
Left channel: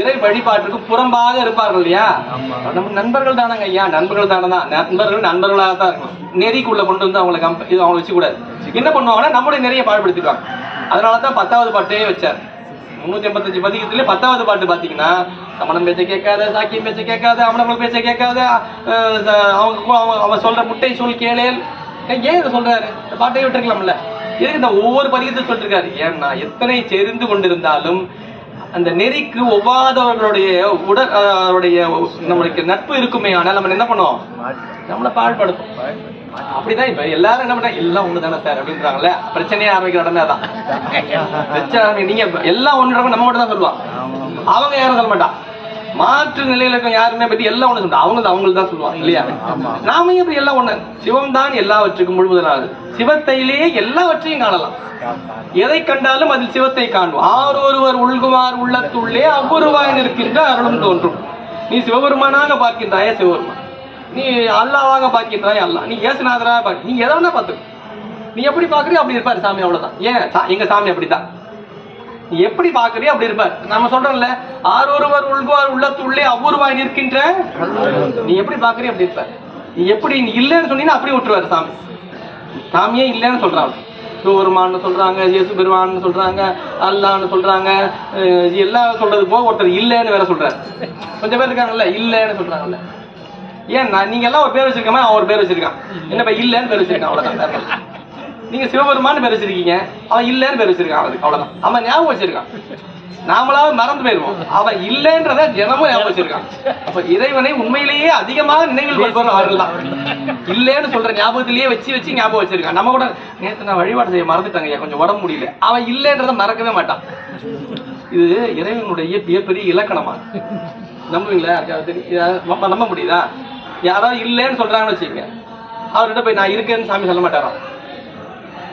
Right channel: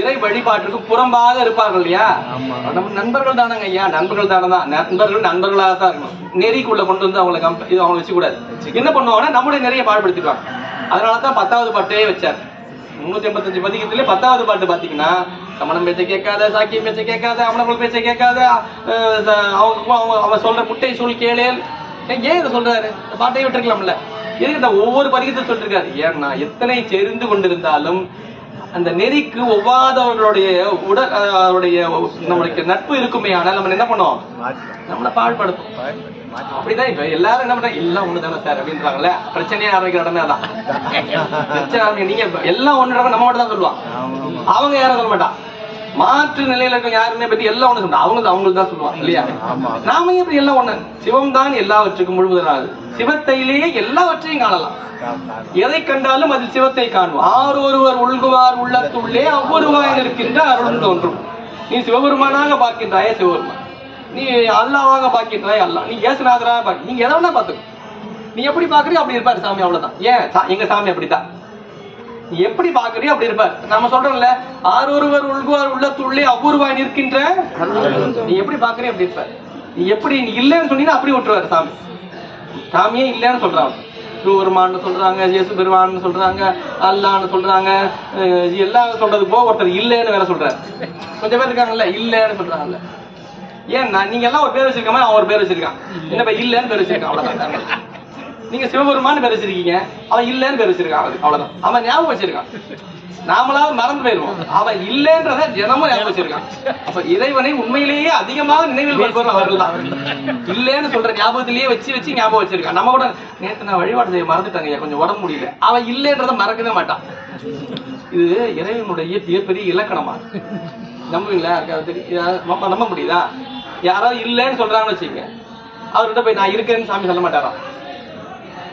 இறை வழிபாட்டுக்கும் புறம்பாக இருப்பார்கள் இல்லையா, நம்ம நண்பர்கள் தானங்க ஐயா, நண்பர்கள் தானதான், நண்பர்களாக தான் இருக்கும். நெறிக்குள்ள கொண்டு வந்து அவங்களை வச்சு கூடாது. என்ன பண்ணுவாங்கன்னா நம்முடைய நெறியை பாடுபடுத்திடுவாங்க. அதனாலதான் 10வது பாட்டே வச்சார். 385 பதிகத்திலே 10வது பாட்டு பாத்தீங்கன்னா, சமணம் பேச்ச கேட்காத, சாக்கியம் பேச்ச கேட்காத, அமணர்கள் பேச்ச கேட்காத, அவன் சொல்ற முட்டை சொல் கேளேல். ஏன் இதை சொல்றாரு? பாட்டையே விட்டுருக்கலாம்ல, எதுக்கு இந்த ஒவ்வொரு பதிகத்தையும் சொல்லிருக்காரு? ஏன்னா எத்தனை தெரிந்து கொண்டிருந்தாலும் அந்த நெறிக்கு ஒவ்வாதவர்களுடைய நம்மளுக்கு நட்பு இருக்குமே, ஆனால் நம்ம என்ன பண்ணுவோம், நம்மளை பாழ்படுத்தும். அப்படிதான் இப்ப எல்லாரும் என்ன பண்றாங்க, எல்லாம் ஒண்ணுதானே சார் அப்படின்றாங்கல்ல, பிரச்சனையே ஆரம்பிக்கிற உடனே அதான் பிரச்சனை. நீங்க எல்லாம் ஒண்ணுறவங்க நம்ம மட்டும் தான் சொல்லுவான், அவங்க யாரும் சொல்ல மாட்டான். மாற்று நிலையில இருக்க யாருமே பத்தி எல்லாம் ஒண்ணு சொல்றா, அவங்களுக்கு தான் சொல்லுவாங்க இல்லையா? நாம எப்படி எல்லாம் ஒண்ணு, சிவம் தான் எல்லாவற்றுக்கும் முழுவதனாக, சிவத்தையிலே எல்லாவற்றையும் காணலாம். எதை கண்டாலும் அதில் சிவத்தை காண்போம். ஆரொருவர் உள்குமார் உள்ளத்துள்ளே அவ்வொருவாய் இருக்கின்ற அருளும் தோன்றும். நீ சிவபெருமானாக பார்க்கின்றாய சிவபெருமான், நீ அல்லாவாக பார்க்கின்றாய் அல்லா, நீ ஏசுநாதராக பார்க்க, நீ எதை வேணா பார்த்துக்க, நீ எப்படி பாக்குறியோ அப்படி இருப்பாரு சாமி, அவ்வளவுதான். ஏன் எங்க சாமி அப்படித்தான், நீ எப்படி பாக்குறியோ அப்படி இருப்பார். நம்ம சொல்றோம்ல, ஆரொருவர் உள்குவார் உள்ளத்துள்ளே அவ்வொருவாய் நிற்கின்ற, நீ எப்படி பாக்குறியோ அப்படி இருப்பார். நீ எப்படி நீ இல்லைன்னு சொன்னீங்கன்னா அப்படி விட்டுருவாரு சாமி. சாமியே இல்லைன்னு சொல்றாங்க, சிவபெருமான்னு சொல்றாங்க, இயேசு பெருமான்னு சொல்றாங்க, அல்லான்னு சொல்றாங்க, எல்லாம் சொல்றது போக ஒருத்தர் இல்லைன்னு வேற சொல்றாரு. கொஞ்சம் பேர் இருக்காங்கல்ல இல்லைன்னு சொல்றாங்கல்ல. ஏன்னா நீங்க எல்லாம் ஒரு பேர் வச்சிருக்க மாதிரி அவன் ஒரு பேர் வச்சிருக்கான், என்ன இல்லைன்னு பேர் வச்சிருக்கான், அவ்வளவுதான். நீங்க சிவபெருமான்னு பேர் வச்சிருக்கீங்க, அவன் இல்லைன்னு பேர் வச்சிருக்கான், அவ்வளவுதான். அவன் ஞாபகம் வச்சிருக்கான், நாமளாவது மறந்து போயிருவோம், அவன் இல்லைன்றத தினமும் ஞாபகம் வச்சிருக்கான். அப்ப இறைவனை உண்மையிலேயே அதிகமாக நினைவில் கொள்பவர்கள் அவர்கள் தான். இல்லைன்னு சொல்ற ஞாபகத்திலேயே வச்சு ஞாபகம் வச்சிருக்கான். நம்ம கூட நேற்று நான் வழிபாடு செய்ய மறந்துட்டாங்க, கொஞ்சம் உடம்பு முடியல, அவன் இல்லைன்றத மறக்கவே மாட்டான். இது இறைவனுடைய மிகப்பெரிய இலக்கணமா, நம்புவீங்களா? நம்ப முடியுதா? யாராவது இல்லைன்னு சொல்றாங்கன்னு வச்சுங்க, அவர்கிட்ட போய் நான் இருக்கேன்னு சாமி சொல்ல மாட்டாரா?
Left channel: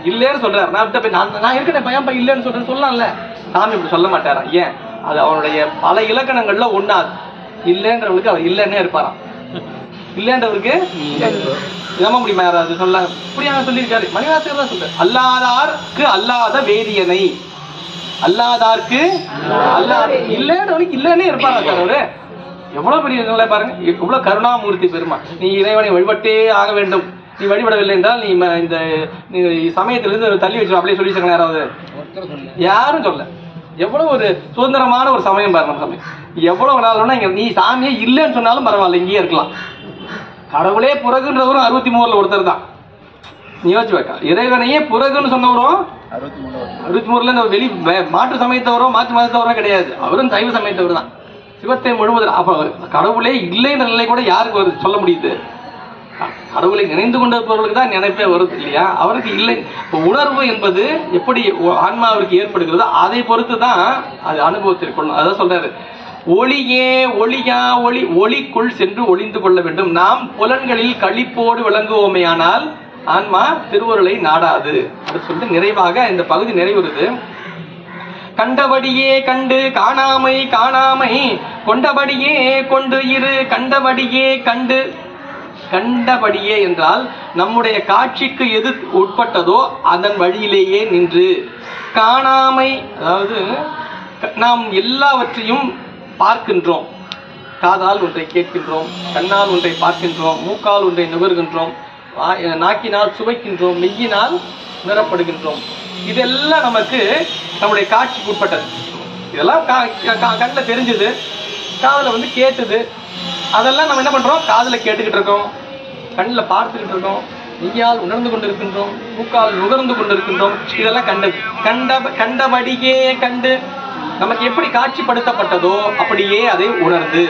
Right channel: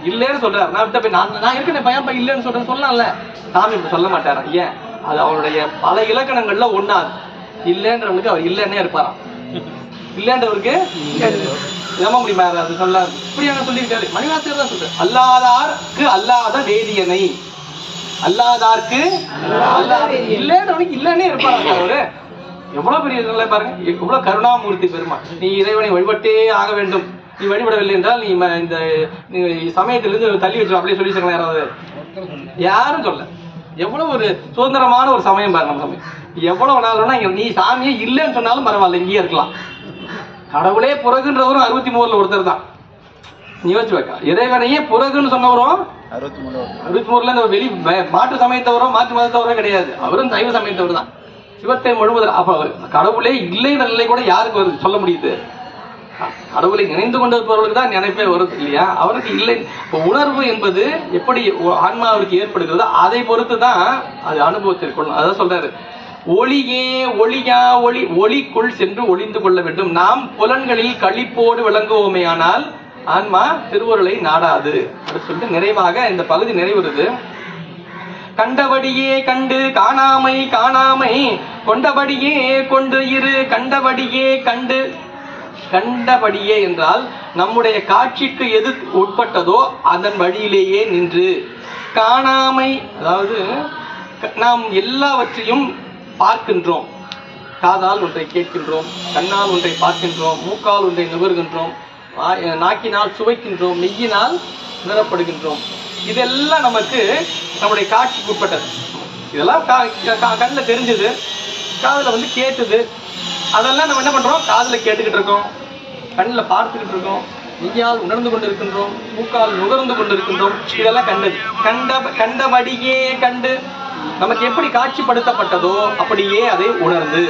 இல்லைன்னு சொல்றாரு, நான் போய் நான் இருக்கேன் பையன் இல்லைன்னு சொல்றேன்னு சொல்லலாம்ல, சாமி இப்படி சொல்ல மாட்டாரா? ஏன்? அது அவருடைய பல இலக்கணங்கள்ல ஒண்ணாது. இல்லைன்றவருக்கு அவர் இல்லைன்னே இருப்பாராம், இல்லைன்றவருக்கு நம்ப முடியுமா? யாராவது சொல்ல இப்படியான சொல்லியிருக்காரு. மணிவாசகர் தான் சொல்றாரு, அல்லாதார்க்கு அல்லாத வேதியனை, அல்லாதார்க்கு அல்லாத இல்லைன்றவனுக்கு இல்லைன்னே இருப்பாரா சார் அவரு? எவ்வளவு பெரிய பாருங்க, எவ்வளவு கருணாமூர்த்தி பெருமா. நீ இறைவனை வழிபட்டே ஆக வேண்டும், நீ வழிபடவில்லை என்றால் நீ இந்த சமயத்திலிருந்து தள்ளி வச்சிடும் அப்படியே சொல்லி வச்சிருக்க யாராவது? யாரும் சொல்ல. எவ்வளவு ஒரு சுதந்திரமான ஒரு சமயம் பாரு நம்ம சமயம். எவ்வளவு நாள் நீ சாமியே இல்லைன்னு சொன்னாலும் பரவாயில்ல, இங்கேயே இருக்கலாம். கடவுளே புறகுன்றவரும் 63 ஒருத்தர் தான். நீ யோசிச்சு வைக்க, இறைவனையே புறகுன்னு சொன்னவரும் 63 வெளி மாற்று சமயத்தவரோ மாற்று மதத்தவரோ கிடையாது, அவரும் சைவ சமயத்தவர் தான். சிவத்தை முழுவதும் அப்ப கடவுளே இல்லைன்ற நிலை கூட யாருக்கு சொல்ல முடியுது? கடவுளை நினைந்து கொண்டிருப்பவர்களுக்கு தான் நினைப்பே வருது இல்லையா? அவருக்கு இல்லை. உணர்வு என்பது எப்படி ஆன்மாவிற்கு ஏற்படுகிறதோ அதை பொறுத்து தான் அது அனுபவத்திற்கொள்ளும். அதான் சொல்றாரு, ஒளியே ஒளியா ஒளி, ஒளிக்குள் சென்று ஒளிந்து கொள்ள வேண்டும். நாம் புலன்களில் களிப்போடு விளங்குவோமேயானால் ஆன்மா திருவருளை நாடாது அப்படின்னு சொல்லிட்டு நிறைவாக இந்த பகுதி நிறைவுறுது. கண்டபடியே கண்டு காணாமை காணாமை, கொண்டபடியே கொண்டு இரு கண்டபடியே கண்டு. கண்டபடியே என்றால் நம்முடைய காட்சிக்கு எது உட்பட்டதோ அதன் வழியிலேயே நின்று. காணாமை அதாவது நாம் எல்லாவற்றையும் பார்க்கின்றோம், காதால் ஒன்றை கேட்கின்றோம், கண்ணால் ஒன்றை பார்க்கின்றோம், மூக்கால் ஒன்றை நுகர்கின்றோம், நாக்கினால் சுவைக்கின்றோம், மெய்யினால் உணரப்படுகின்றோம். இதெல்லாம் நமக்கு நம்முடைய காட்சிக்கு உட்பட்டது. இதெல்லாம் கண்ணில் தெரிஞ்சது, காதுல கேட்டது. அதெல்லாம் நம்ம என்ன பண்றோம்? காதுல கேட்டுக்கிட்டு இருக்கோம், கண்ணில் பார்த்துக்கிட்டு இருக்கோம், மெய்யால் உணர்ந்து கொண்டிருக்கின்றோம், மூக்கால் நுகர்ந்து கொண்டிருக்கின்றோம். இதெல்லாம் கண்டது. கண்டபடியே கண்டு நமக்கு எப்படி காட்சிப்படுத்தப்பட்டதோ அப்படியே அதை உணர்ந்து.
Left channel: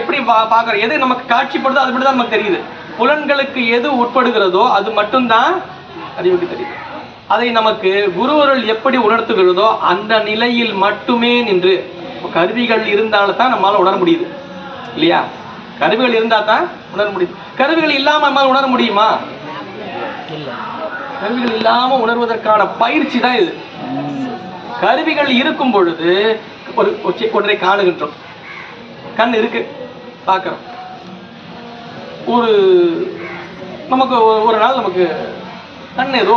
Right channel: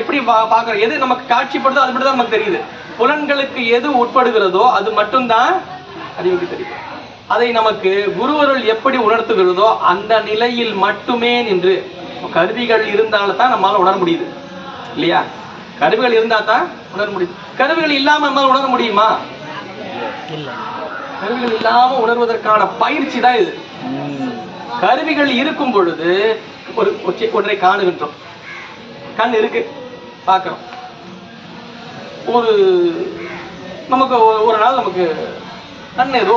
எப்படி பாக்குற எது நமக்கு காட்சிப்படுதோ அது மட்டும் தான் நமக்கு தெரியுது. புலன்களுக்கு எது உட்படுகிறதோ அது மட்டும்தான் அறிவுக்கு தெரியுது. அதை நமக்கு குருவருள் எப்படி உணர்த்துகிறதோ அந்த நிலையில் மட்டுமே நின்று. கருவிகள் இருந்தால்தான் நம்மளால உணர முடியுது இல்லையா? கருவிகள் இருந்தா தான் உணர முடியுது. கருவிகள் இல்லாம நம்மளால உணர முடியுமா? கருவிகள் இல்லாம உணர்வதற்கான பயிற்சி தான் இது. கருவிகள் இருக்கும் பொழுது ஒன்றை காணுகின்றோம். கண் இருக்கு, பார்க்கிறோம். நமக்கு ஒரு நாள் நமக்கு கண் ஏதோ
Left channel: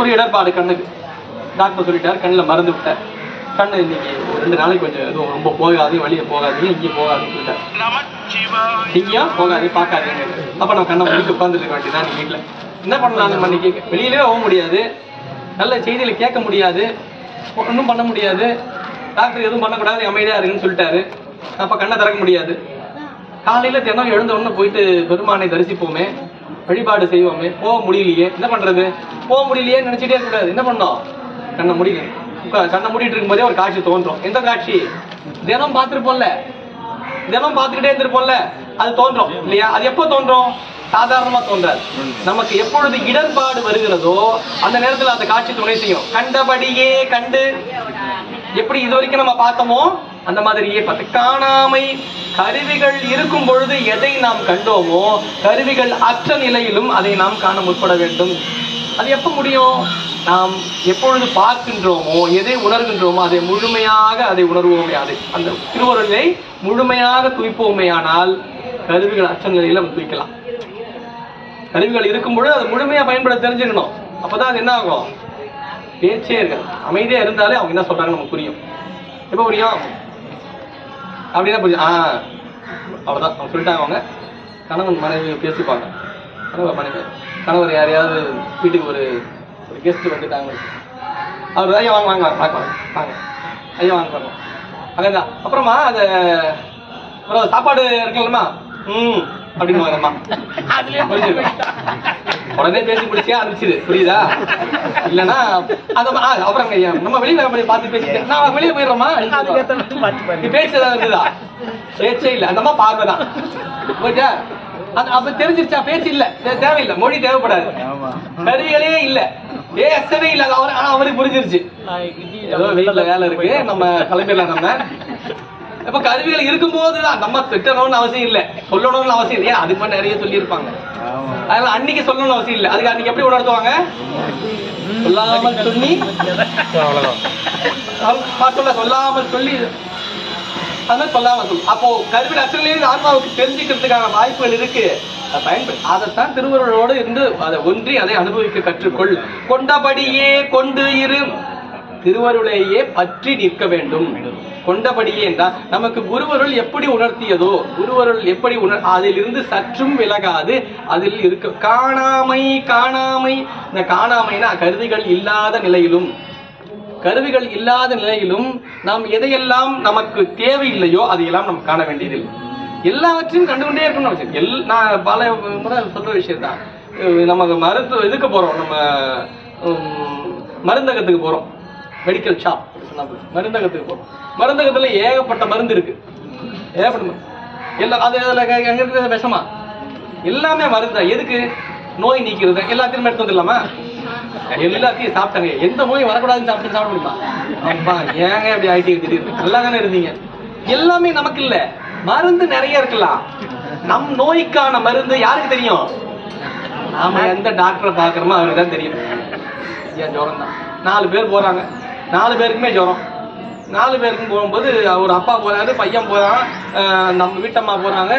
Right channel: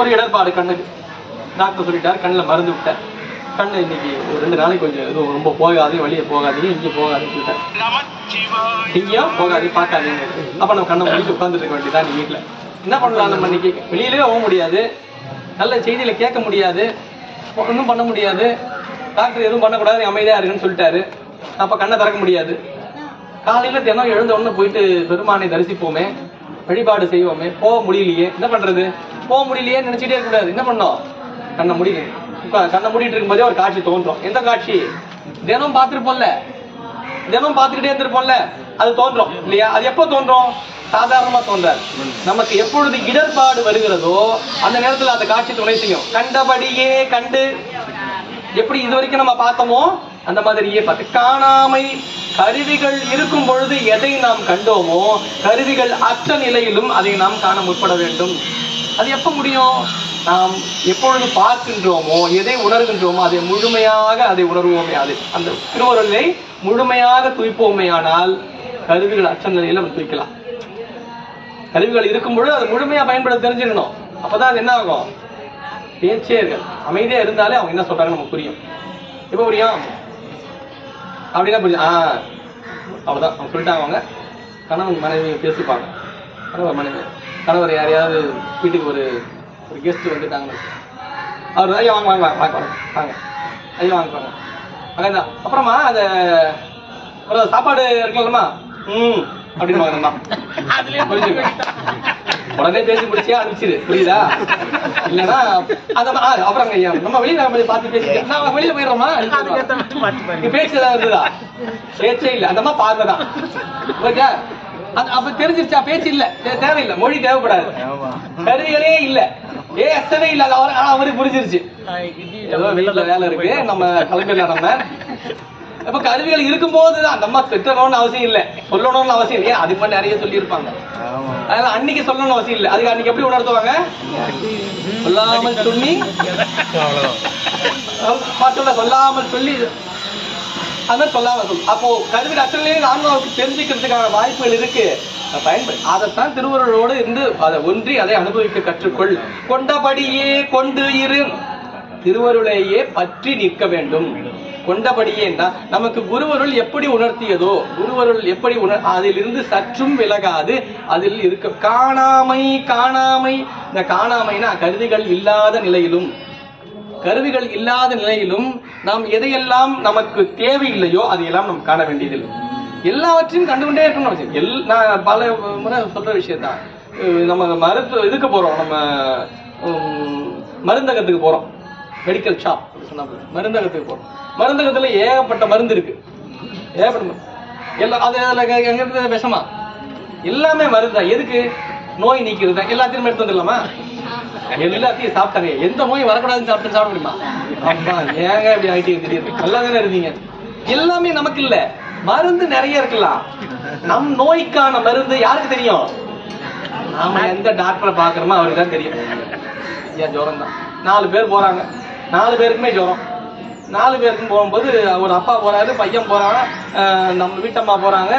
ஒரு இடர்பாடு, கண்ணுக்கு டாக்டர் சொல்லிட்டாரு, கண்ணில் மருந்து விட்டார், கண்ணு இன்னைக்கு ஒரு 2 நாளைக்கு கொஞ்சம் எதுவும் ரொம்ப போகாது, வெளியே போகாதீங்க, இங்கே போகாதுன்னு சொல்லிட்டார். இங்கேயும் போகாது, பார்க்காதீங்க. அப்ப நம்ம கண்ணை முடிச்சு உட்காந்துட்டு இருக்க வேண்டியதான். நீ வீட்டில் என்ன பண்ணலாம்? நம்ம இன்னைக்கு வெளியிலே போக முடியாது, நல்ல செய்தியில கேட்க முடியாது, ஒன்றும் பண்ண முடியாது, டாக்டர் எதுவும் பண்ணக்கூடாது, அமைதியா இருக்குன்னு சொல்லிட்டாரு. அப்ப கண்ணை திறக்க முடியாது. காலையில தினம் எழுந்த உடனே போயிட்டு பெருமானை தரிசிப்போமே, வழிபாடு செய்வோமே, போக முடியலையே, என்ன பண்றது? போக முடியலையே நினைச்சிட்டே இருக்கக்கூடாது. என்ன பண்ணோம்? கண்ணை முடியல. கண்ணை மூடிட்டு இருக்கும் போதே ஒரு காட்சி தோன்றும். எந்த காட்சி? தினம் பார்த்திருப்போம்ல, தினம் பார்த்துக்கிட்டே இருந்திருப்போம்ல, அது தோன்றும் இல்லையா? அது எப்போ தோன்றும்? சாதாரணமா தோன்றாது. நமக்கு எப்பொழுது இடர்பாடு வருகிறதோ அந்த நேரத்தில் அந்த காட்சி துணை செய்யும். கண்டபடியே கண்டு, எப்படி இதுவரைக்கும் நம்ம பார்த்தோமோ அந்த மாதிரியே பார்த்து. காணாமை, கருவிகள் இருக்கும் பொழுது எதை நாம் கண்டோமோ கருவிகள் அற்ற நிலையிலும் அதை நாம் காண முற்பட வேண்டும். அது எப்ப முடியும்? நாம் எப்பொழுது பார்க்கின்றோமோ, எதை உணர்கின்றோமோ அதை முழுமையாக அதை உணர்வோமே, அதை அந்த திருவருளை முழுமையாக துய்ப்போமே, ஆனால் கருவிகள் அற்ற நிலையில நம்ம துய்க்கலாம். கருவிகள் இருக்கும் பொழுது அதை முழுமையா பயன்படுத்த தெரிஞ்சுக்கணும். அப்பதான் அது என்ன ஆகும்? பேச்சே இருக்காது. அமைதியா இருந்தாலே அவங்க என்ன சொல்றாங்க நமக்கு புரியும். எப்ப புரியும்? அப்படின்னா புரியும். அவ்வளவுதான் அவங்க சொல்லிட்டாங்க. அவங்க கணவன் மனைவி பேசிப்பாங்க. கணவர் மனைவி, கணவர் யாரையாவது வீட்டுக்கு ஒரு கெஸ்ட் வந்துட்டாங்க, அவர் ஐயா வாங்க வாங்க வாங்க வாங்க ஐயா வாங்க வாங்க அங்கதான். அப்புறமா அதை சாப்பாடு இருக்கலாமா? அப்படின்னு வாங்கம்மா. உடனே பேசி முடிச்சியா அனுப்பிச்சிரு, புரியுதா? இல்லன்னா அப்புறம் ஐயா நம்ம வெளியில பார்த்து பேசிட்டு நான் வெளியில போயிடுறோமா, பேச்சு ஏதாவது இருந்ததா? பேச்சே இல்லை, அந்த அம்மா பார்வைதான். ஓகே, அப்ப தெரிஞ்சிருச்சா? பேச்சு இல்ல, தேவையில்லை, மொழி தேவைப்படாது, கருவிகளே இல்ல, எஸ்டவே இல்ல. அவருக்கு புரிஞ்சிருச்சு, ஏதோ வீட்டுல வேலை இருக்கு, நம்ம கிளம்பிடலாம். நம்ம இப்ப கருவிகள் இருக்கும் போதுதான் நம்ம திட்டணும்னு அவசியம் இல்லை, சொல்லணும்னு அவசியம் இல்லையா? அதுக்கு மட்டும் நிறைய சொல்லி இருப்பாங்க. அதனால அன்னைக்கு சொல்லணும்னு அவசியம் இல்லை. அதுக்கு அன்னைக்கு எப்படி உணர்த்துவாங்க? சொல்லாமல் சொல்லி, சொல்லாமல் சொல்லி, அதனால சொல்லாம சொல்லு. அப்போ கருவிகள் அற்றலையும் ஆன்மாவுக்கு தெரிஞ்சுக்கிறதுக்கான வாய்ப்புகள் இருக்கு. பயன்படு. அதைத்தான் திருவருளோடு இருந்து அதை ஒன்றி அதை அனுபவிக்க கற்றுக்கொள். கொண்டபடியே கொண்டு இரு, திருவருளையே பற்றி நிற்க வேண்டும். கொண்டபடியே என்றால் நமக்கு குருவருள் எப்படி உணர்த்தியதோ, குருவருள் எப்படி அதிலிருந்து சற்றும் விலகாது அதில் இருக்க. காணாமை, காணாமை, இந்த காணாமைனா கருவிகள் இல்லாத நிலையிலும், கருவிகள் இல்லாத நிலையிலும் நாம் எதையெல்லாம் நமக்கு தேவையில்லையோ அதையெல்லாம் நம்ம காண வேண்டியதில்லை. எல்லாவற்றையும் கண்டுகொண்டே இருக்கணும். நான் பல முறை சொல்ற விஷயத்தான். நம்ம இதுக்கு போறோம், நம்ம மருந்தகத்துக்கு போறோம், மெடிக்கல் ஷாப் அப்படி சொன்னா மருந்தகத்துக்கு போறோம். மருந்தகத்துல ஏகப்பட்ட மருந்து இருக்கு, ஏகப்பட்ட எல்லாம். அது எங்க இருக்குது? விஷமா? எல்லாமே மருந்து தான். எதுக்கு? நோய் நீக்கிறது. எல்லாத்தையும் எடுத்து வந்துடலாமா? எல்லாத்தையும் சாப்பிட்டாங்க. எந்த நோய் வரக்கூடாதுன்னு சாப்பிட முடியுமா? அப்பா ஏங்க இப்படி ஆயிட்டு திடீர்னு நல்லா தானே இருந்தீங்க. எல்லாமே நமக்கு இல்ல, மருந்து நிறைய இருக்கலாம். நம் நோய்க்கான மருந்து யாருக்கு தெரியும்? நாம எந்த டாக்டரை பாக்குறோமோ அவருக்கு தான் தெரியும். ஏன் ஜுரம் தான். 4 பேர் போறாங்க, 4 பேருக்குமே ஜுரம். 4 பேருக்கும் போகும்போது ஒரு அப்பா போறாரு, பையன் போறான், நம்ம வீட்டம்மா போறாங்க,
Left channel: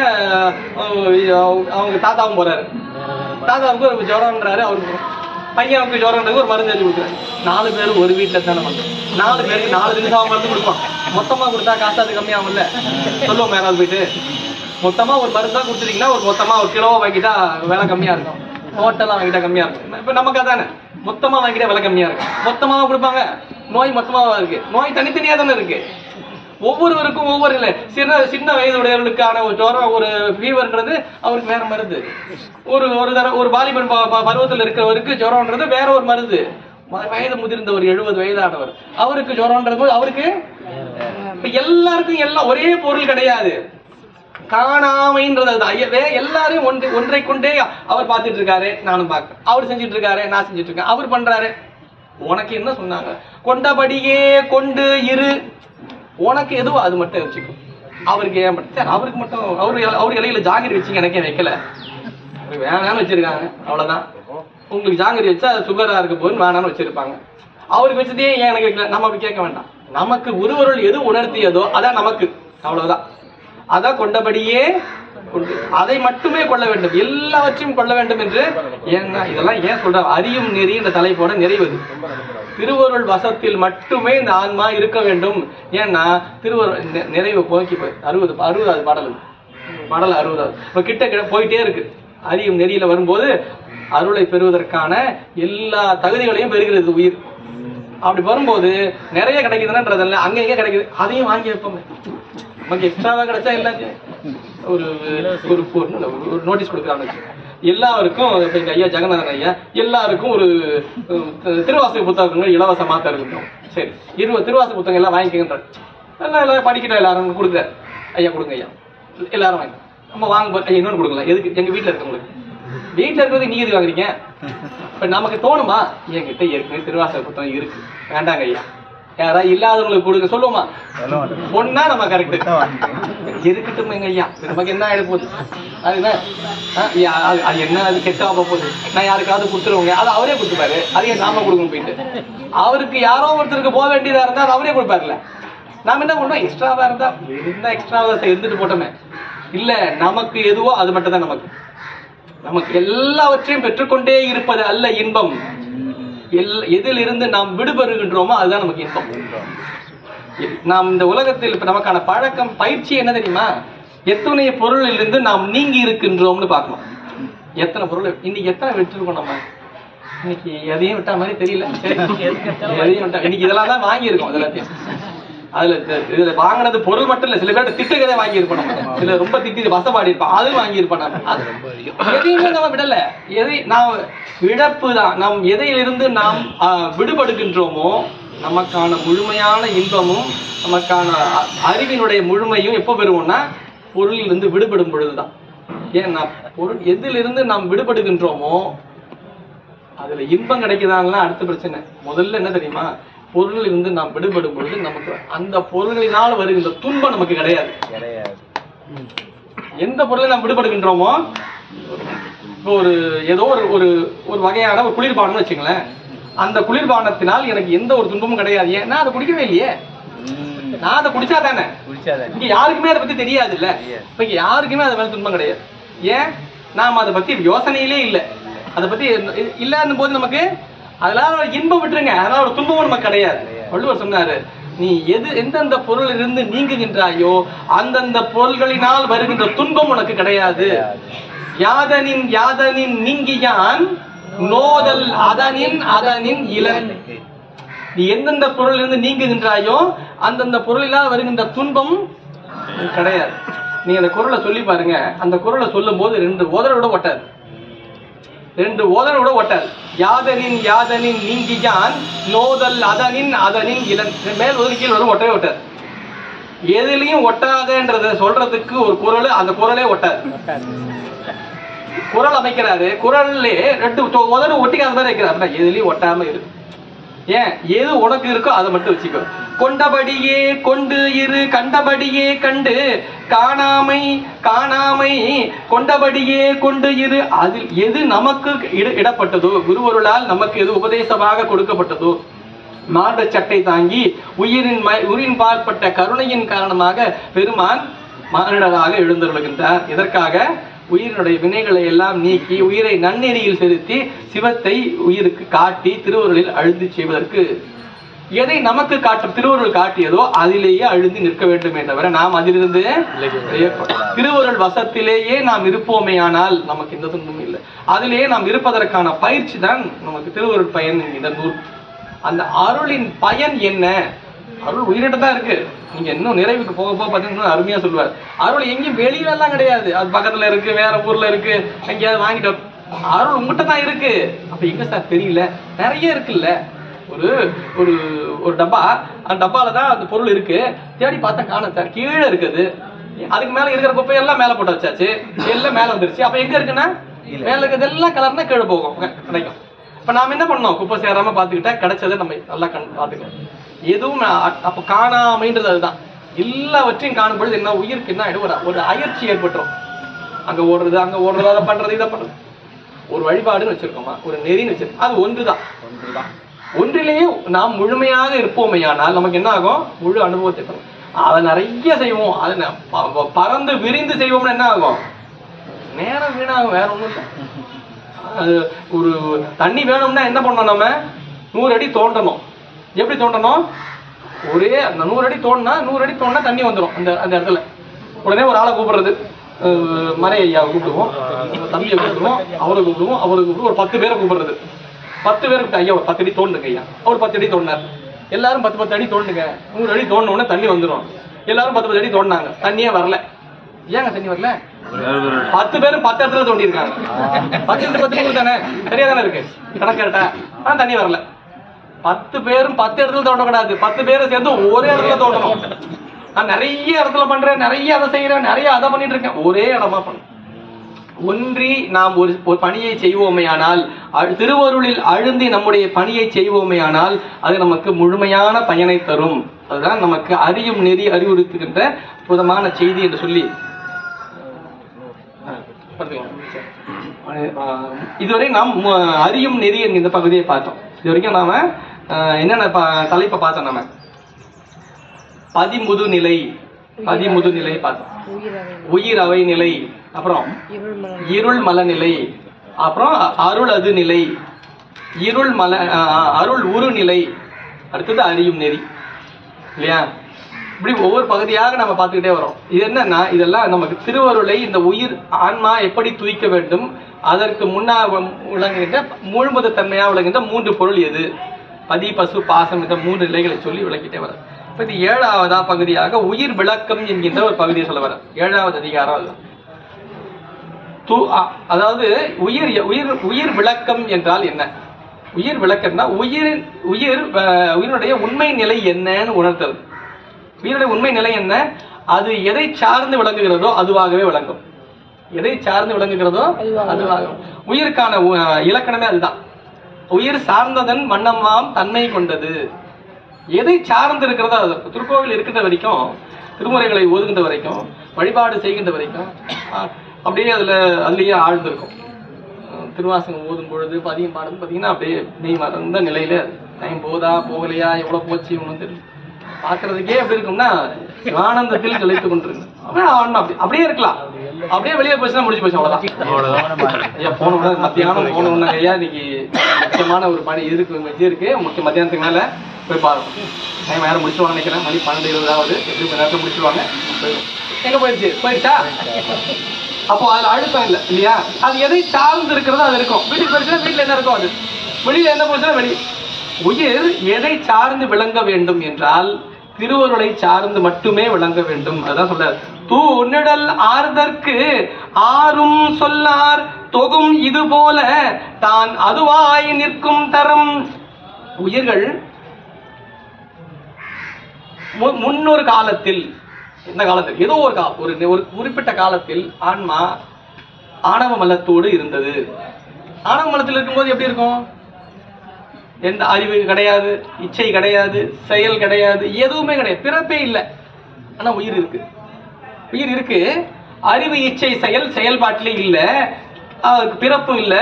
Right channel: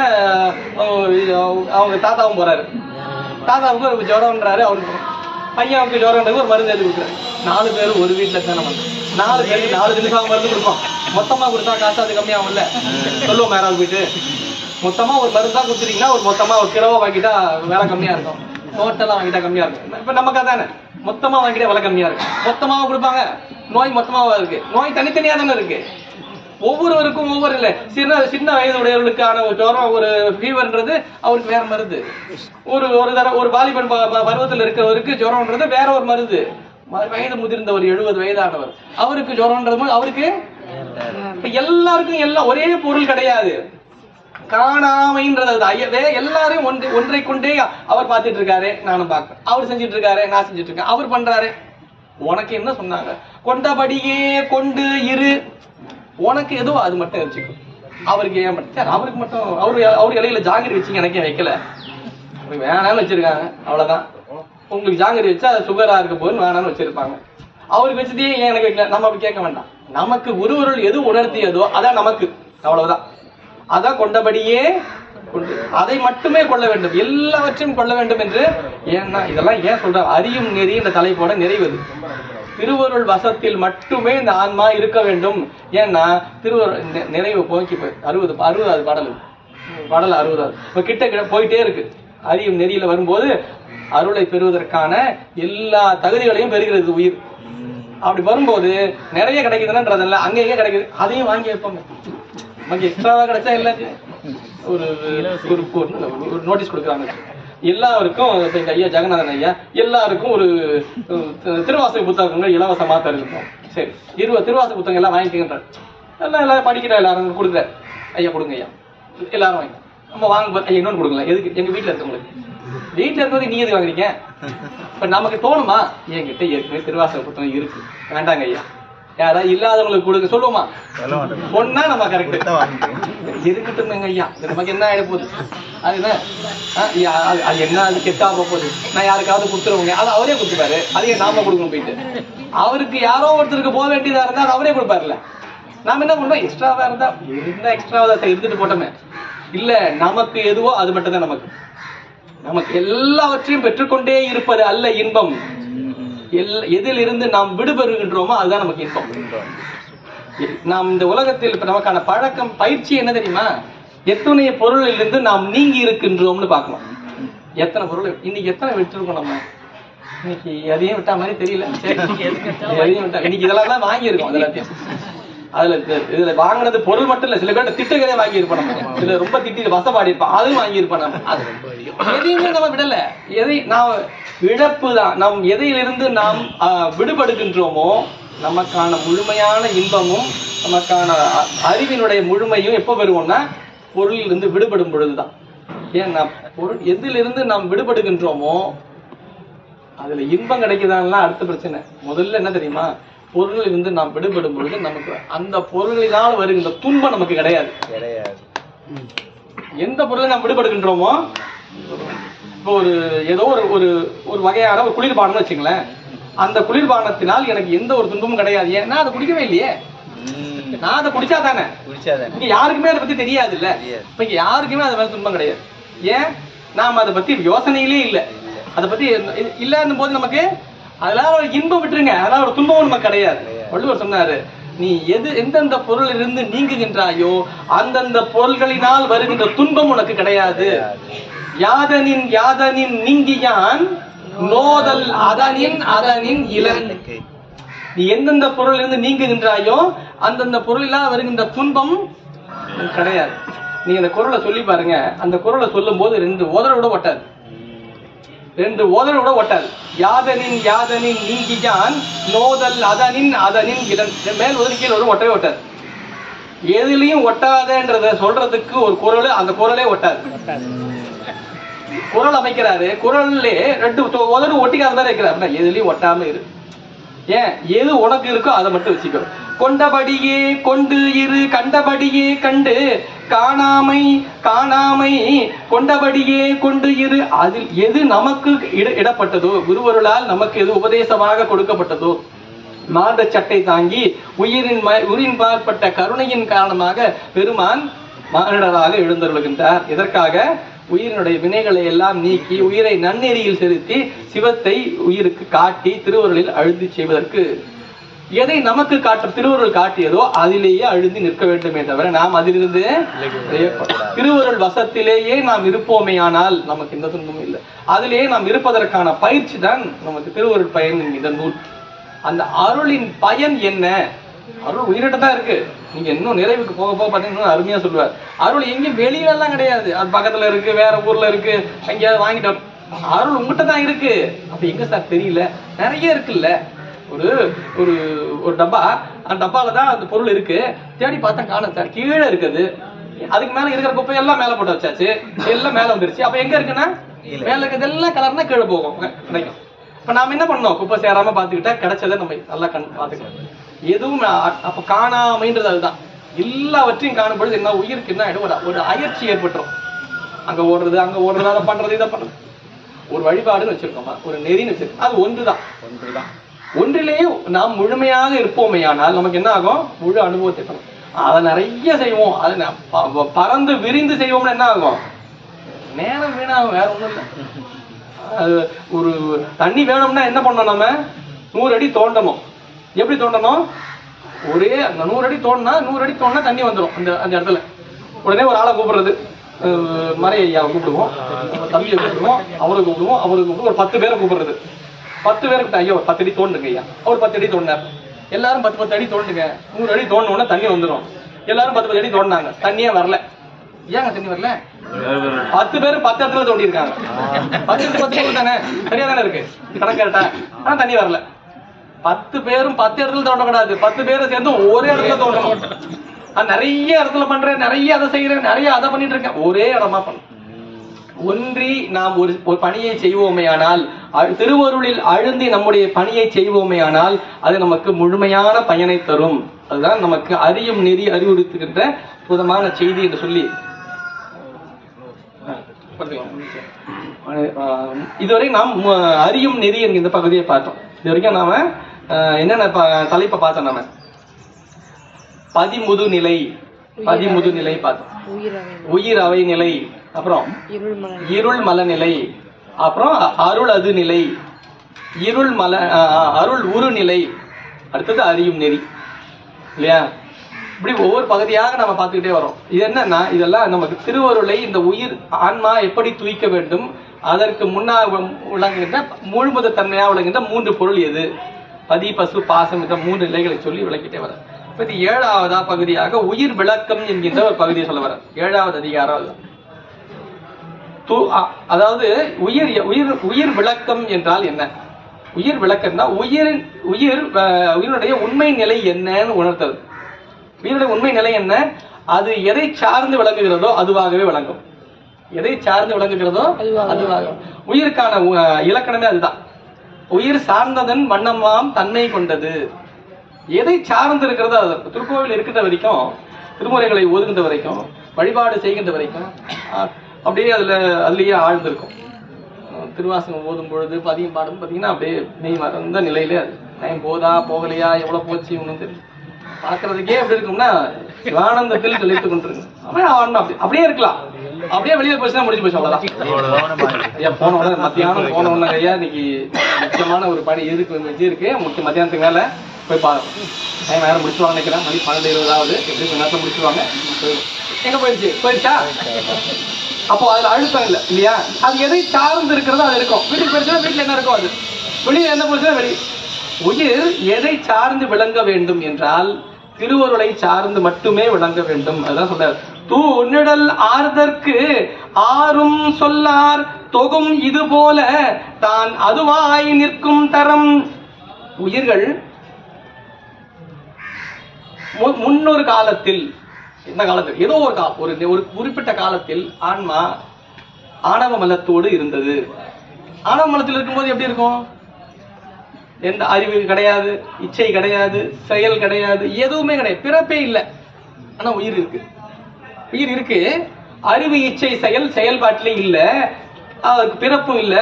அவங்க தாத்தாவும் போறாரு. தாத்தாவுக்கு ஒரு ஜுரம்ன்றாரு, அவருக்கு பையனுக்கு ஜுரம்ன்றது ஒரு மருந்து எழுதி கொடுக்குறாரு. 4 பேரும் ஒரு வீட்டுல தானே வந்து 4 பேருக்கு 4 தினசாக மருந்து கொடுப்போம். மொத்தமா கொடுத்தா காசு அது கம்மியாகும்ல, சொல்லுவோம். யாராவது போயிட்டு மொத்தமா ஒரு மருந்தா கொடுத்துட்டீங்கன்னா ஒரு மொத்தமா ஒரு கிலோவா வாங்கிட்டா விலை கம்மியா இருக்கும், டோட்டலா வாங்கிட்டா கம்மியா இருக்கும். இப்ப நமக்கு அதானே, மொத்தமா வாங்கிட்டா விலை கம்மியா இருக்கு. மொத்தமாவா கொடுப்பாங்க? நோய் மொத்தமாவா இருக்கு? நோய் தனித்தனியா தானே இருக்கு. ஒவ்வொருவருக்கும் ஒவ்வொரு இல்லை. சின்ன வயதுடையவர்களுக்கான ஒரு ஜுரம், ஒரு ஃபீவர்ன்றது அவருக்கு வேற மருந்து. ஒரு வாலிபன் பருவத்தில் இருக்கிறவருக்கு ஜுரம்ன்றது வேற ஒரு மருந்து. வயது முதிர்ந்த ஒரு 70 வயதானவர், அவருக்கு ஜுரம்ன்றது அவருக்கு. எல்லாருக்கும் எல்லாம் ஒரே பொருள் கிடையாது. காணாமைன்றது எல்லாரும் ஒன்றை கொண்டே அவர் பார்த்துட்டு இருக்காரு, நானும் பார்க்க. அவர் செஞ்சுட்டு இருக்காரு, நான் செஞ்சுட்டு இருக்கேன். அவர் பண்றாரு. உனக்கு என்ன சொன்னாங்க? கொண்டபடியே கொண்டு இரு. உனக்கு எதுவோ அது மட்டும் வச்சுக்கோ. அவருக்கு ஏன் மட்டும்? அவருக்கு மட்டும் அவர் இலையில ஜாங்கிரி வச்சுங்க, எனக்கே வைக்கல, வேணான்னு வச்சிருக்காங்க, அவ்வளவுதான். உங்களுக்கு ஜாங்கிரி வச்சா சுகரா இருக்க போதுன்னு வேணான்னு வச்சிருப்பாங்க. அவருக்கு வச்சதே ஏன் எனக்கு வைக்கல, நம்ம அப்படி கேட்க வேண்டாம். நமக்கு குருவருள் எது உணர்த்தியதோ அதான் நமக்கு, அவ்வளவுதான். அதான் கொண்டபடியே அதை மட்டுமே கொள்ள வேண்டும், எல்லாவற்றையும் கொள்ள வேண்டும் என்று. ஏன்னா இதெல்லாம் ஏன் சொல்ற, அறியும் நெறி என்ற தலைப்போட நிறைவது. திருவருள் வசத்தில் மட்டுமே இந்த ஆன்மா இருக்க வேண்டும். ஏன்னா திருவருள் நிறைவு போக்கி போய் 60வது பாடல் 60வது இப்ப கிட்ட போயிட்டே இருக்கு. அறியும் நெறியில வரும்போது அருளை பெறுவதற்கான எல்லா தகுதிகளையும் பெறுகிறது உயிர். அப்படி வரும்போது நிறைய கிடைக்குதுன்றதில்ல, அங்க எங்க கிடைக்குது அதையும் வாங்கி வைப்போமே. நமக்கு எக்ஸ்ட்ராவா கிடைச்சா எல்லாத்தையும் ஒரு நோட்டீஸ் கொடுக்குறான்னு வச்சு எல்லாருக்கும், இப்ப எங்க ஐயா ஜெகநாதன் ஐயா எல்லாருக்கும் ஒரு திருவாசக புத்தகங்கள் இலவசமா தருகிறோம். சரி, 20 திருவாசக புத்தகம் எல்லாம் வாங்கிக்கின்றாரு. எல்லாம் படிக்கிற எல்லாரும் கொடுக்குறாரு. ஐயா கொடுங்க ஐயா, எல்லாரும் வாங்கி. நம்ம வாங்க ஐயா இன்னொன்னு கொடுக்கலாம். எதுக்கு? எங்க வீட்டுல இருக்கவங்களுக்கு. வீட்டுல இருக்கிறது நீங்க எது வாங்குறீங்க? இப்ப நமக்கு தோணுமா, என்கிட்ட ஏற்கனவே திருவாசக புத்தகம் இருக்கு, வேண்டாங்க ஐயா, யாராவது இல்லாதவங்களுக்கு கொடுக்க சொல்லுவோமா? பொண்ணா நம்ம கரெக்ட் இருக்கட்டும் எங்க ஐயா, நமக்கு என்ன ஆயிட போகுது, அது என்ன அது கெட்டா போகுது, நான் யாருக்காவது கொடுத்துருவோங்க, அது அவரே கொடுத்துப்பாரு, அதையே நாம கொடுக்கணும். போயிட்டு அவருக்கு யாரோ ஒருத்தருக்கு போக வேண்டியதா இருந்தா அது அவரே கொடுப்பாருல்ல. நாம என்ன பண்றோம், எக்ஸ்ட்ராவா இருந்தா என்ன எக்ஸ்ட்ராவா இருந்துட்டு போட்டோமே. இல்ல, நமக்கு எதுவோ அது மட்டும் தான் நமக்கு. நமக்கு எல்லாவற்றையும் பெற்றுக்கொண்டே இருப்பது அல்ல இன்பம். எதில் இருந்து நாம் விடுபெறுகின்றோமோ அதுதான் நமக்கு இன்பம். நாம் இந்த உலகத்தில் இப்ப நமக்கான பழக்கம் பயிற்சி என்ன தெரியுமா, எத்தனை பொருளில் இருந்து நாம் நீங்கி இருக்கின்றோம்னு பார்க்கணும். எத்தனை பொருள் இன்னைக்கு எத்தனை விட்டுருக்கோம் நம்ம. இன்னைக்கு எதையும் விட்டா மாதிரி தெரியல, எதையும் விட்டா இன்னைக்கு இதெல்லாம் தான் வாங்கியிருக்கோம். எல்லாத்தையும் இதுல வாங்கினது பொருள் மட்டும் இல்ல, சில பேர் திட்டுகளே வாங்கி இருப்போம். நம்ம இதுல ரொம்ப திட்டி வசப்பாடி இருப்போம், அதுவும் வாங்கி இருப்போம். நம்ம எதையுமே நம்ம விடல. எதை நாம் இழப்பு தான். நாம் எதையிலிருந்து நாம் விடுபடுகின்றோமோ நமக்கான முழுமையான இன்பமும் நமக்கான அறிவினுடைய முழுமையும் எப்போ பெறுவோம்னா பொருளில் இருந்து விடுபடும் பொழுதுதான். ஏன்னா பொருள் எதிலிருந்து நாம் விடுபடுகின்றோமோ அதுல இன்பம் கிடைக்குதான்லாம் அடுத்த பிரச்சனை. முதல்ல என்ன தெரியுமா, பொருளில் இருந்து நாம் விடுபடும் பொழுது நமக்கு அந்த பொருளினால் வருகின்ற துன்பம் நமக்கு கிடையாது. எந்த பொருளை நாம் விடுபடுகின்றோமோ, இப்போ ஏதோ ஒரு வகையான ஒரு குளிர்பானம் வச்சுங்களேன், அந்த குளிர்பானத்தினால் எனக்கு எந்த ஒரு துன்பமும் கிடையாது. ஏன், நான் அதை குடிக்கவே இல்லையே. நான் அதை குடிச்சா தானே, இங்க யாருக்குமே அதை பத்தி தெரியாது இல்ல. இப்ப இங்க யாருக்குமே அதை மேல துன்பம் கிடையாது. ஏன், நாம அதை பத்தி யோசனையிலே இல்லை. அதை பத்தி இல்லன்னும் போது நமக்கு அதெல்லாம் ஒரு இன்பம் விட்டுருங்க, அதனால ஒரு துன்பமும் நமக்கு கிடையாது. வள்ளுவர் சொன்னாரு, நீ எந்தெந்த பொருள் இருந்து நீங்குகின்றாயோ அந்தந்த பொருள்களினால் வருகின்ற துன்பம் உனக்கு கிடையாது. யாதனின் யாதனின் நீங்கியான் நோதல் அதனின் இளன். நீ எந்தெந்த பொருள் இருந்து நீங்குகின்றாயோ அந்தந்த பொருளினால் வருகின்ற துன்பம் கிடையாது. நீங்க அந்த குறளை சொல்லி பாருங்க, அந்த குறளை சொல்லும் போது 2 ஓதரோட ஒட்டாது. 2 ஓதரோட ஒட்டாது. யாதனின் யாதனின் நீங்கியான் நோதல் அதனின் இளன். மேல் ஓதல் கீழ் ஒட்டவே ஒட்டாது. எதுலையும் ஒட்டாதன்றத சொல்றதுக்கு ஒரு குறள், அந்த குறளே ஒட்டாது. குறள் அமைக்கிறாரு, குறள்லே 2 உதடு ஒட்டிக்காத மாதிரி வைக்கிறாரு. எதுலயும் ஒட்டாம இரு. ஏன், எது உனக்கு இருக்கோ அதை மட்டும் வச்சுக்கோ. கொண்டபடியே கொண்டு இரு, கண்டபடியே கண்டு காணாமை கொண்டபடியே கொண்டு இரு. அதில் எது நமக்கு இடப்பட்டதோ, குருவருளால் நமக்கு எது உபதேசமாக கொடுக்கப்பட்டதோ, மாண்ட சட்டை தாங்கி உயிரின் பார்ப்பட்ட கருணையின் காரணமாக பெருமான் மானிடராக எழுந்தருளுகின்றார். எதற்காக? உயிரினுடைய வினைகளை எல்லாம் நீக்கி உயிரை நன்னெறியில் செலுத்தி சிவத்தை உயிருக்கு காட்டி திருவருளில் அழுந்தி செய்வதற்கு. எதை நமக்கு திருவருள் காட்டியதோ அதிலேயே அழுந்தி நிற்க வேண்டும் என்றவரை நாம் அதிலிருந்து திருவருள் வசத்திலேயே நாம் இருப்போமே, ஆனால் நமக்கு எந்த துன்பமும் இல்லை. அதிலேயே நாம் இருப்பதற்கான பயிற்சி தான் நமக்கு திருவருள் பயன் இந்த நூல். அந்த அருளின் பயன் என்ன? அருள் உயிரிட்ட தான் இருக்கு. நீங்க இன்னும் நிறைவுக்கு போக போக பாத்தீங்கன்னா அருமையா சொல்லுவார். அருள் எங்கேயும் வெளியில எல்லாம் கிடையாது, அது பக்கத்துல இருக்கு, வேற ஊர்ல இருக்கு, எங்கேயாவது வாங்கிட்டோம். அருள் உங்ககிட்ட தான் இருக்கு. அப்ப எங்க சார் தெரியல? நிறைய இருக்குல்ல. ஒரு டப்பா, அந்த டப்பால தான் அந்த பொருள் இருக்கு. தேடி பார்த்தா காணும் சார், கீழே இருக்குது. அதுக்கு மேல இருக்கிற குப்பையெல்லாம் மேல போட்டு வச்சாச்சு, எல்லாம் மேல வந்துருச்சு. அப்ப எங்க இருக்குன்னா மேல இருக்கிறது எல்லாம் கலர்னா கீழே போகும், கிடைக்கும். இப்ப நாம என்ன பண்ணோம், குப்பை சேராம பாத்துக்கிட்டா கிடைச்சதை நம்ம நல்லா பாத்துக்கணும். எதுவும் அப்ப காணாமைன்றது அதுதான். எல்லாவற்றையும் காணும் பொழுது என்ன, உயிருக்கு என்ன ஆயிடும், ஒரு அயற்சி ஏற்பட்டுரும். அங்க ஓடுறது, அதை பண்றது, இதை பண்றது. ஒரு வழிபாடுன்னு வச்சிருக்கோமா, ஒரு நெறின்னு வச்சிருக்கோம், அது ஒன்றுதான். ஒன்றிலேயே நாம் முழுமையாக இருப்போமையானால் நமக்கு என்ன ஆகும்? முழு அனுபவத்தை அதை நிறைய செய்வோம், அதை பறந்து விரிந்து செய்வோம்னா என்ன ஆகும்? நேரம் வீணாகும், வேற ஒண்ணும் இல்லை. ஒரு தண்ணி வேணும்னா என்ன பண்ணணும்? நம்ம 100 அடி தோண்டணும். எப்படி தோண்டணும்? ஒரே அந்த 100 அடி தோண்டினா 100 அடி தோண்டினா தண்ணி வந்துடும் அந்த அந்த இடத்துல. உடனே ஒரு ஆளை கூப்பிடுறது, மறை ஐயாவை கூப்பிடுவோம், தம்பியை கூப்பிடுவோம், அவரை கூப்பிடுவோம், ஒரு 10 பேரை கூப்பிடுறது. 10 பேருக்கு ஐயா ஒரு 10 அடி தோண்டுங்க ஐயா. அவர் 10 அடி தோண்டினார். எல்லாரும் 10 அடி தோண்டுங்க. 100 அடி தோண்டணும்னா தண்ணி வந்துடும். எல்லாரும் 10 அடி தோண்டினாங்க, தண்ணியே வரல. ஏங்க தண்ணி வரல? 10 பேர் 10 இடத்துல தோண்டி இருக்காங்க. 10 தானே, சரியா தானே இருக்கு கணக்கு கரெக்டா? ஆனா தண்ணி வரல. 10 பேரும் 10 இடத்துல தோண்டக்கூடாது, 10 பேரும் சேர்ந்து ஒரே இடத்துல தோண்டணும். நான் நிறைய இடத்துல பண்றேன், நிறைய அதை செய்யறேன், நிறைய அதை பண்ணிட்டு இருக்கேன், ஒரே இடமா பண்ண. ஒன்றி நாம் ஒரு பணியை செய்வோமேயானால், திருவருளில் அழுந்தி நம்முடைய பணியை செய்வோமேயானால் அது நமக்கு முழுமையான பயனை தரும். அதுதான் நமக்கு அறியும் நெறி அறிவுறுத்துகின்ற புதமான செய்தி என்று சொல்லி இதுவரை நாம் அறியும் நெறி என்கிற பகுதியை பார்த்தோம். இதுவரைக்கும் நாம என்னென்ன தலைப்பை பார்த்தோம்? நம்ம பதிமுது நிலை பார்த்தோம், உயிர் அவை நிலை, அப்புறம் இருள் மல நிலை, அப்புறம் அருள் அது நிலை, அருள் உரு நிலை, அடுத்தது அறியும் நெறி, இல்லையா? இப்படி ஒவ்வொரு பகுதியாக நம்ம பார்த்துக்கிட்டே வரோம். இது என்னன்னா, இதெல்லாம் நமக்கு திருவருளை இந்த உயிர் ஆன்மா எப்படி தூய்க்க வேண்டும், அதற்கு முன்னாக விளங்குகின்ற முழுமுத தன்மையாக விளங்குகின்ற 3 பொருள் எது, பதி பசு பாசம் என்ற 3 நிலைகளை சொல்லி விளக்கிட்டே வர. இப்ப இது 7ஆவதா பகுதியாக உயிர் விளக்கம் என்கின்ற ஒரு பகுதியை சொல்ல வர. 7வது அதிகாரம் அதுதான். அதாவது உயிர் விளக்கம் என்றால் என்ன? உயிர் விளக்கம்னா உயிரினுடைய உண்மை நிலை என்னன்னு உணர்த்தது. உயிரினுடைய உண்மை நிலை என்ன? அது எதை சார்ந்து விளங்குகிறதோ அதுவாகவே விளங்கும். எதை சார்ந்து விளங்குகிறதோ அதுவாக. உயிருக்கான இலக்கணமே அதுதான். உயிர் சார்ந்ததன் வண்ணமாம் தன்மை கொண்டது. எதை சார்ந்து இருக்கிறதோ அது. திருக்கோவில் இருக்கின்ற வரைக்கும், திருமுறைகளை ஓதுகின்ற வரைக்கும், வழிபாடு செய்கின்ற வரைக்கும் அப்படியே அதுலயே ஆழ்ந்திருக்கும். திருவாசகம் ஓதும் பொழுது பதியம் பாடும் பார்த்தீங்கன்னா அப்படியே நெய் மறந்த நிலையில டைம் போதா போகலையா எவ்வளவு போச்சு ஒன்றும் தெரியும். பாக்குறதுக்கே எப்படி இருக்கும்னா சிவானந்தத்தில் ஜொலித்துக் கொண்டிருக்கு. அப்படியே இருக்கலாம். அப்படியே வெளியில போச்சுன்னா முடிஞ்சு போச்சு, அவ்வளவுதான். ஐயா போன மத்தியானம் போன ஐயா இன்னைக்கு முக்கியமான ஒரு பணி இருக்கு முக்கிய மத்தியானத்துக்கு மேல போய் பாருங்க. டைம் யாரும் முடிச்சுவாங்க நினைக்கிறேன். மணி 12:20 எப்படி கொஞ்ச நேரத்துல முடிச்சுடுவாங்க. எங்க போயிடுச்சா? அப்போ அதுல அழுத்தம் இல்லை இல்லையா? அது எதை சார்ந்து இருக்கிறதோ அது இருக்கும். வீட்டுக்கு போயிடுச்சுன்னா வீட்டுல என்ன இருக்கும் அது, வெளியில என்ன போச்சுன்னா வெளியே. உயிர் எதை சார்ந்து விளங்க வேண்டும் என்றால் திருவருளை சார்ந்து மட்டுமே விளங்க வேண்டும். அதான் சொல்றார், தூ உன்னிடல் ஆர்தற்கு ஆறும் சொல்லார் தொகும் இது போல தான் அதுவாய் நிற்கும் தரம். உயிர்கள் முன்னொரு காலத்தில், என்ன காலத்தில், ஏதோ ஒரு குறிப்பிட்ட காலத்தில் ஆன்மா ஆணவ மலத்தோடு இருந்தது. ஆணவ மலத்தில் இருக்கும்போது எப்படி இருக்கும்? எந்த அறிவு கிடையாது, இச்சை கிடையாது, செயல் கிடையாது, எதுவுமே கிடையாது, பிறப்பே இல்லை. ஆனா உயிர் இருக்கு. அறிவு இச்சை செயல் செயல்பாட்டிலே இல்ல, அதுக்கு பிறப்பும் இல்ல,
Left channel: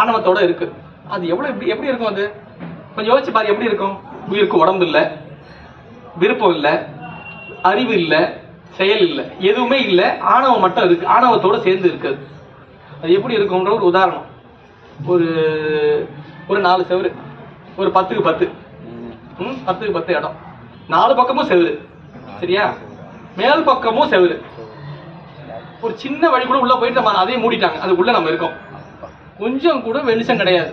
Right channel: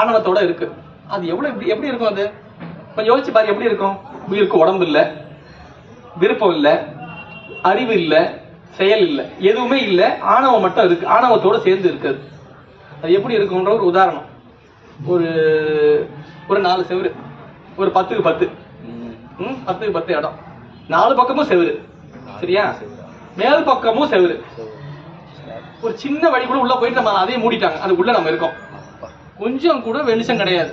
ஆணவத்தோட இருக்கு. அது எப்படி இருக்கும்? அது கொஞ்சம் யோசிச்சு பாரு, எப்படி இருக்கும்? உயிருக்கு உடம்பு இல்ல, விருப்பம் இல்ல, அறிவு இல்ல, செயல் இல்ல, எதுவுமே இல்ல, ஆணவம் மட்டும் இருக்கு. ஆணவத்தோட சேர்ந்து இருக்குது. அது எப்படி இருக்கும்ன்ற ஒரு உதாரணம். ஒரு 4 செவரு, ஒரு 10க்கு 10, 10க்கு 10 இடம், 4 பக்கமும் செவரு, சரியா? மேல் பக்கமும் செவரு. ஒரு சின்ன வழி கூட உள்ள போயிட்டு நம்ம அதையும் மூடிட்டாங்க. அதுக்குள்ள நம்ம இருக்கோம், கொஞ்சம் கூட வெளிச்சம் கிடையாது,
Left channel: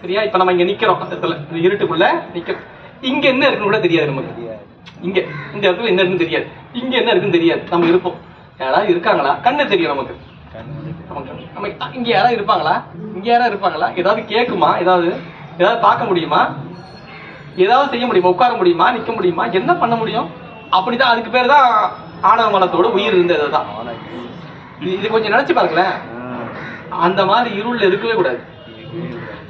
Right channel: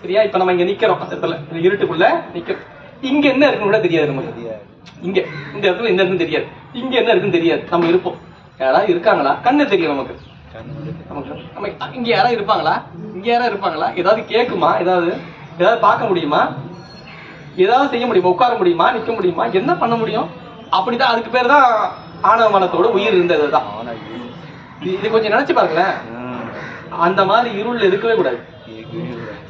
சரியா? இப்ப நம்ம இங்க நிக்கிறோம், அந்த இடத்துல இந்த இருட்டுக்குள்ள நிக்கிறோம். இங்க என்ன இருக்குன்னு கூட தெரியாது நமக்கு. இங்க இந்த இடத்துல என்ன இருக்குன்னு தெரியாது, இங்க என்ன இருக்குன்னு தெரியாது. நம்ம இருப்போம், யாராவது இருக்காங்களா கண்ணு தெரியும் நமக்கு. நம்ம இங்க யாராவது இருப்பாங்களா, ஏதாவது கேட்குமா, ஏதாவது பார்க்க முடியுமா, ஏதாவது செய்ய முடியுமா, உட்கார முடியுமா, நிக்க முடியுமா, என்ன பண்ண முடியும்? அப்படிதான். அதுக்கு பேர் தான் ஆணவ மனத்தோட உயிர் இருந்ததுதான். இது கொஞ்சம் நினைச்சு பாருங்களேன். அந்த மாதிரி இருள் இருக்கவே கூடாது.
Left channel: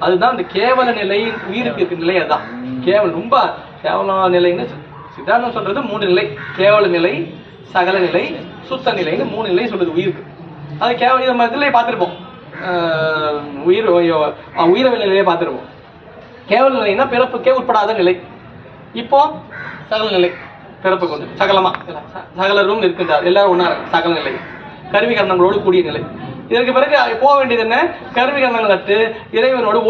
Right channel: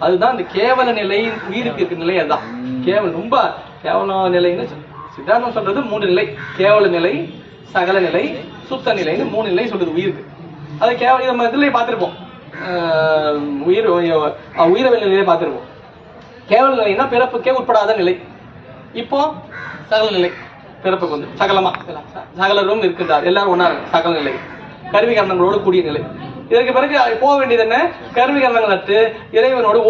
அதுதான் அந்த கேவல நிலை, உயிருக்கு இருக்க நிலை. அதுதான் கேவலம். ரொம்ப கேவல நிலைன்னு சித்தாந்தம் சொல்றது 3 நிலை: கேவல நிலை, சகல நிலை, சுத்த நிலைன்னு 3 நிலை சொல்றது உயிருக்கு. அது கேவல இதுலயே பார்த்திருப்போம். உயிரவியல் நிலையை பார்த்திருப்போம். கேவல நிலைன்னா பிறப்புக்கே உட்படாத நிலை. இப்போ சகல நிலை, பிறப்புக்கு வந்து சகலமா சகலரும் இருக்கின்றார், எல்லாரும் ஒன்னா சகல நிலை, கருவி கரணங்களோடு கூடிய நிலை. இதற்கு பிறகு போக வேண்டியது என்ன? கருவி கரணங்கள் நட்டு இறைவனோடு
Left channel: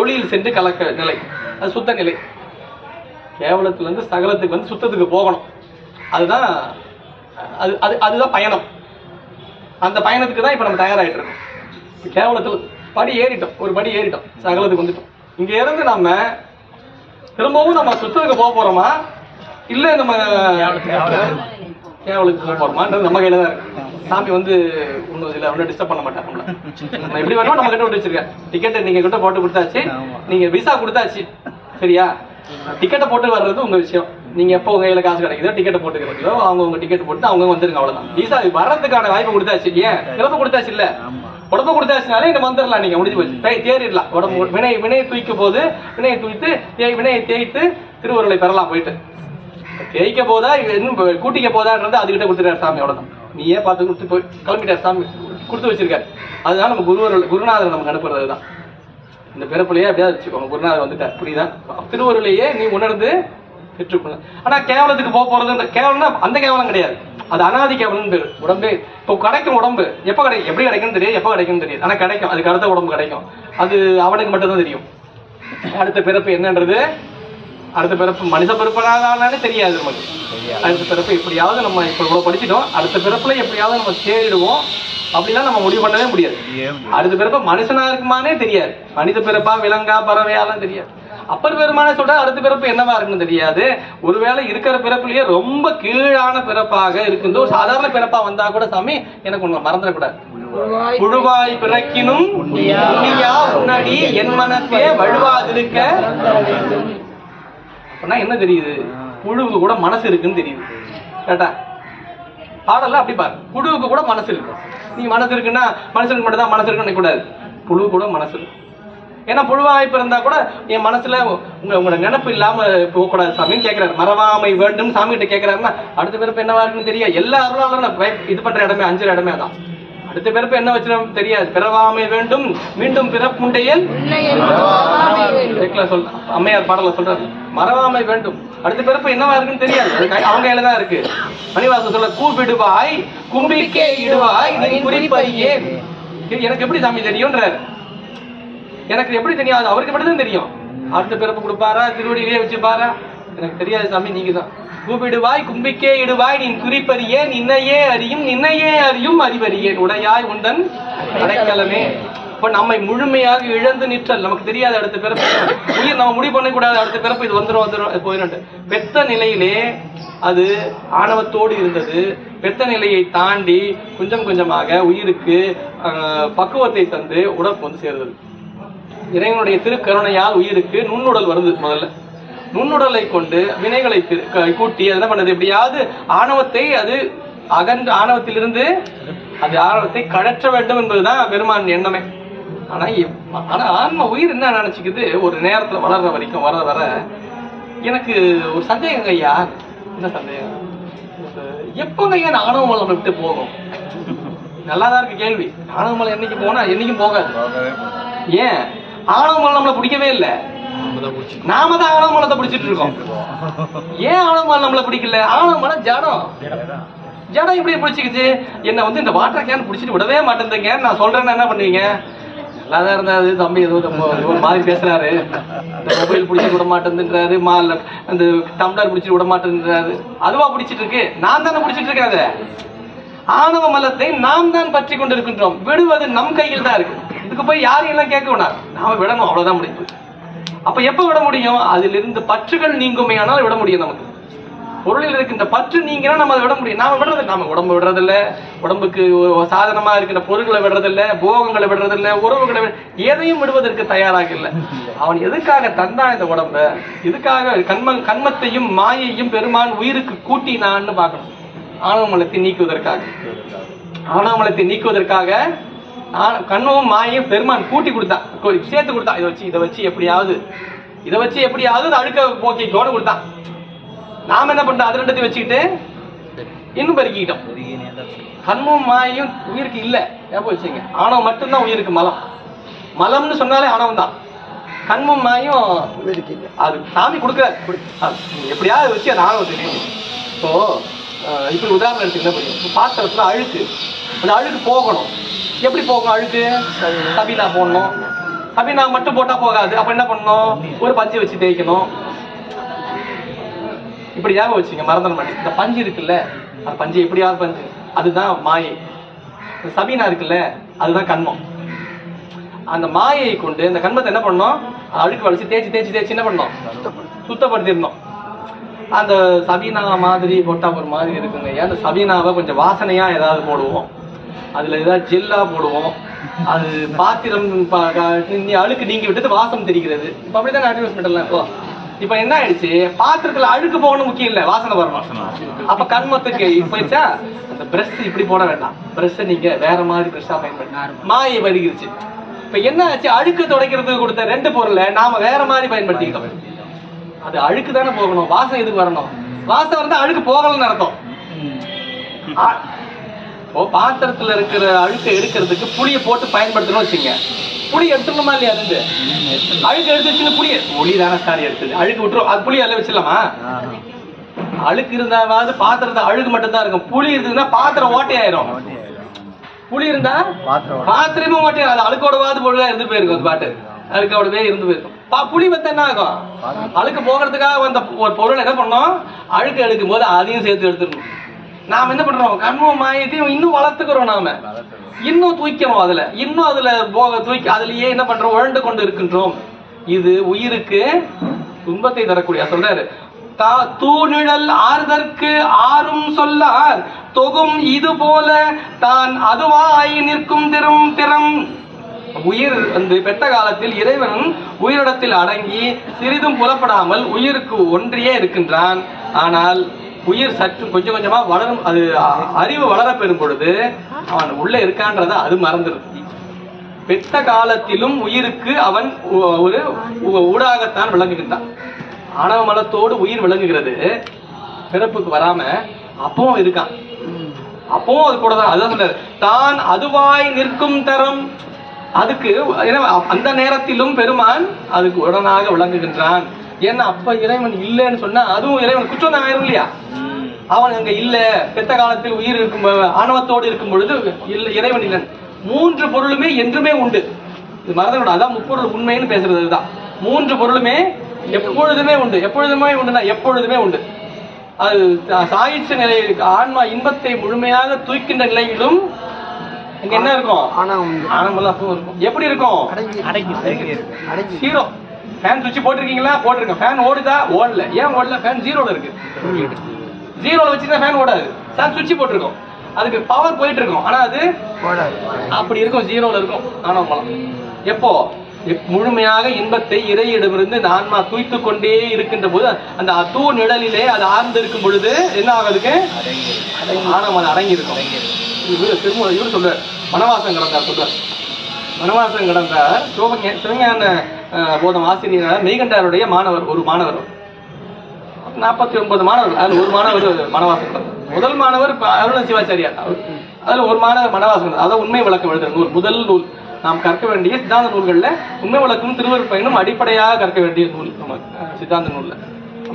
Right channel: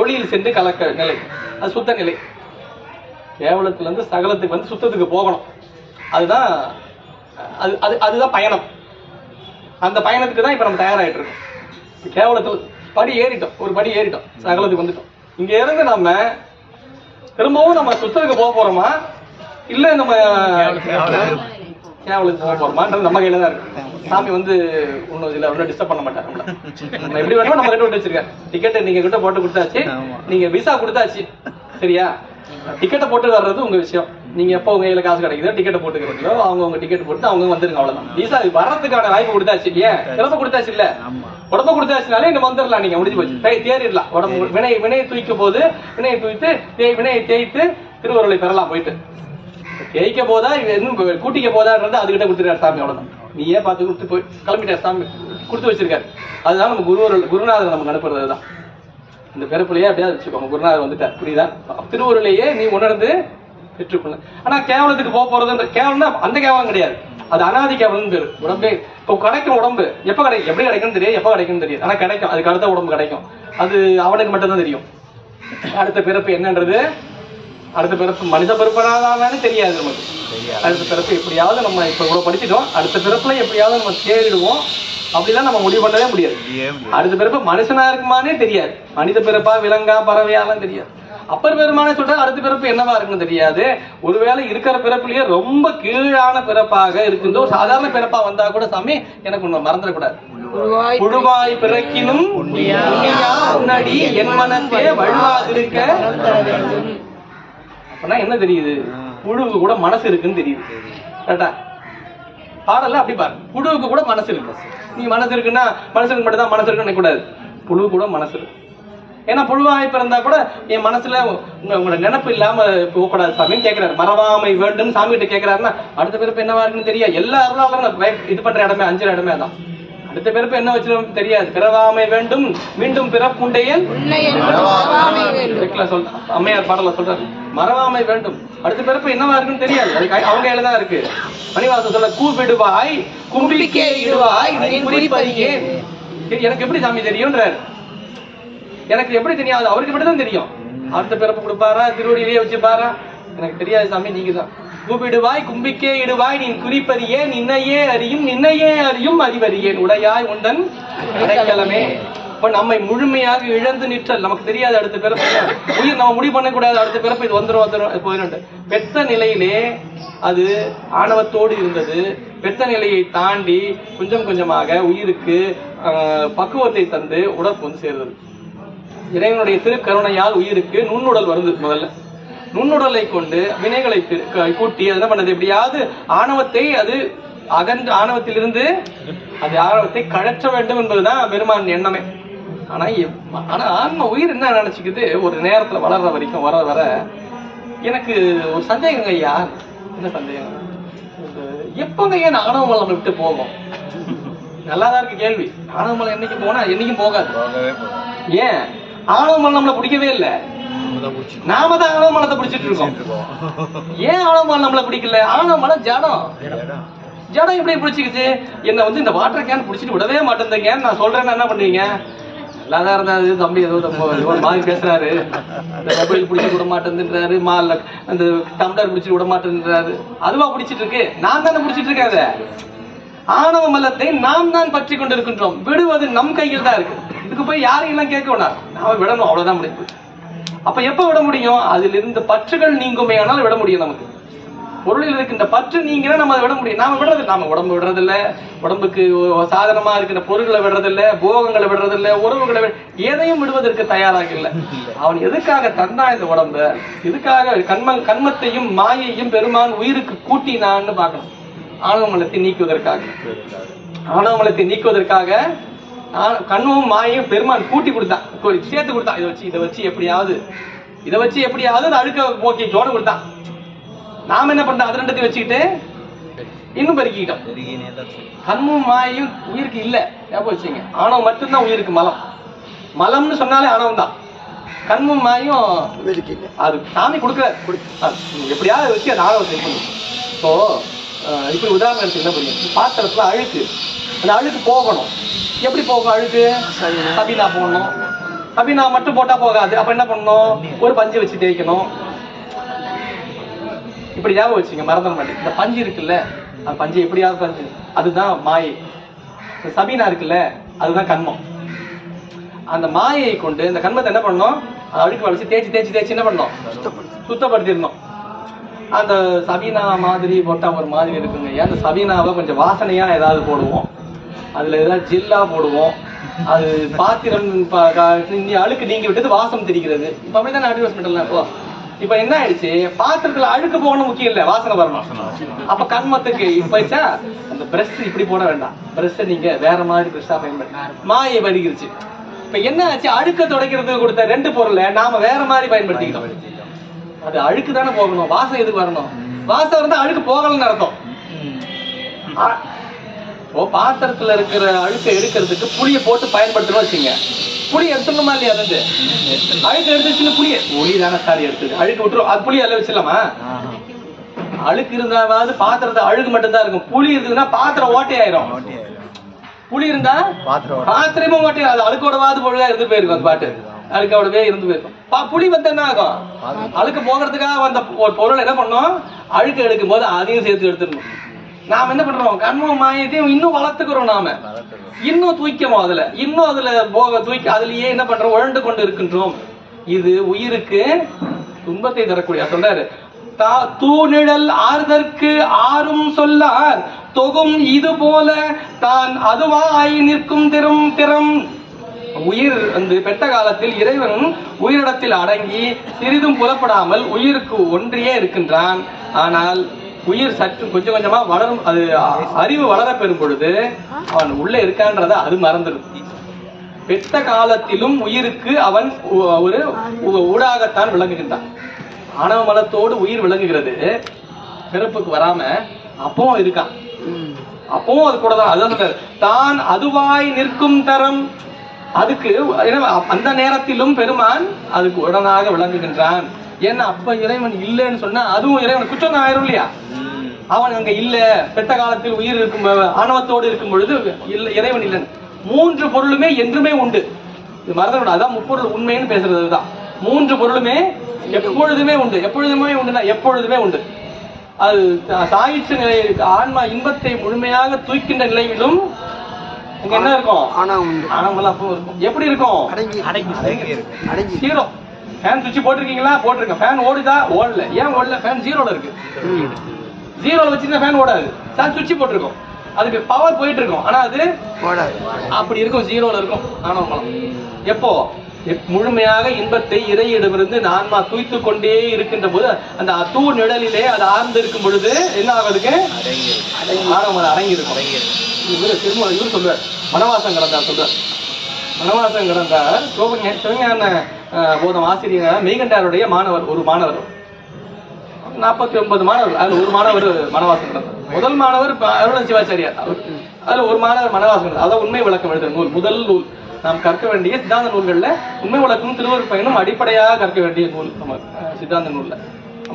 ஒளியில் சென்று கலக்க நிலை, அது சுத்த நிலை. கேவலத்துல இருந்து சகலத்துக்கு வந்து சுத்தத்துக்கு போகணும், அதுதான் அதுதான் பயணம். அந்த பயணத்துக்கு தான் இப்ப நம்ம தயாராகிட்டு இருக்கோம். கேவலத்துல படி ஏறிட்டோம், ஒரு படி ஏறிட்டோம், சகலத்துக்கு வந்துட்டோம். இங்க இருந்து நம்ம திரும்பவும் நம்ம சுத்தத்துக்கு போக போறோமா இல்ல நம்ம கேவலுக்கு போக போறோமான்றது நம்ம கையில தான் இருக்கு. சாமி வந்து ஒன்னும் இல்ல, ஒன்னும் டிஸ்டர்ப் பண்ண மாட்டாங்க நம்மள. நம்ம எப்படி வேணுமோ நம்ம கிட்ட விட்டு வச்சிருக்கேன். டிக்கெட் நீங்க கிட்ட போட்டு கொடுத்தாச்சு, நீங்க விசா கொடுத்தாச்சு, சரியா? டிக்கெட்டை போட்டு வர்றது உங்க விஷயம். நீங்க எப்போ உங்க கையில காசு கிடைக்குதோ டிக்கெட்டை போட்டுக்கிறீங்களோ அவங்க உங்க டிக்கெட் போட்டு அவங்க வந்துருங்க, அவ்வளவுதான். விசா வர்றதுக்கான வாய்ப்பு கொடுத்தாச்சு. ஏன் பிறப்பு கொடுத்தாச்சு? இல்ல உடம்பு கொடுத்தாச்சுனாலே இந்த வந்துடலாம், நீங்க முடிஞ்சு போச்சு, தேறிடலாம். உடம்பு வினையை தூய்க்கும் போது வினையை தூய்த்து வினையை தேய்த்து திருவருளை பெறலாம். போயிட்டு தேய்க்க போதா இன்னும் கூட்டிக்க போதான்றது அதுகிட்ட கொடுத்துருக்காரு சாமி, அவ்வளவுதான். நீயே பார்த்து கொடுத்து போய் கிளம்பிட்டார் சாமி, கொடுத்து வச்சிருக்காரு. அதுதான் நம்ம குருநாதர் நமக்கு அனுப்புறது தான். இந்த பிறப்புலையே அப்படியாவது வச்சுக்கோங்க, குருநாதர் வந்துட்டார், புரியுதா? திருவருளையே நீ உணர்ந்து பெற்றுக்கொள்ள. ஆனா கேவலத்துக்கு போறது கேவலம்னா அந்த கேவலம் கிடையாது, அது அனாதி கேவலம் பேரு. உடம்பே இப்போ கிடைக்கும், உடம்பு எப்ப கிடைக்கும், எப்படி கிடைக்கும் தெரியாது, எப்ப கிடைக்கும் தெரியாது, ஆனா கிடைக்கும். அதுக்கு அடுத்த உடம்பு கிடைக்கும், அது அவனுக்கு மட்டும்தான் தெரியும். அடுத்த பிறப்பு என்னன்றது, அடுத்த பிறப்பு மனித பிறப்பானே தெரியாது நமக்கு. அடுத்த பிறப்பு எப்படியாவது நம்ம இப்ப இவ்வளவு படிச்சுட்டோம், அடுத்த பிறப்புல எப்படியாவது நம்ம தேடிடுவோம். அப்படிலாம் நம்ம முடிவு பண்ணவே முடியாது. அடுத்த பிறப்பு மனுஷனா இருக்குமானே தெரியாது, மனித பிறப்பா விலங்கா பறவையாலாம் தெரியாது. அப்பர் பெருமானே சொல்ற அடுத்த பிறப்பு என்னவா இருக்குன்னு தெரியாது. ஒருவேளை இருக்கிற பிறப்புலயே ரொம்ப கீழான பிறப்பாக இருக்குது, ஒரு சாதாரண பிறப்பா வந்தா கூட சாமி எனக்கு ஒண்ணு மறந்துடக்கூடாது. புழுவாய் பிறக்கினும் முன்னாடி என் மனத்தே வழுவாதிருக்க. அப்படின்னா என்ன தெரியுது? புழுவுக்கு கூட மனசு இருக்குன்னு தெரியுது. கேட்டா பாடல அப்படி பாரு, புழுவுக்கு கூட மனசு இருக்கு. நீ மனசு இருக்குன்னா மனுஷனுக்கு மட்டும் தான் மனசு இருக்குன்னு கூடாது, புழு கூட மனசு இருக்கு. ஏன்னா புழுவாய் பிறந்தா கூட என் மனசுல உங்களோட நினைப்பு இல்லாம போகக்கூடாது சாமின்னு கேட்கிறாரு. மறவாமை வேண்டும் சாமி கிட்ட கேட்கிறாருன்னா அடுத்த பிறப்பு என்னவா இருக்குன்னு தெரியாது. எல்லா அருளாலும் இது பண்ற இடமே அஞ்சல் இடமே தான். அடுத்த பிறப்பு என்ன வச்சு தெரியாது. பிறவாமை வேண்டும் மீண்டும் பிறப்புண்டையன் சொல்ற அம்மையார் பாடல சொல்றாரு, மறவாமை வேண்டும். அடுத்த பிறப்பு என்னவா இருக்குன்னு தெரியாது, அது அவங்க கையில தான் இருக்கு. மணிவாசன் சொல்ற கூப்பிடுவாய் கும்பிக்கே இடுவாய் நீ குறிப்பறியே. எனக்கு எப்படி சாமி தெரியும்ன்றாரு. எனக்கு எப்படி தெரியாது, அவருக்கு மட்டும் தான் தெரியும். அடுத்த பிறப்பு கொடுப்பாரா, திருவடியிலேயே வச்சுப்பாரா, எனக்கு தெரியாது சாமி, நீங்க தான். கூப்பிடுவாய் கும்பிக்கே இடுவாய் நீ குறிப்பறியே நின்னையே அறியும் அறிவறியேன் உடையாய் உந்தன் அடைக்கலமே. இப்ப நம்மை முழுமையாக இழந்து நிற்றல் நமக்கு தெரியாது. அடுத்த பிறப்பு உயிர் நம்ம முடிவு பண்ணக்கூடாது, அடுத்த பிறப்பு இது வந்துடும் போயிடும். பெத்த நிலையிலே அது ஆணவத்தோடு இருந்தது. பெத்த நிலையை தாண்டி கொஞ்சம் கொஞ்சமாக உயிருக்கு பக்குவத்தை தந்து உடம்பு வந்து சேர்ந்தது. இறைவனுடைய திருக்கருணையால் உயிருக்கு நுண்ணுடல் வருது. முதல்ல நுண்ணுடலை கொண்டு வினைகளை கூட்டி அது என்ன பண்ணது, எப்படியாவது ஆணவத்தை அது அகன்ற ஆணவத்திலிருந்து அது ஆணவத்தை கழற்ற வேண்டும் என்பதுதான் பெருமான் எண்ணமே. ஆனா ஆன்ம உயிர் என்ன நினைச்சுக்குது, ஒரு நேரத்துல வளர்ற வரைக்கும் வர வர எனக்கு ஒரு சந்தேகம் ஐயா. என்ன சந்தேகம்? எப்பங்க ஏன் ஆணவமலை நம்மளை விட்டு போகும்? நல்லாதான் இருக்கு கேள்வி. ஆணவமலை என்னைக்கு போனா என்னைக்கும் போகாது. ஏன்? ஆணவமலை நம்மளை பிடிக்கவே இல்லை, நாம தான் ஆணவமலத்தை பிடிச்சிட்டு இருக்கோம். ஏன் ஆணவமலை நம்மளை பிடிக்கல? ஆணவமலை ஜடம். ஜடம் எப்படி பிடிச்சிக்கிச்சு? என்ன வந்து இந்த வாட்டர் கேன் பிடிச்சிட்டு விடவே மாட்டேங்க. நான் சொல்றேன்னா என்ன பண்ணுவீங்க? நல்லாதான் இருந்தாரு தம்பி, ஏதோ ஒரு மாதிரி பேசுறாரு, மொபைல் பிடிச்சிட்டு விட மாட்டேன்றாரு, அந்த டம்ளர் பிடிச்சிட்டு விட மாட்டேன்றாரு. அதுவா பிடிச்சிட்டு இருக்கு? நான் தானே பிடிச்சிட்டு இருக்காத. ஆணவ மலத்தை நாம் தான் பற்றி கொண்டு இருக்கின்றோம். விடுவது நம் கையில் தான் இருக்கு. இதுக்கு போய் யாரும் எல்லாம் கேட்க வேணாம், நாம விடணும், அவ்வளவுதான் முடியும். அப்ப எப்ப விட முடியும்? அதில் இருந்து பற்றுகள் நீங்குமே ஆனால் விட முடியும். நமக்கு பொருளில் இருக்கின்ற பற்று நீங்கினா நம்ம அதை விட முடியும். நாம விடுறது, நாம உடம்பு விடுறதில்ல, உடம்புக்கு சாதனமா இருக்கின்ற பொருட்களை விடுறதில்ல, போகங்களை விடுறதில்ல, உறவுகளை எதையும் விடுவதற்கு தயாராக இல்லை. அவன் எதுக்காக தந்தான் இந்த உடம்ப? இதுக்காக கண்மத்தையும் மாயையும் பெருமான் உயிருக்கு கூட்டினான்னு பார்க்கணும். ஆணவமலத்தை நீக்குவதற்காக, ஆணவமலத்தை நீக்குவதற்காக கண்ணும் மாயையும் பெருமான் கூட்டி கொடுத்தான், சேர்த்து கொடுத்தான். இதை வச்சு எப்படியாவது அழுக்க போக்கிட்டோடு கொடுத்தான். நாம என்ன பண்றோம்? அது ரெண்டத்தையும் வச்சுக்கிட்டு இன்னும் பெருக்கிட்டோம். கண்ணும் மாயையும் உயிருக்கு இல்ல, ஞாபகம் வச்சுங்க. ஆணவம் மட்டும்தான் உயிருக்கு மலம். மலம்னு சொன்னாலே ஆணவம் தான். கண்மும் மாயும் அது சாமி கொடுக்குறாரு. எப்படியாவது வச்சு அது ஆணவம் தெரியும். இப்போ இப்ப உதாரணம் எடுத்தீங்கன்னா புரியும். பாத்திரத்துல அழுக்கு, அந்த அழுக்கு போகணும். எப்படி போகும் அழுக்கு? சபீனா போடணும். சபீனா மட்டும் போட்டா போகாது. அப்ப என்ன பண்ணணும்? ஒரு பஞ்சு வச்சு தேய்க்கணும். இப்படி ஞாபகம் வச்சுங்க, மறந்துட மாட்டேங்க. இந்த பஞ்சு இருக்குல்ல, அந்த பஞ்சு எப்படியாவது பஞ்சு, அதுதான் மாயை. சபீனா இருக்குல்ல, அதுதான் கண்மம். அந்த மாயை கொண்டு இந்த கண்மத்தை என்ன பண்ணணும்? அழுக்கு வலிச்சு தேய்ச்சி தேய்ச்சி தேய்ச்சி என்ன பண்ணணும்? சுத்தப்படுத்திடணும். அந்த சபீனா மாதிரி போட்டா ஒரு மாதிரி இருக்குங்க. அந்த சபீனாவை கொஞ்சம் வாசனையா ஏதாவது போடுவோம், அதுல ஏதாவது ஜெல்லா போடுவோம். அது பாத்திரம் அழுக்கு நீங்கி விட்டது, வாசம் தெரிகிறது. இப்ப அப்படிதான் அட்வர்டைஸ்மெண்ட் எல்லாம். இப்ப என்ன ஆயிடுச்சு? பாத்திரத்துல அழுக்கு போகணும் முக்கியம் இல்ல, வாசனை வரணும். அப்ப கண்மத்துக்கு போயிடுச்சா? அந்த பிரஷ் இப்படி போட வேண்டாம், பிரஷ் நீங்க வேற மாதிரி பிரஷ்ஷா பயன்படுத்த மாயை வருகிருச்சு. இப்ப என்ன ஆச்சு? அழுக்க துடைக்கிறதுக்கு கொடுத்த 2 பொருளை நாம வேற மாதிரி பயன்படுத்திக்கிட்டோம். அது அழுக்கு தானே போகணும், வாசம் எதுக்கு வரணும்? வாசம் வந்து அழுக்கு போகலன்னு அர்த்தம். பாத்திரத்துல இருக்கிற அழுக்க எடுக்கிறதுக்கு புளிய போட்டு பயன்படுத்தணும் வச்சுங்க. புளி எடுத்துடணுமா இல்லையா? அது அழுக்கு எடுத்துச்சுன்னு புளிய ஒளி தானே சாரி எடுத்தது, அழுக்கு விட்டுரும். அது புளி எல்லாம் வச்சிடலாமா? அழுக்கு இருந்தாவது பாத்திரத்தை அழுக்கு மட்டும்தான் இருக்கும். புளி இருந்ததுன்னா பாத்திரம் ஓட்டையாயிரும். புளி இருந்தா பாத்திரமும் ஓட்டையா, அது அழுக்கோடவாது பொழுதா இருந்து போயிருக்கும். அது பாட்டு அழுக்கோடவே இருந்து போயிருக்கும். புளி வந்து என்ன ஆகும்? அழுக்கு போகிறதுக்காக வந்த ஒரு பொருள் என்ன பண்ணோம்? அழுக்கு எடுக்கும் போது அதையும் சேர்த்து எடுத்துடணும். நாம என்ன பண்றோம்? கண்மம் மாயத்தையும் இன்னும் வளர்த்துக்கிறோம். நாம இன்னும் தூய்க்கணும். அதுல இன்னும் அதுல போக தூக்கி அதுலயே என்ன பண்றோம்? உழண்டு கொண்டு இருக்கின்றோம். இது உயிருக்கு துன்பத்தை தரக்கூடிய. சொல்றாரு, தூணிழல் ஆறுதற்கு ஆறும் சொல்லார் தொகும் இது போல தான் அதுவாய் நிற்கும் திறம். உயிர் வந்து பெற்ற காலத்தில் இறைவன் உயிரிடத்தில் அடங்கி சிறிதும் புலப்படாமல் உயிருக்கு ஒன்றியே இருக்கின்றான். ஆனால் உயிர் சற்று கொஞ்சம் கொஞ்சமா வளரும். அது அறிவு வளர பெறும் பொழுது அவன் உள்ள இருக்கான்றத அது மறந்துடும். பெற்ற காலத்திலும் உயிருக்கு அவன் ஒரு ஊடாகத்தான் விளங்குகின்றான். ஆணவ மலத்தோடு உயிர் விளங்குகிறது. பிறப்புக்கு வராம அப்பவும் இருக்கான். அப்பவும் அது கூட தான். அதுதான் தான் அதுவாய் நிற்கும் தரம். அதுக்கு அந்த நேரத்திலும் பெருமான் அதுக்கு உடனாக விளங்குகின்றான். ஏன்னா அப்ப இறைவன் இல்லைன்னு சொன்னா அதுவும் இறைவன் குற்றம் தான் ஆயிரும் இல்லையா? அவன் அங்க இல்ல. பெற்ற காலத்தில் உயிர் இருக்கும், ஆணவத்தோடு இருக்கும் பொழுது இறைவன் இல்லைன்னு. 3 பொருளுமே என்றுமே உண்டு. இது மறந்துவிடும். அதான் முப்பொருள் உண்மைன்னு பேசுறது தான். 3 பொருளுமே எப்பொழுதுமே உண்டு. எப்பொழுதுமே உண்டுனா எப்பொழுதுமே உண்டு. அது சாயிச்ச நிலை இருக்கு. ஆன்மா இன்பத்தை முழுமையாக தூய்க்கின்ற நிலையிலும் இங்க என்ன இருக்கும்? ஆனந்தம் அப்பவும் இருக்கும். எப்படி இருக்கும்? ஜீரோ. ஃபேன் சுவிட்ச் போட்டிருக்கீங்களா? போட்டிருக்கேன். ஃபேன் ஓடுதா? ஓடல. ஏன் ஓடல? ஃபேன் ஜீரோல இருக்கு. ஜீரோல வச்சுன்னா ஃபேன் ஓடாது. ஃபேன் சுவிட்ச் போட்டிருக்கோம், அதுக்கு பவர் போயிட்டு இருக்கும். ஆனா அது அப்படி இருக்கும், ஜீரோல இருக்கும் ஆனவங்களாம். எப்போ? முழுமையாக இன்பத்தை இறையிடமிருந்து ஆன்மா தூய்த்து கொண்டே இருக்கின்ற போது அந்த தூ நிழலிலே அது ஆர்ந்து இருக்கும் பொழுது என்ன ஆகுதுக்கு? ஆணவம் அது அடங்கி இருக்கும். இவர் சொல்றார், வனவாசம் கடந்தார் சொல்றார். வனவாசம் கடந்தார் சிவஞான போதம் ஆசிரியர் மெய்கண்டாருடைய மாணவர். ஒரு மாணவர் 49 மாணவர்கள். அதுல ஒரு மாணவர் வனவாசம் கடந்தார். முதல் மாணவர் அருண சிவாச்சாரியார். அதுல ஒரு மாணவர் வனவாசம். அதான் உண்மை விளக்கம் எழுதுற நூல். முதல் நூல் நாம் கற்க வேண்டிய சித்தாந்த நூல்கள்ல உண்மை விளக்கும் திருவருட் பயனும் அடிப்படையாக கற்க வேண்டிய நூல் நம்ம சித்தாந்த நூல்ல.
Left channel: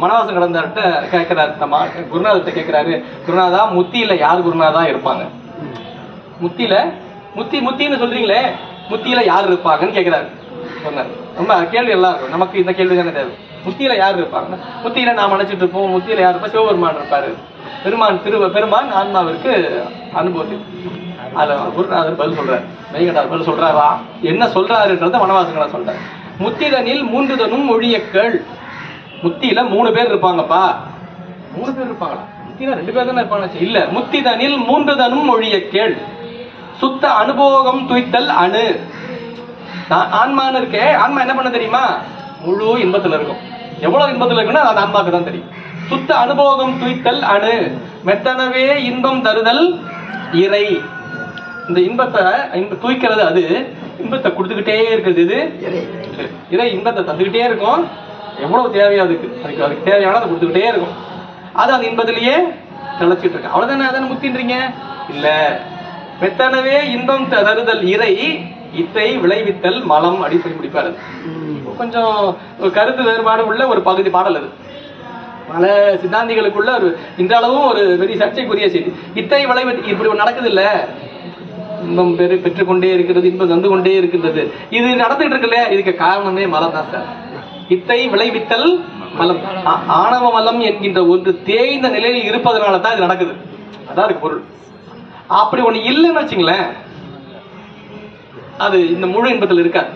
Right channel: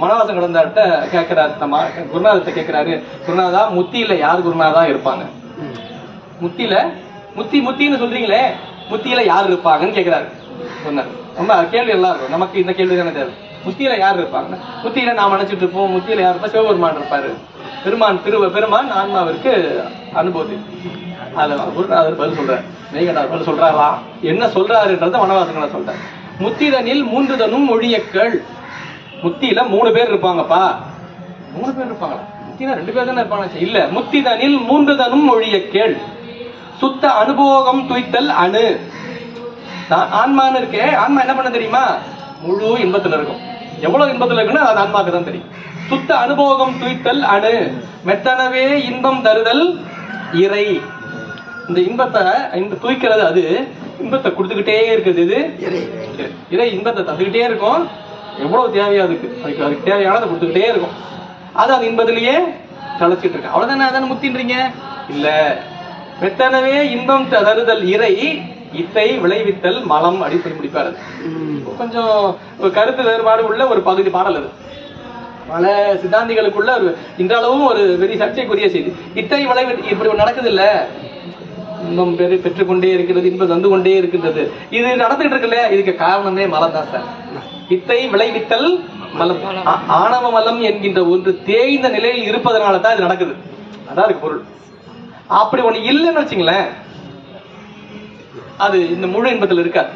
வனவாசம் கடந்தார்ட்ட கேட்கிறாரு, குருநாதத்தை கேட்கிறாரு, குருநாதா முத்தியில யார் குருநாதா இருப்பாங்க? முத்தியில முத்தின்னு சொல்றீங்களே, முத்தியில யார் இருப்பாங்கன்னு கேட்கிறாரு. சொன்னார். ரொம்ப கேள்வி எல்லாம் இருக்கும். நமக்கு இந்த கேள்வி தானே தேவை. முத்தியில யார் இருப்பாங்க? முத்தியில நாம் நினைச்சிட்டு இருப்போம், முத்தியில யார் இருப்பா? சிவபெருமான் இருப்பாரு. பெருமான் ஆன்மாவிற்கு அனுபவத்தி. அதுல குருநாதர் பதில் சொல்றாரு, மெய்கண்டார் பதில் சொல்றாரா? என்ன சொல்றாருன்றத வனவாசங்கள சொல்றாரு. முத்திதனில் 3 தனும் ஒழியக்கள். முத்தியில 3 பேர் இருப்பாங்கப்பா. 3 பேர் இருப்பாங்களா? முத்தினா 2 பேர் தானே இருப்பாங்க. இல்ல, முத்திதனில் 3 தனும் ஒழியக்கள். சுத்த அனுபோகம் துய்த்தல் அணு. ஆன்மான்னு இருக்கே, ஆன்மா என்ன பண்ண தெரியுமா? முழு இன்பத்துல இருக்கும். எவ்வளவு இன்பத்துல இருக்குன்னா அது ஆன்மாக்கு தான் தெரியும். சுத்த அனுபோகம் துய்த்தல் அணு. மெத்தனவே இன்பம் தருதல் இறை. இந்த இன்பத்தை தூய்க்கிறது அது. இன்பத்தை கொடுத்துக்கிட்டே இருக்குது இது இறை. இன்பத்தை தந்துகிட்டே இருக்கும். எவ்வளவு தேவையா அதுக்கு தேவையானதை கொடுத்துக்கிட்டே இருக்கும். அது அந்த இன்பத்திலேயே கலைச்சிட்டு இருக்கு. அவ்வளவுதானே? அதான முத்தின்றீங்க? இல்ல, மெத்தனவே இன்பம் தருதல் இறை இத்தை விளைவித்தல் மலம் அப்படின்னு சொல்லி முடிப்பாரு. கொஞ்சம் கருத்து வேறுபாடு உள்ள ஒரு பகுதி பாடல் அது. பல சித்தாந்திகளுக்குள்ள ஒரு இன்றளவும் ஒரு பெரிய சர்ச்சைக்குரிய செய்தி. இத்தை விளைவு இப்படி நடக்குது இல்ல, இன்பம் பெற்றுக்கொண்டே இருக்கிறது, இன்பம் தந்து கொண்டே இருக்கின்றது, இது நடந்துட்டு இருக்கு இல்லையா, இதுக்கு காரணமே மலம் தான் சார். இத்தை விளைவித்தல் மலம், ஆணவ மலம் என்கின்ற ஒன்று தேய்ந்த நிலையில் இருப்பதனால தான் இது நடக்குது. அதான் இருக்கு பொருள். அப்படி ஒண்ணு இல்லைன்னு வச்சுங்களேன், அது இந்த முழு இன்பத்தில் இருக்காது.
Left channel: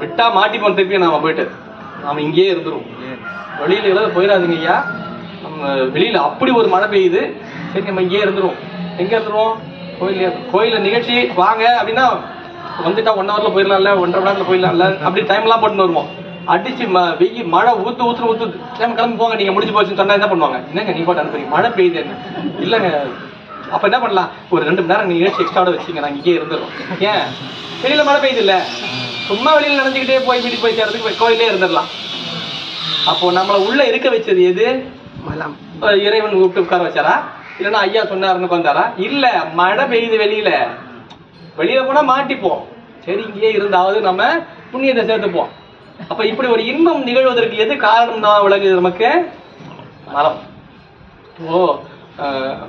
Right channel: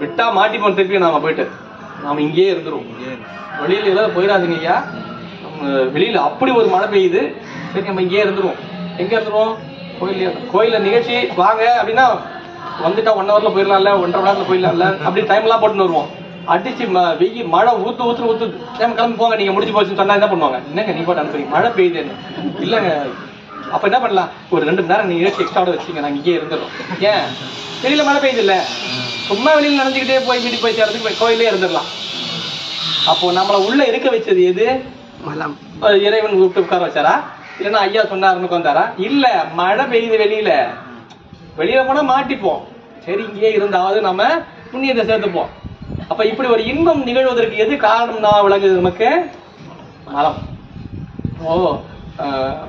விட்டா மாட்டிப்போம், திருப்பி நாம போயிட்டு நாம இங்கேயே இருந்துரும். வெளியில ஏதாவது போயிடாதீங்க ஐயா, நம்ம வெளியில அப்படி ஒரு மழை பெய்யுது, சரி நம்ம இங்கேயே இருந்துருவோம். எங்க இருந்துருவோம்? கோயில நிகழ்ச்சி வாங்க அப்படின்னா வந்துட்டா 1 ஹவர்ல போயிடலாம்ல, 1.5 மணி நேரத்துல போயிடலாம்ல, அப்படி டைம் எல்லாம் போட்டுன்னு வருவோம். அடிச்சு வெயில் மழை ஊத்து கிளம்பி போங்க, நீங்க முடிஞ்சு போச்சுன்னு சொன்னா என்ன பண்ணுவாங்க? என்னங்க நீ போட்டு அனுப்புறீங்க, மழை பெய்யுது. இல்லங்க, அப்ப என்ன பண்ணலாம், ஒரு 2 மணி நேரம் நிகழ்ச்சி எக்ஸ்ட்ரா வச்சுங்க, நாங்க இங்கே இருந்துடும். ஏன் வெளியில மழை பெய்யுது இல்ல, சும்மா வெளியில நடந்துக்கிட்டே போய் வீட்டுக்கு போய் சேர்றதுக்கு கோயிலே இருந்துடலாம். அப்போ நம்மள உள்ள இருக்க வச்சது எது? இறைவன் கூப்பிட்டு உட்கார வச்சாரா, இல்லைன்னா ஐயா சொன்னாருன்னு உட்காந்தாரா? இல்ல, மழை பெய்யுது வெளியில போனா மாட்டிப்போம், சரி இங்கேயே இருந்தாவது நம்ம புண்ணியத்தை சேர்த்துப்போம். அப்ப இப்படி ஒரு இன்பம் நிகழ்வதற்கு எது காரணம் தான் விளங்குது நமக்கு? மலம்.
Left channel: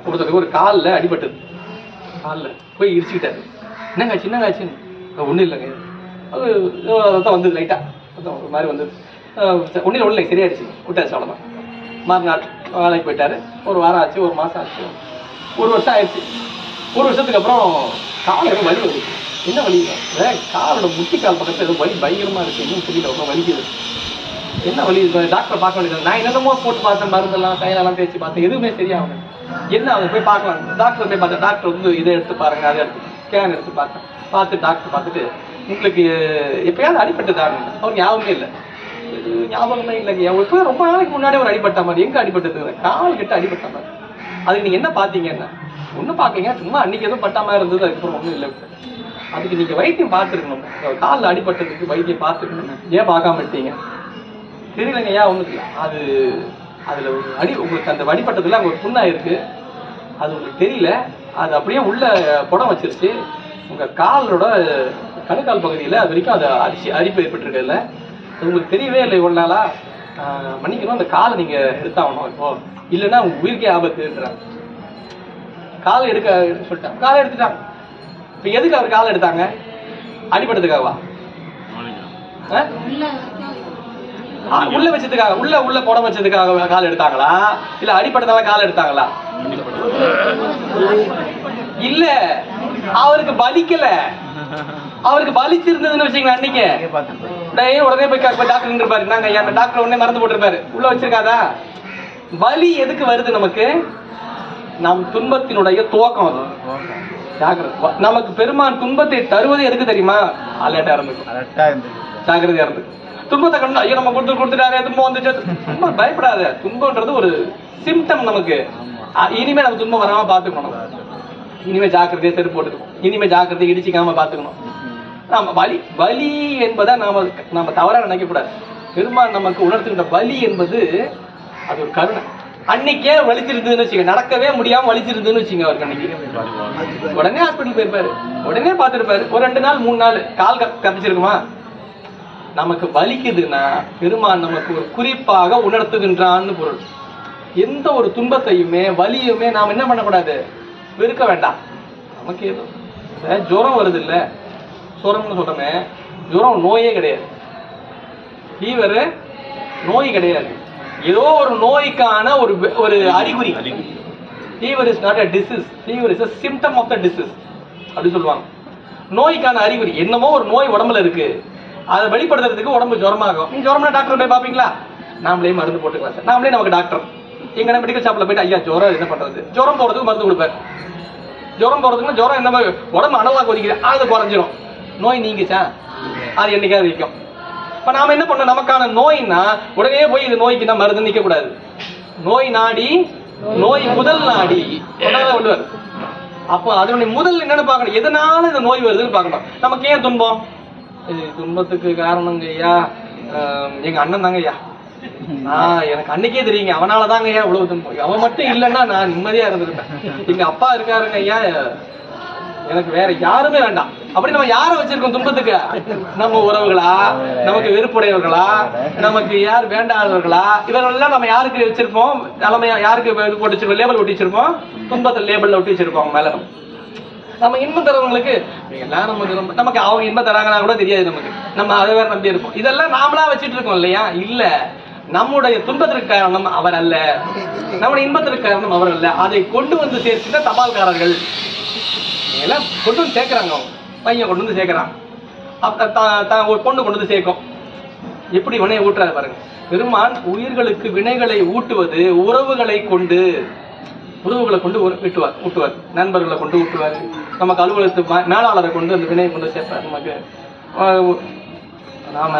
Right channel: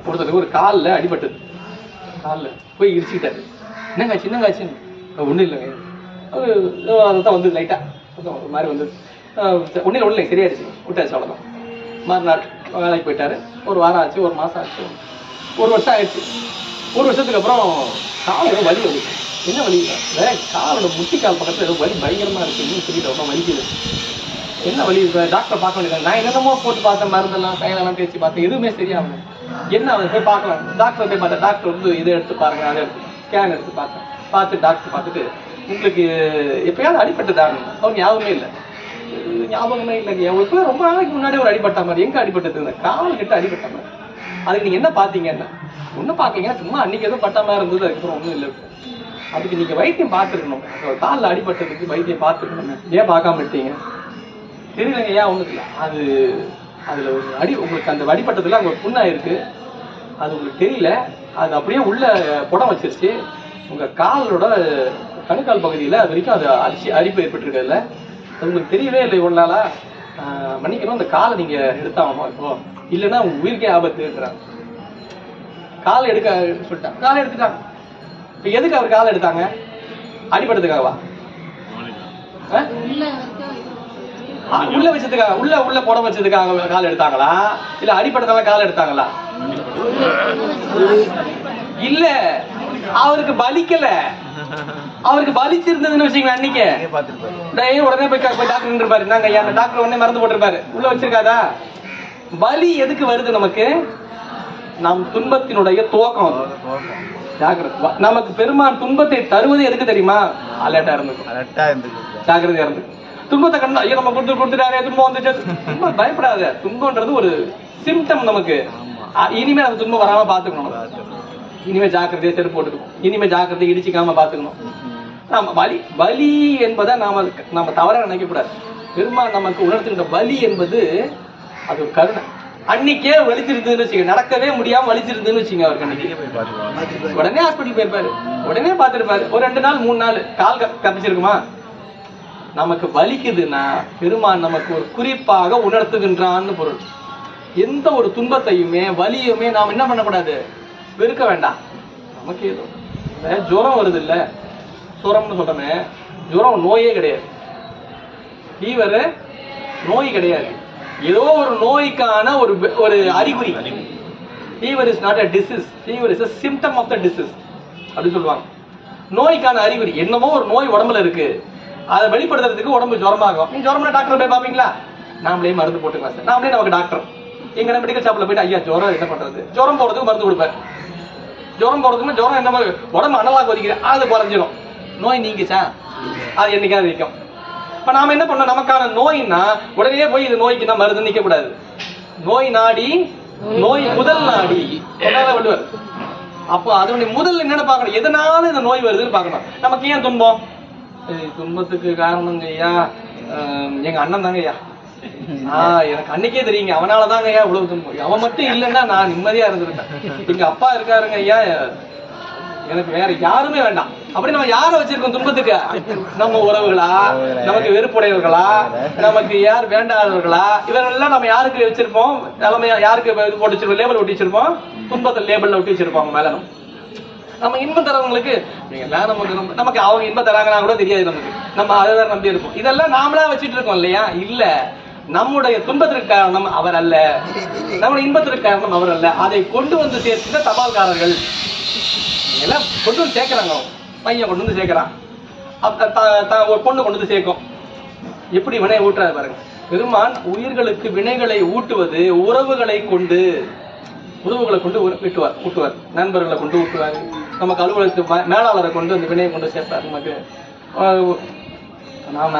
ஒருத்தருக்கு ஒரு காலில் அடிபட்டது, காலில் போய் இடிச்சுக்கிட்டாரு. என்னங்காச்சுன்னு ஒன்றும் இல்லைங்க, ரத்தம் வந்தது, லைட்டா ஒரு மாதிரி வந்தது, ஒன்றும் இல்லை, சரியாயிடுச்சு, விட்டாச்சு, அவ்வளோதான். மறுநாள் வேலைக்கு போயிட்டாரு. 1 வாரம் ஆச்சு, 1 மாசம் ஆச்சு, 1 வருஷம் ஆயிடுச்சு. 1 வருஷத்துக்கு அப்புறம் கால் வலி வருது. என்ன வலி? காலோட முட்டிக்கால் பக்கத்துல ஏதோ வலி பயங்கரமா இருக்கு, இன்னும் தெரியல, ரொம்ப வலிக்குது. என்ன வலி? டாக்டரை பார்க்க வேண்டியது. நான் என்னென்னமோ போட்டு பார்த்தேன், மருந்தெல்லாம் தைலெல்லாம் தேய்ச்சி பார்த்தேன், எதுவுமே சரியாகும். என்ன அதை போய் பார்க்கலாம், டாக்டரை போய் பார்த்தேன். டாக்டர் வந்து இதை எடுத்து பாருங்க, அதை எடுத்து ஸ்கேன் எடுத்து பார்த்தேன். பார்த்து டாக்டர் பார்த்துட்டு, உங்களுக்கு எப்பயாவது அடிபட்டுதாங்க? அவர் ஞாபகமே இல்லை, ஞாபகமே இல்லைங்க. இப்போ ரொம்ப நாளைக்கு முன்னாடி ஒரு அடிபட்ட மாதிரி. எங்க அடிபட்டது? கால் கிட்ட அடிபட்ட மாதிரி. அதுக்கு நீங்க என்ன பார்த்தீங்க? என்ன ஒன்றும் பார்க்கலீங்க, சும்மா அன்னைக்கு எதுவும் பட்ட மாதிரி இருந்தது, அதுக்கப்புறம் ஒன்றும் இல்லை. அதுக்கு நீங்க வைத்தியம் பார்த்துருக்கணும், காலில் அடிபட்டதுக்கு வைத்தியம் பார்த்துருக்கணும். ஏன் பார்க்காம விட்டீங்க? தெரியலங்க, ஏன் ஒன்றும் இல்லை. அதுல ஒரு உங்களுக்கு அந்த அடிபட்டதுல அங்கே ஒரு புண்ணாயிருக்கு, அது உங்களுக்கு தெரியல. அது அப்படியே உள்ள புடம் வச்சிருச்சு. உங்க காலோட கணுக்கால் பகுதியில் அது வரைக்கும் அது அரிப்பு ஏற்பட்டுருக்கல, அது உங்களுக்கு தெரியவே இல்லை. இவ்வளவு நாளா மன்னிக்கணும், அந்த காலை நீங்க எடுத்தாகணும், இப்போ இல்லைன்னா உங்க உயிருக்கே ஆபத்து இருக்கிறாங்க. காலை எடுக்க சொல்லிட்டாங்க, காலை எடுத்துட்டாங்க. இப்ப எதுக்கு அவர் காலை எடுத்தாங்க? அடிபட்டதுக்காகவா? உள்ள வச்சதுக்காக, உள்ள புடம் வச்சதுக்காக கால் எடுத்தாங்களா, இல்ல அடிபட்டதால கால் எடுத்தாங்களா? இல்ல, அவருக்கு வலிக்கல. அவருக்கு வலிச்சிருந்ததுன்னு வச்சுங்களேன், அன்னைக்கு உடனே போய் டாக்டர் இருப்பாரு. நாங்க டாக்டர் உடனே மருந்து போட்டிருப்பாரு, உள்ள வச்சிருக்காதா? வலி எதுக்கு வருது நமக்கு? நம் துன்பத்தினுடைய துவக்கம். நமக்கு பெருமான் துன்பத்தை தருவது எதுக்கு தெரியுமா? அலர்ட்டா இருந்துக்கும், ஜாக்கிரதையா இருந்துக்கும். துன்பத்தை கண்டு ஐயோ நம்ம கொடுத்துட்டாரே, துன்பம் வந்துச்சு, பயப்படாத. துன்பம்ன்றது ஒரு சிம்டம் நமக்கு. இனிமே நம்ம துன்பம் வராம பாத்துக்கணும். இனிமே ஜாக்கிரதையா செருப்பு போட்டுக்கணும், இனிமே ஜாக்கிரதையா இடிச்சிக்காம பாத்துக்கணும். நாம வலி என்பதை நாம தவறா நினைக்கக்கூடாது. பெருமான் நமக்கு உணர்த்துகின்ற வலி என்பது அது ஒரு கருணை. அன்னைக்கே வலிச்சிருந்ததுன்னு வச்சுங்க, நடக்கவே முடியாம வலிச்சிருந்ததுன்னு வச்சுங்க, அவருக்கு அன்னைக்கு உடனே ஹாஸ்பிட்டல் போயிருப்பாரு, உடனே பார்த்துருப்பாரு. ஒரு 2 நாள் 3 நாள் கால் கப்பிச்சிருக்குமா? நமக்கு வலிக்குதுன்னா பெருமான் நமக்கு ஒரு குறிப்பாக உணர்த்துகின்றான்னு பொருள். எந்த ஒரு துன்பத்தையுமே வலியுமே நாம் என்ன பண்ணக்கூடாது? வெறுக்க வேண்டாம். நமக்கு ஏதோ ஜுரம் வருது இல்ல, ஜுரம்னு சொல்றமே, ஜுரம் நோயே கிடையாது, ஃபீவர் நோய் கிடையாது, ஏதோ ஒரு நோய்க்கான ஒரு அறிகுறி. Fever is not a disease, fever is a symptom of the disease அப்படி சொல்லுவாங்க. நோய்க்கான அறிகுறி என்னமோ ஒரு நோய் உடம்புல இருக்கு, அதை வெளிப்படுத்துறதுக்கு உடம்பு ஜுரமாகும். நீங்க ஜுரம்னா டாக்டர் போய் பாப்பீங்களா? நாமளே மருந்து போட்டுக்கலாம் சார், நாமளே நமக்கு டாக்டர். எங்க மெடிக்கல் ஷாப்ல போயிட்டு ஐயா ஜுரம் என்ன பண்றது? ஜுரம் போறதுக்கு மருந்து கொடுப்பார். ஜுரம் போறதுக்குன்னா ஜுரம் என்ன உடம்பு அனலாக கொதிக்குது, அது குறைஞ்சிரும். நோய் நீங்கிச்சா? அது என்னைக்காவது நிற்கும். இப்ப நாம என்ன பண்ணோம்? நமக்கான நோய்னா உடனே போய் இது நோய்க்கு நான் மருந்து நிக்க கூடாது. நோய் நாடி, நோய் முதல் நாடி விடுவார். அப்போ அதனுடைய முதல் என்னன்னு பார்க்கணும், எதனால இந்த நோய் வருதுன்னு பார்க்கணும். நமக்கு ஏன் துன்பம்? துன்பத்துக்கு காரணம் ஐயா எங்க அண்ணன் தாங்க ஐயா, எனக்கு அன்னைக்கே தெரியுங்க, அவனாலதாங்க ஐயா இவ்வளவு துன்பம். அவன் மட்டும் இல்லைன்னா நான் நிம்மதியா இருந்திருப்பேன். எங்க அப்பா இருக்காருங்க ஐயா, எனக்கு வேற யாருமே வேண்டாம். அப்படி நம்ம யார வச்சிருக்கோம் துன்பத்துக்கு? நம்ம உறவுகளா, நமக்கு வெறுப்புடையவர்களா, நமக்கு யார் வேண்டாதவர்களா, இவரெல்லாம் நம்ம யாருக்கு வச்சிருப்போம்? தலைமையா யாருக்கு இது போட்டு வச்சிருப்போம்? லேபிள் ஒட்டி வச்சிருப்போம். துன்பத்தில் லேபிள்ல ஒட்டி வச்சிருப்போம் மேல. நம்ம இன்பம் தரவங்களுக்கு நமக்கு அவங்க இன்பம் தராங்கன்னா கூட தெரியாது நமக்கு. நம்ம அதை வேற நம்பி இருப்போம். இதெல்லாம் நாமளா வச்சுட்டு இருக்கோம் இல்லையா? இல்ல, நம்முடைய துன்பத்திற்கு காரணம் அவர் அல்ல, நம்முடைய இன்பத்திற்கு காரணம் அவர் அல்ல. அதை கொண்டு வந்து சேர்த்துட்ட தபால்காரர்கள் எல்லாம் கொண்டு வந்து சேர்க்கிறாங்க. பையன் கொண்டு வந்து சேர்க்கிறான், பொண்ணு கொண்டு வந்து சேர்க்கும். எப்படி வினை ஊட்டுறாரு பாருங்க. பெருமான் உயிர்களுக்கு வினைகளை ஊட்டுவது உறவுகளை கொண்டு, உறவுகளை கொண்டு ஊட்டுவார். நண்பர்களை கொண்டு ஊட்டுவார். நமக்கு அலுவலகத்து மேலாளரை கொண்டு அந்த வினையை கொண்டு சேர்ப்பார். நமக்கு நாம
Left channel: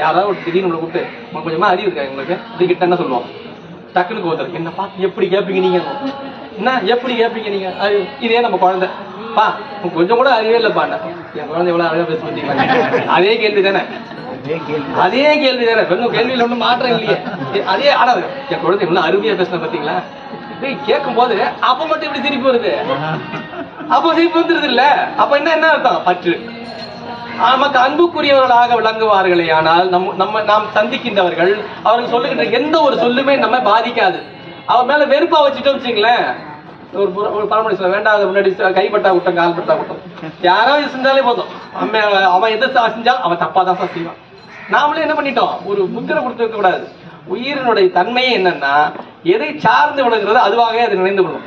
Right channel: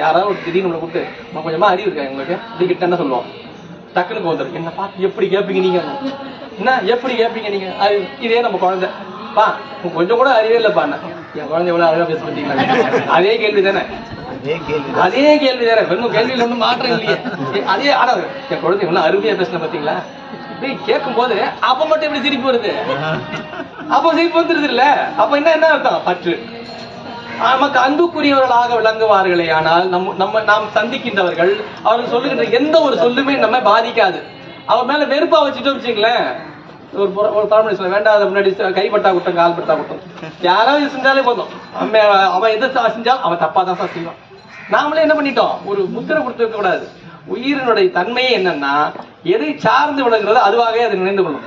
யாராவது ஒரு திடீர்னு கூப்பிட்டு கொஞ்சமா அறிவு இருக்கா உங்களுக்கு இப்படி கிட்ட என்ன சொல்லுவோம்? டக்குனு போதும், என்ன பார்த்து எப்படி கேட்பீங்க நீங்க? என்ன எப்படி கேட்பீங்க நீங்க? இதே நம்ம குழந்தை, பா கொஞ்சம் கூட அறிவே இல்லப்பா, என் குழந்தை எவ்வளவு அழகா பேச பார்த்தீங்களா? அதே கேள்வி தானே, அதே கேள்வி தானே. இன்னும் கேள்வியில ஒன்றும் மாற்றம் இல்லையே. அதே ஆடாது, என் குழந்தை எவ்வளவு அருமையா பேசின பார்த்தீங்களா? இப்படி கேட்கும் போது அப்ப மட்டும் இப்படி திருப்பி வருது. அப்போ திருப்பி வந்துருது இல்ல? அப்ப என்ன அர்த்தம்? பற்று. நமக்கு அன்புக்குரியவர்களாக விளங்குவார்களே ஆனால் நாம் சந்திக்கின்றவர்கள் அவர்கள் சொல்லுகின்ற எந்த ஒரு சொல்லுமே நம்ம பாதிக்காது. அவர் மேல வெறுப்பா வச்சுட்டோம் வச்சுங்களேன், ஒரு பழமொழி சொல்ல, வேண்டாத முன்னாடி கைப்பட்டா விட்டம் கால் பட்டா விட்டம். யாராவது செஞ்சாலே போதும், அவன் எது செஞ்சாலும் அவன் தப்பா தான் செய்வான். நாமளே என்ன பண்ணிட்டோம்? ஒரு முத்திரை கொடுத்து வைக்க கூடாது. உயிரினுடைய தன்மையே என்னன்னா, எதை சார்ந்து விளங்குறது அதுவாகவே அதை நினைந்து கொள்ளும்.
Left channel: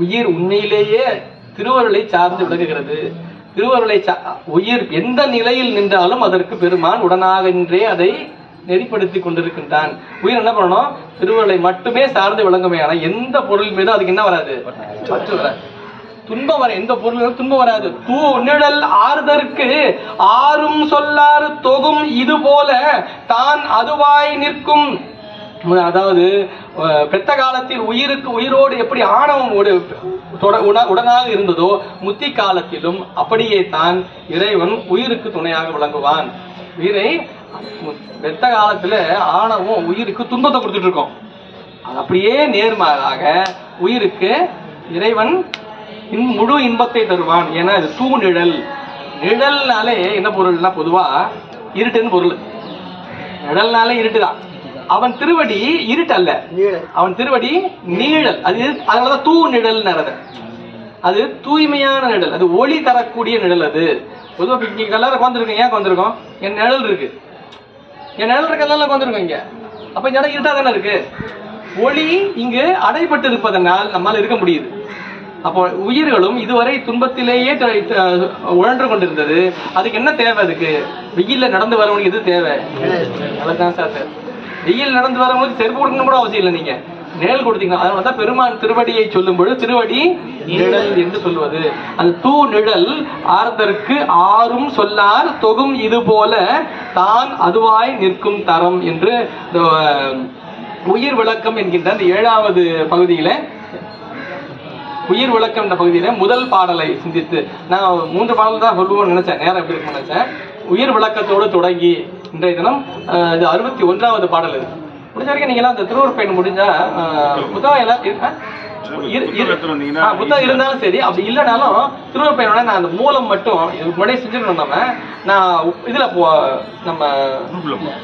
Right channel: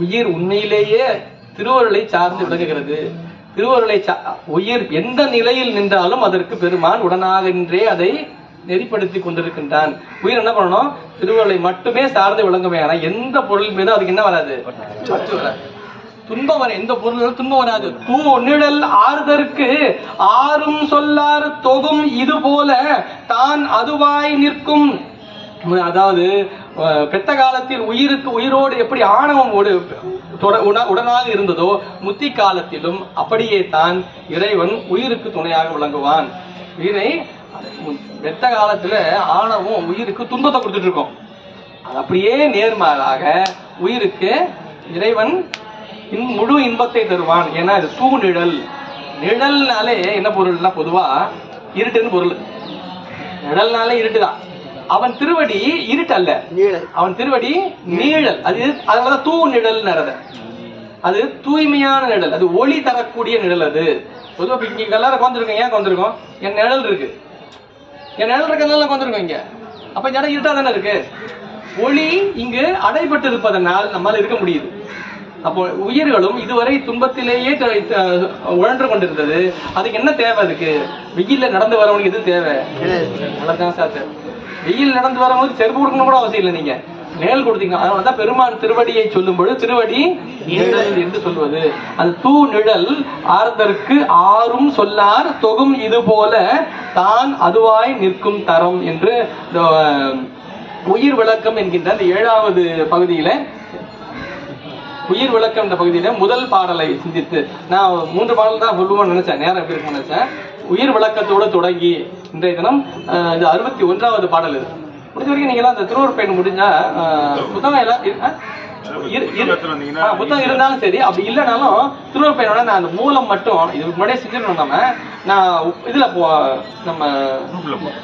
உயிர் உண்மையிலேயே திருவருளை சார்ந்து விளங்குகிறது. திருவருளை உயிர் எந்த நிலையில் நின்றாலும் அதற்கு பெருமான் உடனாக நின்றே அதை நெறிப்படுத்தி கொண்டிருக்கின்றான். உயிர் என்ன பண்ணணும்? திருவருளை மட்டுமே சார்ந்து விளங்குமையான எந்த பொருள் மீது அதுக்கு என்ன வராது? பற்று வராது. துன்பம் வர எந்த பொருளும் துன்பம் வராது. தூ நிழல் ஆறுதற்கு ஆறும் சொல்லாறு தொகும் இது போல தான் அதுவாய் நிற்கும். அதாவது பெத்த காலத்தில் உயிரோடு எப்படி ஆணவம் உடனாக இருந்ததோ முத்தி காலத்திலும் அப்படியே தான் இறைவன் உயிருக்கு துணையாக விளங்குவான். உயிரை பெத்த காலத்துல ஆணவம் உயிருக்கு துன்பத்தை கொடுத்துட்டு இருக்கோம். அது அப்படியே நேர்மாறாக உயிருக்கு இறைவன் முழு இன்பத்தை தருவான். ஏன்னா இது தூ நிழல். நிழல்னாலே என்ன பொருள்னா பொதுவா இருட்டுன்னு பொருள். நிழல்னாலே இருட்டுதான். அவன் திருவடி இருட்டு அல்ல, அவன் திருவடி நீழல். அதனாலதான் தூ நிழல். அது தூய்மையான நிழல், அது ஒளி தரக்கூடிய நிழல். அது பொதுவாக இங்க எல்லாரும் வந்திருக்கோம். ஏன் வந்திருக்கோம்? என் நிழல் இருக்கு, என் நிழல் இருக்க வந்திருக்கோம் இங்க. அப்ப இந்த இடம் இருட்டா தானே இருக்கு. ஒளி இங்கு அடைபட்டு இருப்பதனால் நம்மால் இருக்க முடியுது. அப்போ உயிர்களும் இதுவரை துன்பத்திலேயே உழன்று கொண்டிருந்தது. அதுக்கு என்ன தேவை? அதுக்கு வெயில்ல நடந்து வரவனுக்கு எது தேவை? நல்லதான் சார். வெயில் நடந்து வரும்போது செருப்பு கொடுக்கணும் கூட அவசியம் இல்லை, நீங்க நிழல் கொடுத்தீங்க. அதனாலதான் பெருமான் திருவடியை சொல்லும் பொழுது திருவடி நிழல் என்று சொல்வது. அந்த தூ நிழல் ஆர்தற்கு ஆறும் சொல்லார் தொகும் இது போல தான் அதுவாய் நிற்கும் தரம் என்று உயிர் விளக்கம் என்கின்ற அந்த 7வது பகுதியில, உயிர் விளக்கம் என்ற பகுதியில முதல் பாடலை சிந்தித்து, நான் 3 பாடல் தான் சொல்லுவோம்னு நினைச்சேன், நேரம் எப்படி இருக்கும் நினைச்சேன். உயிர் விளக்கத்தோடு தொடங்கி இன்றைய தினம் இது 61வது பாடல். இது முடிஞ்ச வரைக்கும் நீங்க எல்லாம் அந்த திருவருட் பயணம் முடிஞ்சா புத்தகம் எல்லாம் புத்தகம் இருந்தாலும் சரி, அப்படி இல்லைனாலும் திருவருட் பயணம் நான் அந்த மூலம் மட்டும் இதுக்கு முன்னாடியே செஞ்சிடணும். நான் இதுல நம்ம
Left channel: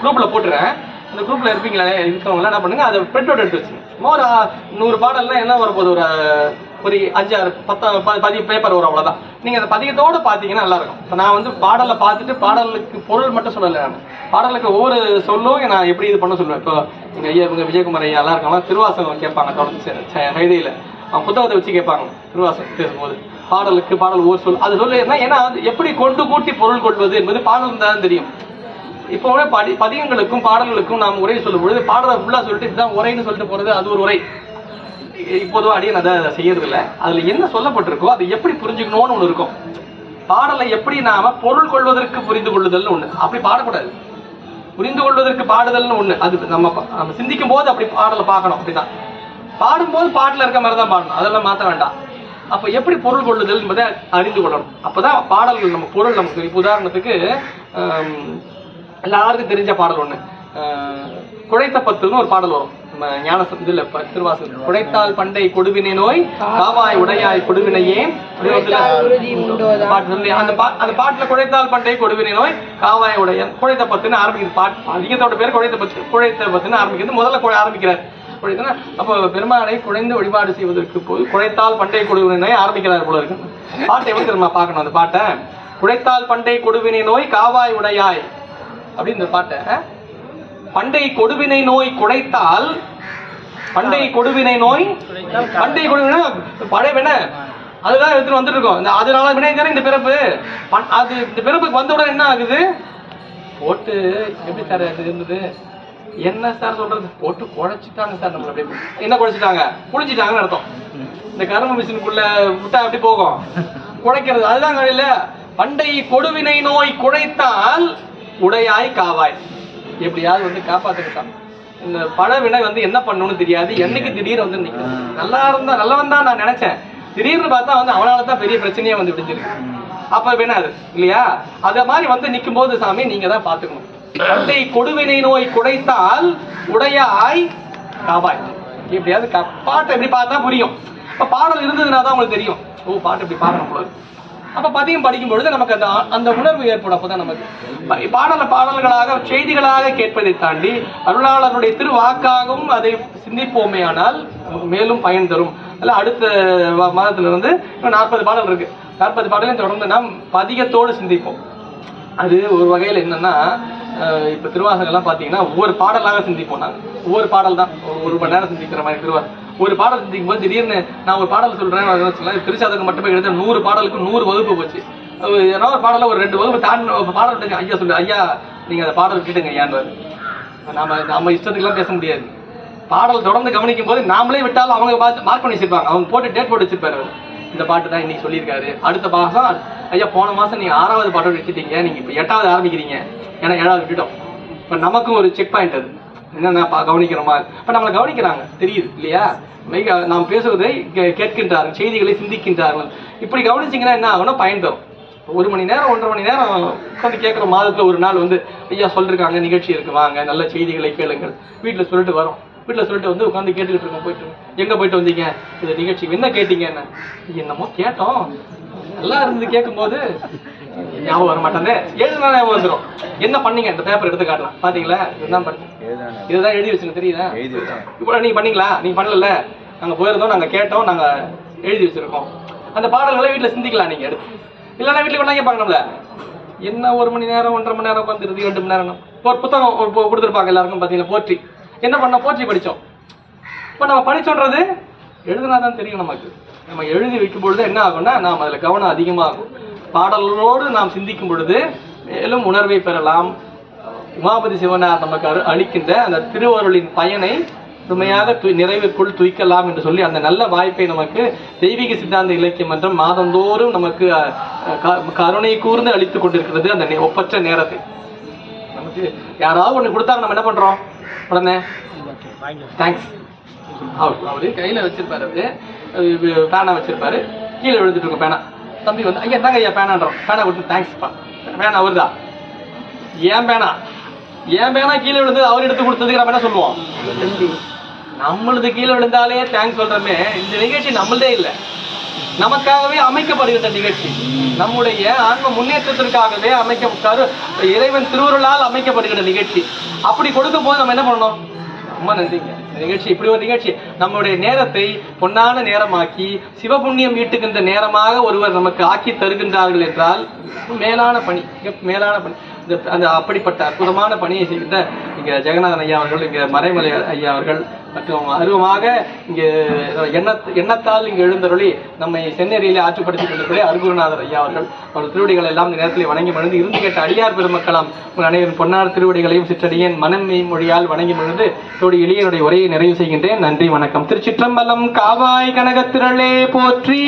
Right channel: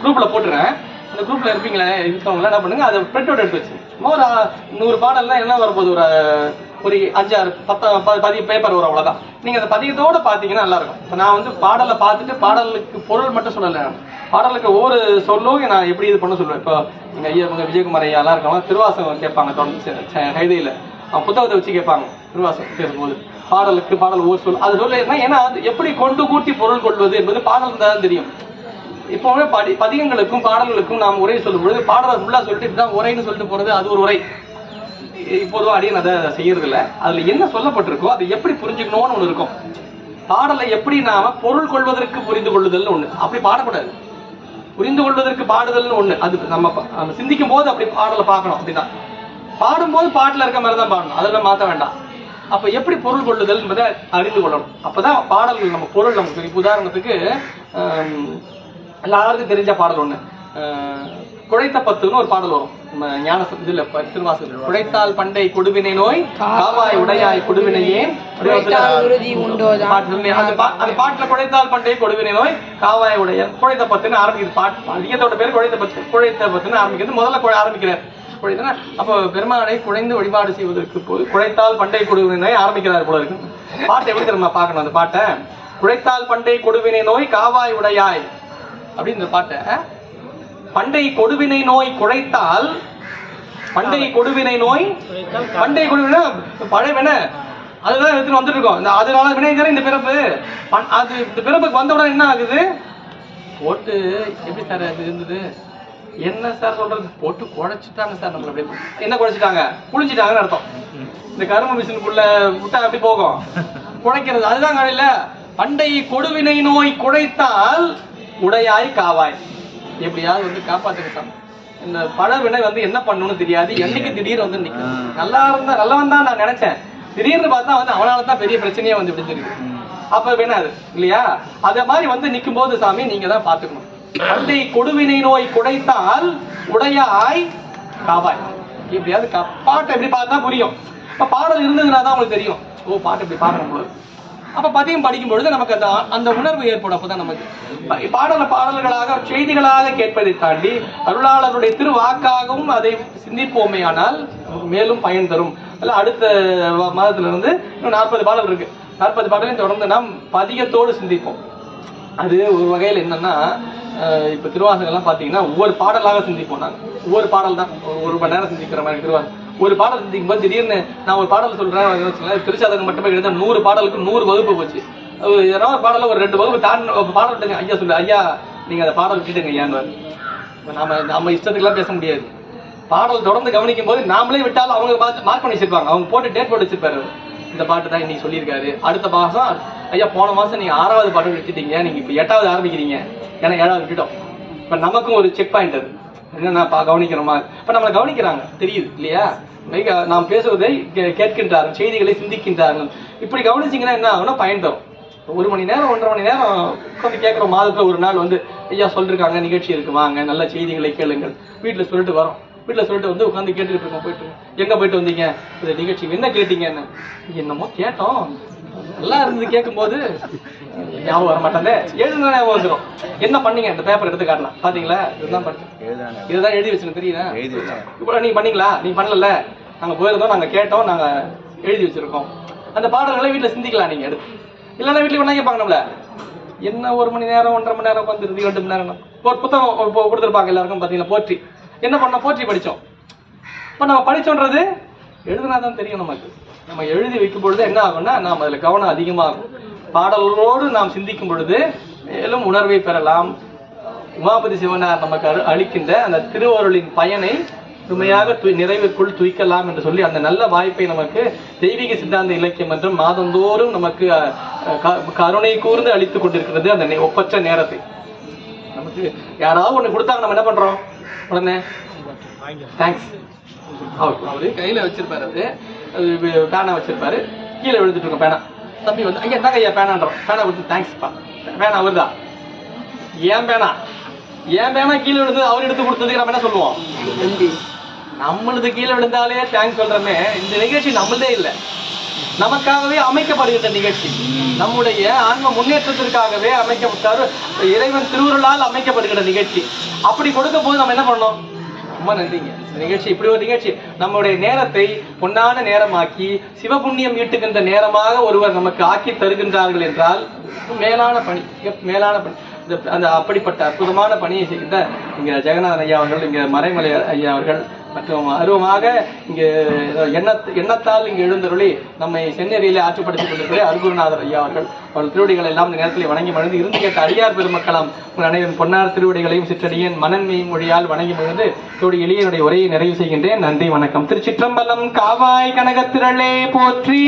குரூப்ல போட்டுறேன். அந்த குரூப்ல இருப்பீங்களா இருக்கவங்க என்ன பண்ணுங்க, அதை பிரிண்ட் அவுட் எடுத்து வச்சுங்க. ஒரு 100 பாடல்லாம் என்ன வரப்போகுது, ஒரு 5-6-10 பேப்பர் வரும், அவ்வளவுதான். நீங்க அந்த பதிகத்தோட பாத்தீங்கன்னா நல்லா இருக்கும். இப்ப நான் பாடலை பார்த்துட்டு பாடலுக்கு பொருள் மட்டும் சொல்லலை, நான் பாடலுக்கு ஒவ்வொரு சொல்லும் நான் எப்படி இது பண்ண சொல்லுவேன். இப்போ எங்க ஐயா விஜயகுமார் ஐயா எல்லாம் இருக்காங்க, திருவாசகம் கேட்பாங்க தொடர்ந்து கைதையில புத்தகத்தை வச்சு கேட்பாங்க. திருவாசகம் பேசும்போது பாடல் ஒரு சொல் அது சொல்ல, ஏன்னா எப்படி கொண்டு கூட்டி பொருள் கொள்வது என்பது பாடல் தான் தெரியும். இப்போ பதிகங்களுக்கும் பாடல்களுக்கும் நாம் உரை சொல்லும் பொழுது பாடலை ஃபுல்லா சொல்லிட்டு இதுதான் உரைன்னு சொல்லிட்டு போறது, அது ஒரு உரை. இப்போதும் அடியே அதை செய்யறது இல்லை. அதுல என்ன சொல்லப்பட்டிருக்கோ அதை எப்படி புரிஞ்சுக்கணும்னு ஒண்ணு இருக்கும். பாடலை எப்படி நாம பொருள் கொள்வதற்கு புரிந்து கொள்ளுதல்னு ஒண்ணு, அப்படி பாடக்கூடாது. புரிந்து கொள்வதற்கு பாடுதல்னு ஒண்ணு, அது நம்ம சிந்திக்கும் போது அப்படி பாடலை பார்க்கணும். அப்படிதான் பாடும்போது பாட்டுல இருக்க மாதிரி தான் பாடணும், அதெல்லாம் மாற்ற வேண்டாம். அப்ப எப்படி பொருள் கொள்ளுதல் என்பதை அறிந்து கொள்ளணும். அப்பதான் பாடல்கள் நம்ம பொருள் நமக்கு. உதாரணத்துக்கு எல்லாருக்கும் தெரிஞ்ச பாடல் ஒண்ணு, குழைத்த பத்துன்னு ஒரு பாடல் வரும் ஞான இதுல திருவாசகம். குழைத்தால் பண்டை கொடுவினை நோய் காவாய் உடையாய் கொடுவினையே. அந்த பாட்டுல குழைத்தால் பண்டை கொடுவினை நோய் காவாய் உடைய குழைத்த பத்துன்னு ஆரம்பிக்குது பாட்டு. அதிகத்தோட பேர் குழைத்த பத்துன்னு ஆரம்பிக்கிறது. முதல்ல ஆரம்பிக்கிறார் குழைத்தனா. அப்ப பெருமானை குழைந்து வழிபாடு செய்வதற்கு போது குழைத்தால் பண்டை கொடுவினை நோய் ஆரம்பிக்கிறார் போல இருக்கு. பாட்டை எப்படி தெரியுமா பார்க்கணும் அந்த பாட்டை? குழைத்தால் பண்டை கொடுவினை நோய் காவாய் உடையாய் அப்படி இந்த பாட்டை. பண்டை கொடுவினை நோய் குழைத்தால் பண்டை கொடுவினை நோய் பண்டை கொடுவினை பழைய வினை அதுதான் எடுத்துட்டு வந்துட்டு இருக்கோம். அதனால வினை இந்த பிறப்பு அது இந்த பிறப்புக்கு வந்தவுடன் என்ன ஆகுது? போட்டு எப்படி சார் அது இருந்தது? என்ன சார் சொல்றது? போட்டு குழைச்சிட்டாங்க சார். நம்மள அப்படியே என்ன குழைச்சிட்டாங்க? குளிச்சிட்டாங்கன்னு அர்த்தம். இந்த கரும மிஷினுக்குள்ள விட்டா அப்படி போகும் குழைக்கிறது. அதுதான் இல்ல. பண்டை கொடுவினை நோய் குழைத்தால் உடையாய் காவாய். எப்படியாவது வந்து காப்பாத்துக்கிட்டான். இந்த பழ வினை வந்து என்ன பண்ணணும்னு தெரியாது. என்னைக்கு திடீர்னு வந்து நிக்கிறது. நல்லவன் தான் நான் நினைச்சேன். திடீர்னு பார்த்தா வந்து அவனாலதான் பெரிய பிரச்சனையே வந்து விடுஞ்சிருக்கு. அப்ப வேணா அது இல்லையா? அத மாதிரி வந்து நிக்கும் போது சாமி நீங்க தான் பாத்துக்கணும். பண்டை கொடுவினை நோய் குடைத்தால் உடையாய் காவாய். எப்படியாவது பாட்டை எப்படி பார்த்தா புரியும். இப்ப பாடல் இருந்ததுன்னா தான் உங்களுக்கு தெரியும். ஓ பாட்டு இப்படி பாடணும் போது. அப்ப பதியம் படிக்கும் பொழுது நமக்கு அந்த உணர்வு ஏற்படும். அப்பதான் நமக்கு பாடல்களாக செய்திகளாக கேட்பதை தாண்டி அருளாளருடைய திருவாக்காகவும் அதை சிந்திப்போமே ஆனால் நமக்கு மேலும் பயன் தரும். அல்ல அடுத்த மாதத்துல இருந்து 40 பாடல் இருக்கு. 40 பாடலையும் தொடர்ந்து நாம் பதிகத்தோடு சிந்திப்போம். அது ஒரு வகையில் என்னன்னா இப்ப திருவாசகம் எல்லாம் பாத்தீங்கன்னா ஒவ்வொரு பாடலாக சிந்திப்போம். நாங்க ஒவ்வொரு பாடல் தான் ஒரு மணி நேரம் சிந்திக்கிற மாதிரி திருவாசகம். ஒரு பாடல் சிந்திக்கும் போது திடீர்னு நான் ஒரு பாடல் சொல்றேன். திருச்சாதகம் மட்டுமே எழுத 100 பாடலுக்கு 100 வகுப்பு போச்சு. ஏன்னா ஒரு பாடல ஒரு 2 வகுப்பு தாண்டி பாடல் ஐயா சொல்லு ஐயா நீங்க அந்த பாடல் விட்டுட்டுங்க ஐயான்னு. நம்ம இஷ்டத்துக்கு எல்லாம் பேச முடியாது. பாடல் தொடர்ந்து கவனிக்கும் போது நாமளே விட்டாலும் அவங்க மார்க் பண்ணி வச்சிருப்பாங்க. அவங்க போட்டு டேட் போட்டு வச்சிருப்பாரு. இந்த பாட்டு தான் இன்னைக்கு சொல்லியிருக்காரு. அடுத்த மாசம் ஐயா போன மாசம் நீங்க 6வது பாடல் விட்டுட்டீங்க, நீங்க இப்ப 8வது ஆரம்பிக்கிறீங்க, ஏன்னா 7வது விட்டுட்டோம். இப்ப நமக்கும் ஒரு செக் பாயிண்ட் அது என்னன்னா கவனிக்கிறோமா. இப்ப நம்மளை கவனிக்கிறாங்க தெரியுது இல்லையா? நாம் பேசுவதை கேட்கின்றார்கள், செய்திகளை சிந்திக்கின்றார்கள். இப்படி கவனிச்சீங்கன்னா என்ன ஆகும்னா பயன் தரும். 1 மணி நேரம் 1.5 மணி நேரம் உட்காந்து கேட்கிற மாதத்துல ஒரு நாள் வந்து ஐயா சொல்லிருக்காங்க நிகழ்ச்சி இருக்கு வாங்க நல்ல செய்திகளை கேளுங்கள். வீட்டுல சொல்லிட்டு வரோம். வீட்டுல சொல்லிட்டு வந்து உட்காந்து கேட்டுக்கிட்டு இருக்கோம். போயிட்டு எங்க போயிட்டு வந்தீங்க? இந்த நிகழ்ச்சி என்ன கேட்டீங்க? என்னமோ கேட்டோம் நல்லா இருந்தது. கேட்கும் போது ஞாபகம் வர மாட்டாங்க. எழுதுனா ஞாபகம் வந்துடும். என்ன பண்ணீங்க? இந்த பேப்பர் எடுத்து காட்டலாம். பாத்தீங்களா? இதுதான் படிச்சேன், இதுதான் எழுதி வச்சுங்க தெரியுதா? இப்ப நீங்க பண்ணீங்களா? நீங்க பண்ணல. நாங்க போயிருந்தோம், நாங்க கேட்டோம், நாங்க எழுதி வச்சிருக்கோம். அந்த பாடல்களை வீட்டுல சிந்திக்கலாம் நீங்க எடுத்து. இல்லைன்னா வீட்டுல கொண்டாங்க பாக்கணும்ல. என்ன 1 மணி நேரம் 1.5 மணி நேரம் உட்காந்து 2 மணி நேரம் ஒரு புத்தகம் கொடுத்துருப்பாங்க எல்லாருக்கும். பாத்தீங்கன்னா போற்றி என்ன பண்ண போற்றி படிச்சோம். இப்ப நம்ம படிச்சோன்றது எழுதுனாதான் தெரியும் நமக்கு. நம்ம எழுதி வைக்கும் பொழுது என்ன ஆகும்னா நாம் அதுல கவனம் அதிகமாகும். பாடல்களோடு நாம் சிந்திக்கும் பொழுது மேலும் உணர்வை பெறலாம். உமாபதி சிவனார் நமக்கு அளிக்கின்ற அந்த திருவருளின் பயனை முழுமையாக நிறைவுக்குள் துய்க்கலாம் என்று சொல்லி அந்த நல்ல வாய்ப்பை நமக்கு தெய்வீக சித்தாந்த இலக்கியம் என்றும் மாதந்தோறும் நமக்கு கருணை கூர்ந்து அளித்துக் கொண்டிருக்கிறது. அந்த ஒப்பற்ற நேரத்தை நமக்கு யாராவது ஒண்ணு கொடுத்தாங்க, நம்ம என்ன பண்றோம்? உடனே தேங்க்ஸ். அவரு கையில வச்சிருப்பாரு, பேனா வச்சிருப்பாரு, கீழே விழுந்துட்டு இருக்கும் பேனா. தம்பி வந்து அங்கே தாங்க ஐயா பேனான்றோம். பேனா கொடுத்து தேங்க்ஸ்ப்பா. பேனா வருதா? ஏன் பேனா கீழே விழுந்து அவர் எடுத்து கொடுத்ததுக்கு நம்ம என்ன சொல்லுவோம்? நம்மளது கீழே விழுந்தாலே தேங்க்ஸ் சொல்றமே. இந்த நிகழ்ச்சி நம்மளதே இல்லை, நமக்காகவே அமைக்கப்படுகிற நிகழ்ச்சி. நம்முடைய ஆன்ம முன்னேற்றத்திற்காகவே அமைக்கப்பட்டாரு. இறைவன் திருவுருளால் அமைக்கப்படுகிற நிகழ்ச்சி. அப்படி கொடுக்கும் போது நம்ம என்ன பண்ணணும்? ரொம்ப நன்றிங்க. நிகழ்ச்சி இப்படி ஒரு நிகழ்ச்சி நம்முடைய நேரத்தை பொன்னான நேரமாக்கி சிவபுண்ணியம் ஈட்டுகின்ற நேரமாக ஒருவர் நமக்கு ஆக்கி தருகின்றார்கள் என்றால் மேலான பணி, மேலான பணி. அந்த அப்படிப்பட்ட அற்புதமான பணியை செய்கின்ற இங்க ஜெகநாதன் ஐயா அவர்கள், இங்க மறைமலை ஐயா அவர்கள் மற்றும் அருவமாக இங்கு எண்ணத்தால் இங்கு எழுந்தருளி நம்மை செந்நெறியிலே ஆற்றுப்படுத்திக் கொண்டிருக்கிற அருகுருநாதர் ஐயா அவர்கள் திருவடிகள் எல்லாம் இந்த நேரத்தில் வணங்கி மகிழ்ந்து இருந்து கேட்ட அடியார் பெருமக்களும் அனைவரும் பொன்னார் திருவடிகளையும் சிற்றடியேன் மனன்மை மொழியால் வணங்கி மகிழ்ந்து தோடி எளியனுடைய உரையை நிறைவு செய்கின்றேன். நன்றி, வணக்கம். திருச்சிற்றம்பலம். காவாய் கனகத்திரளே போற்றி.